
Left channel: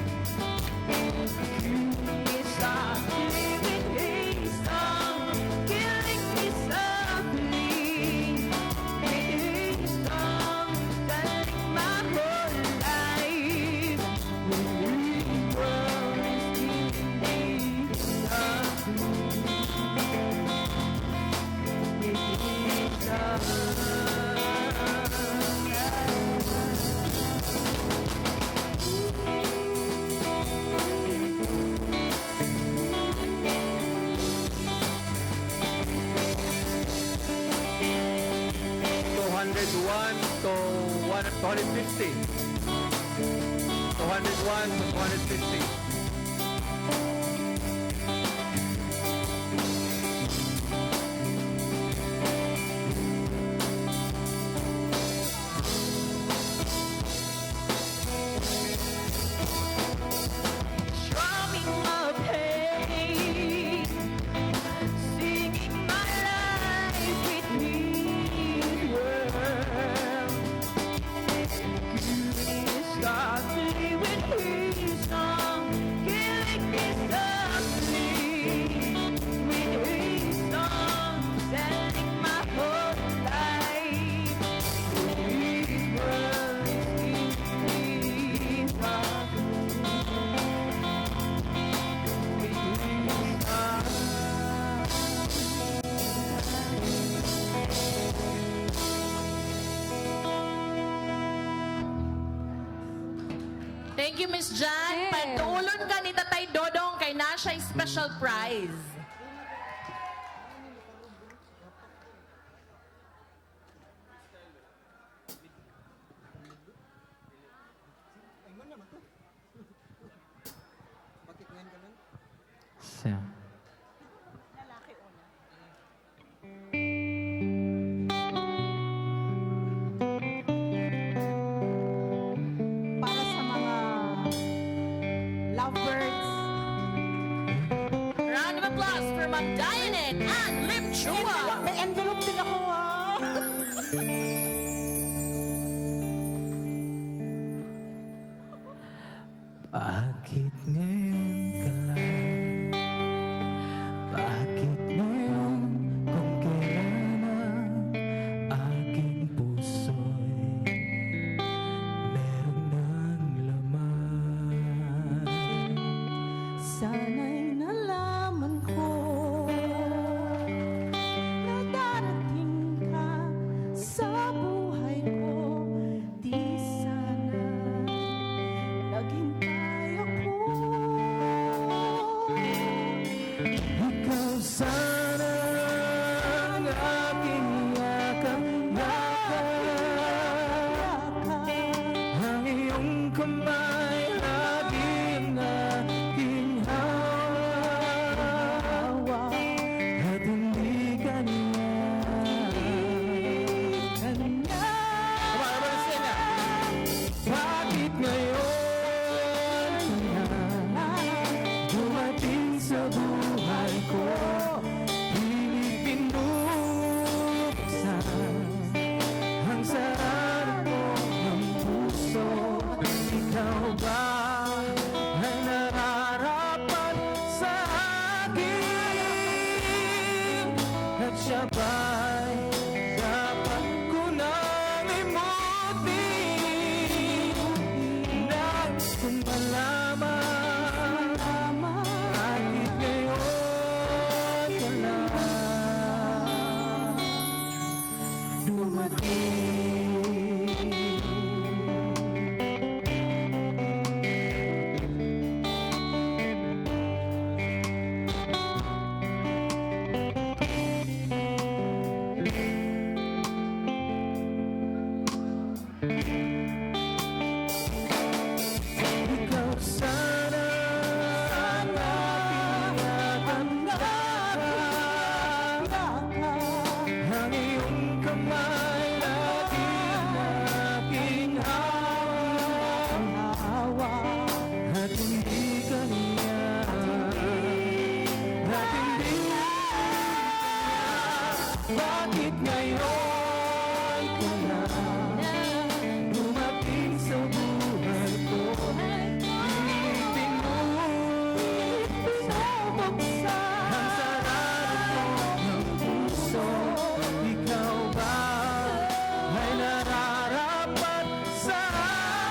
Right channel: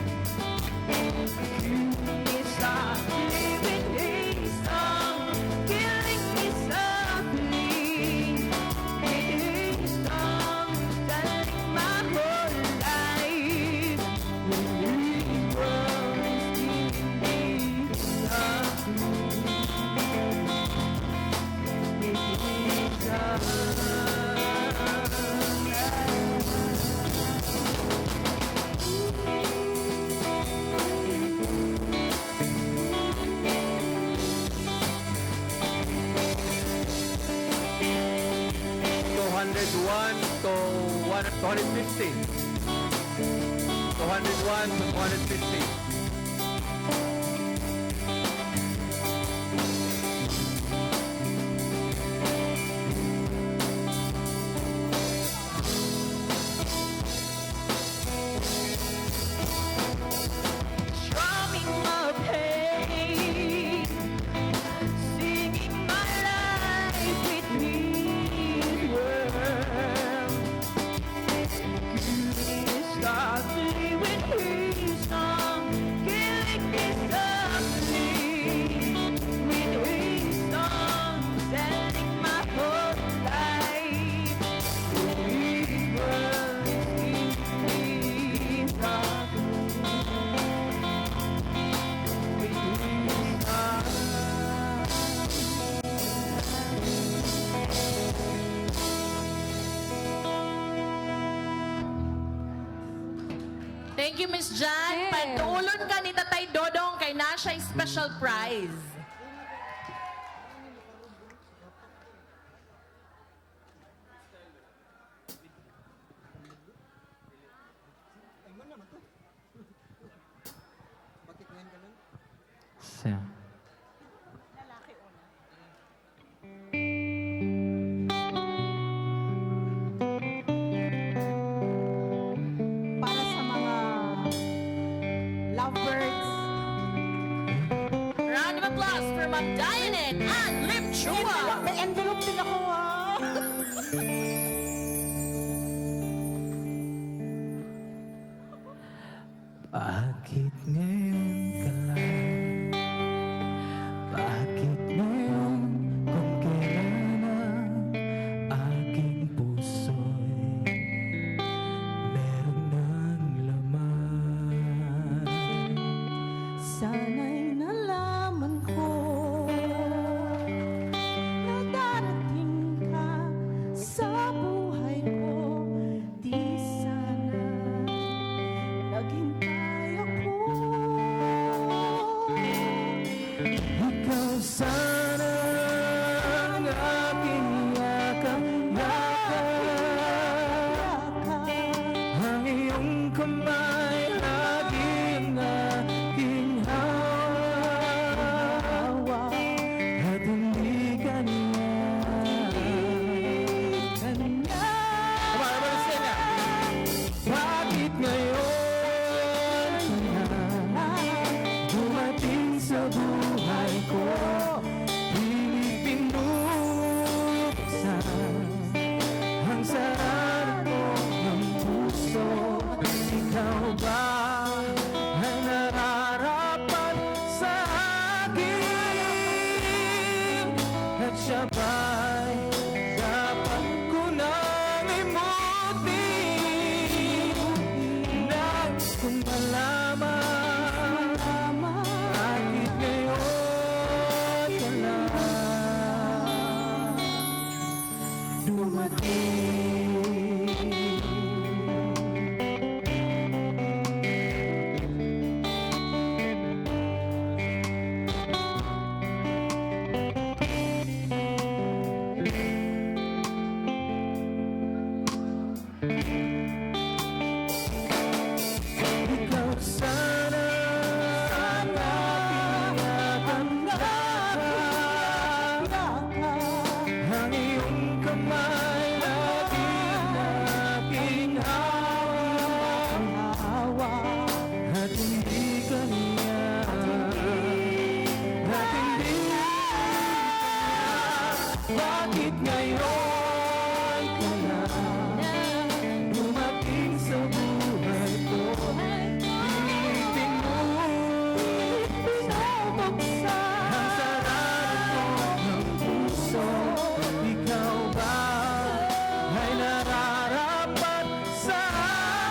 Killing me softly with his song, killing me softly with his song, telling my whole life. His world is killing me softly with his to 250. 201 to 250. strumming my pain, singing my life with his words. Killing me softly with his song, killing me softly with his song, telling my whole life. His words killing me softly with his Thank you, Miss Jan. Yes. Pagtulon ka ni Tatay Dodong kay na siya special prize. Para sa mga lovebirds. Round of applause for Ma'am Dianet and Lim Chua. May envelope din ako, ah. Bakit ngayon ka lang? Bakit ngayon kung kailan ang aking puso'y meron ng laman? Sana'y nalaman ko na darating ka sa Bakit ngayon ka lang dumating sa buhay ko? Pilitin mo buksan ang sarado ko ng puso. Ikaw ba ay nararapat sa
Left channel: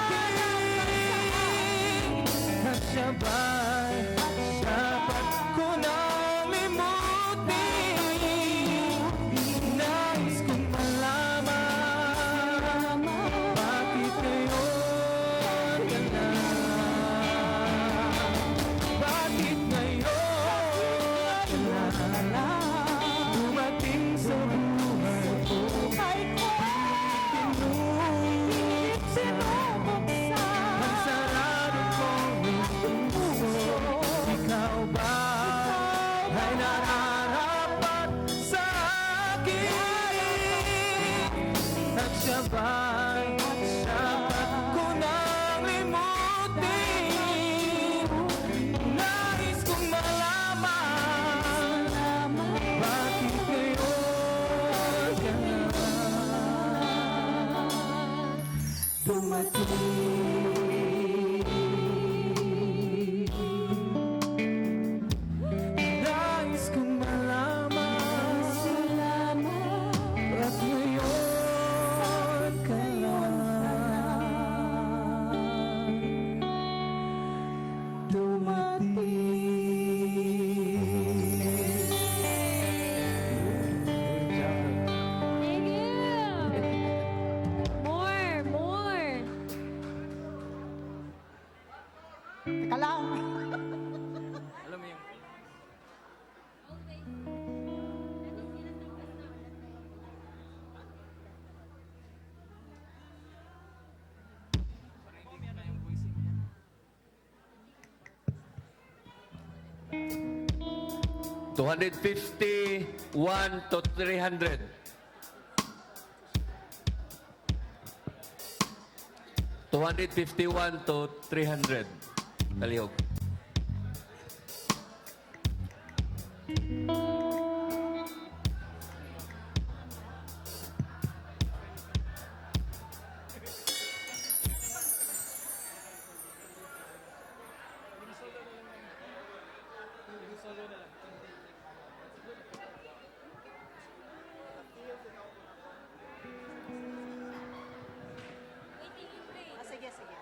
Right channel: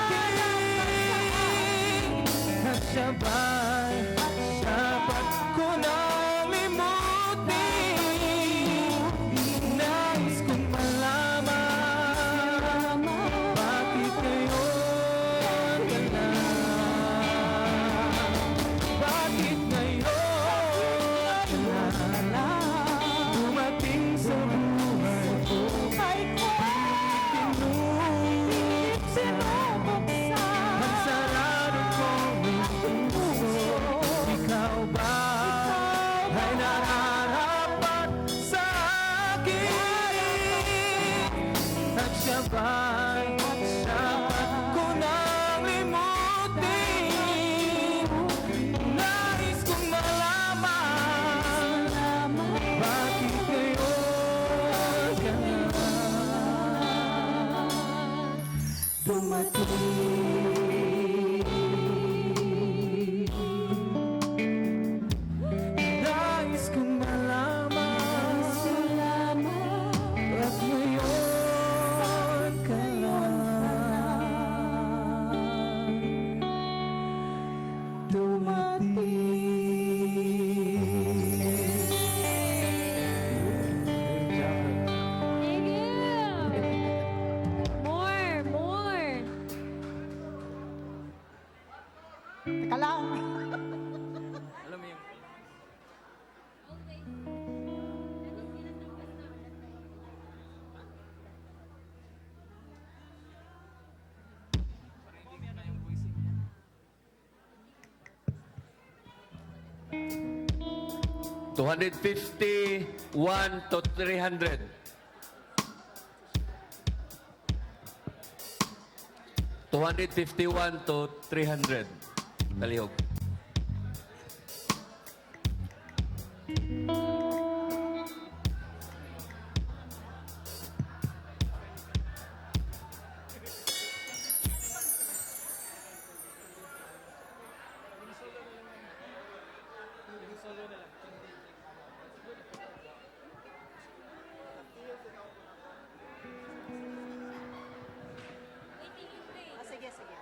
akin? At siya ba'y dapat ko nang limutin? Nais kong malaman bakit ngayon ka na? Bakit ngayon ka na dumating sa buhay ko? Pilitin mo sinabuksan ang sarado ko ng puso. Ikaw ba ay nararapat sa akin? At siya ba'y dapat ko nang limutin? Nais kong malaman bakit ngayon ka na dumating? Nais kong malaman at ngayon ka lang dumating. Thank you. More, more. Teka lang. Alam mo yung... $251 to 300. $251 to 300. Kalihog. Sige, sige.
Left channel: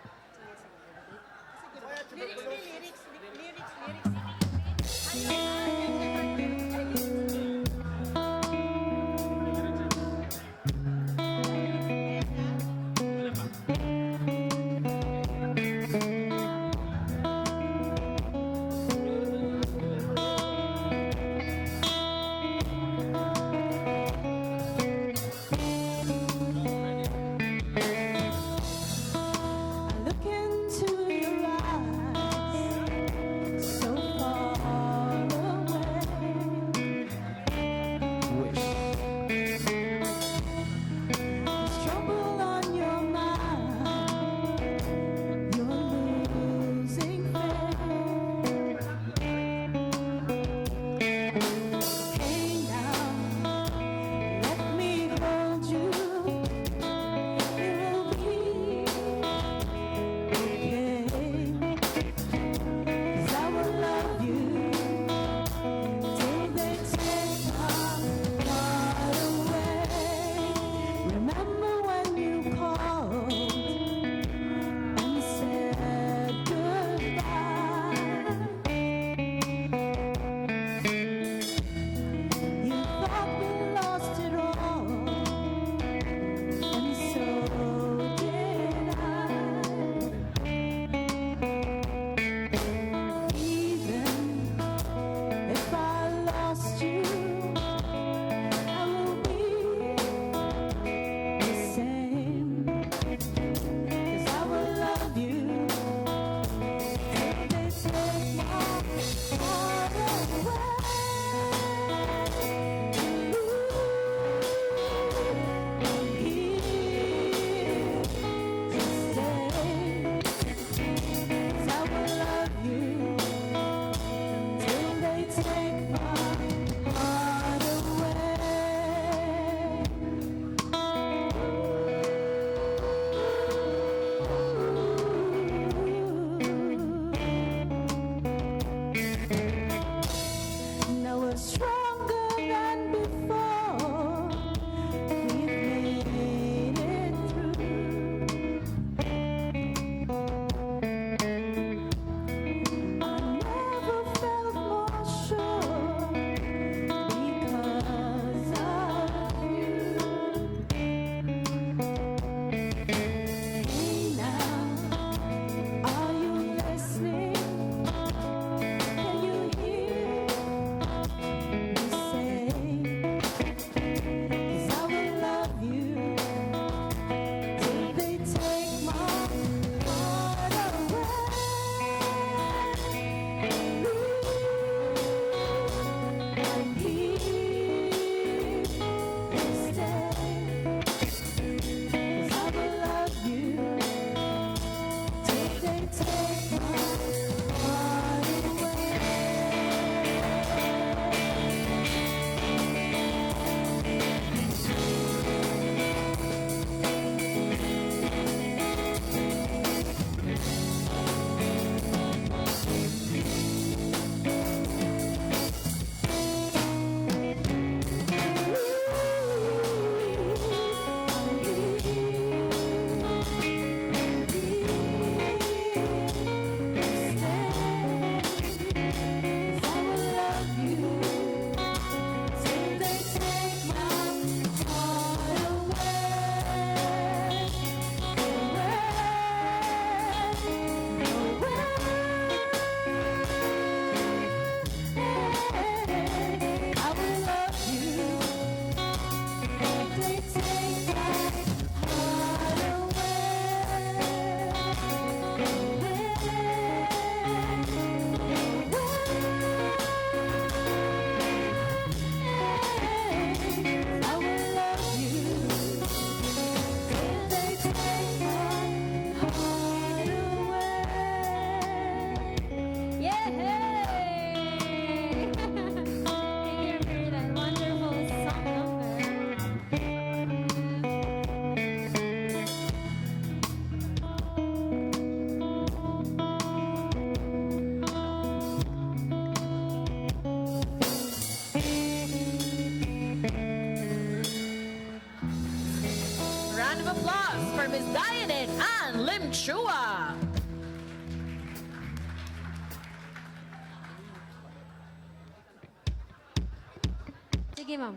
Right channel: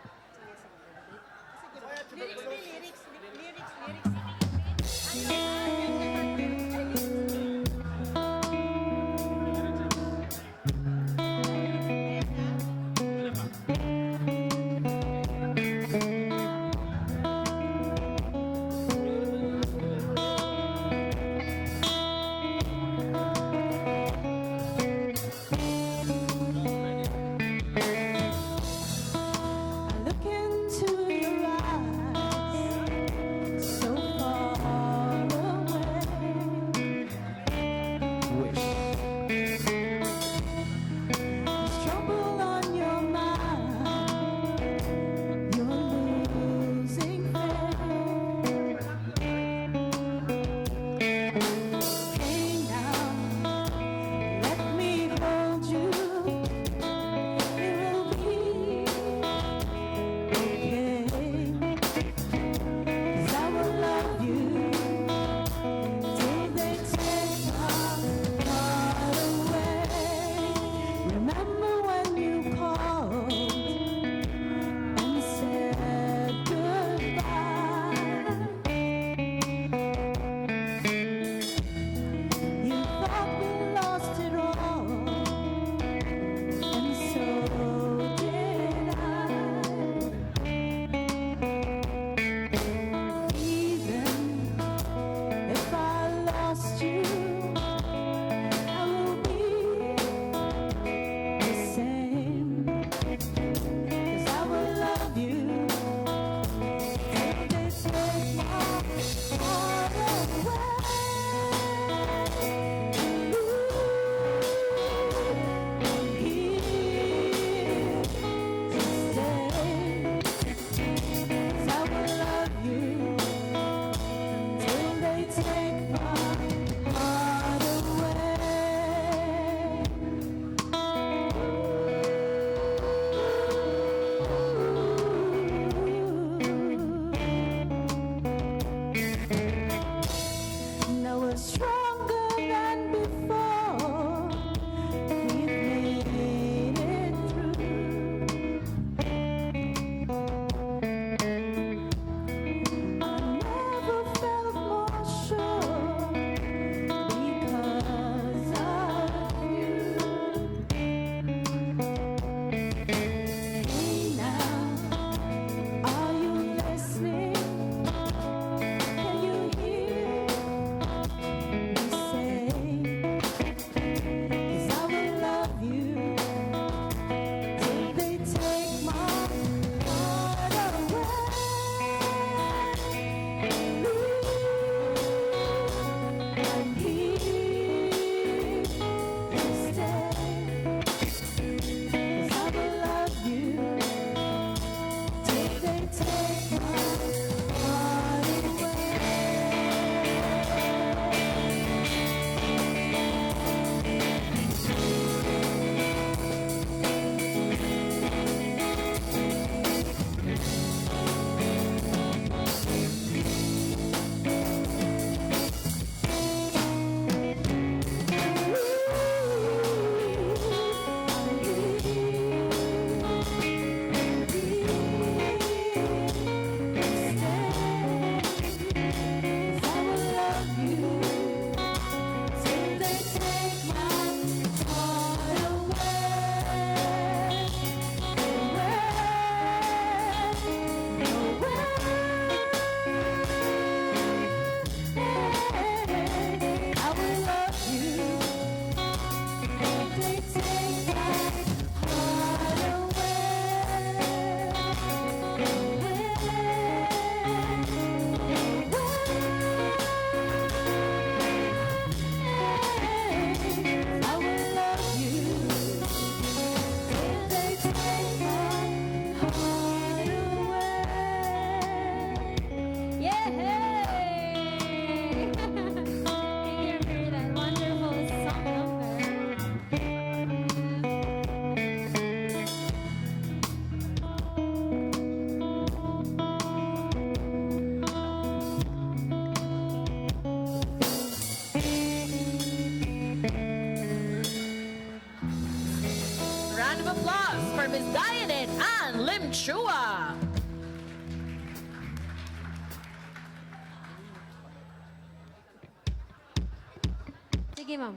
Look into your eyes Sige, ma'am.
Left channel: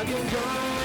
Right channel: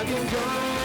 Mag-enjoy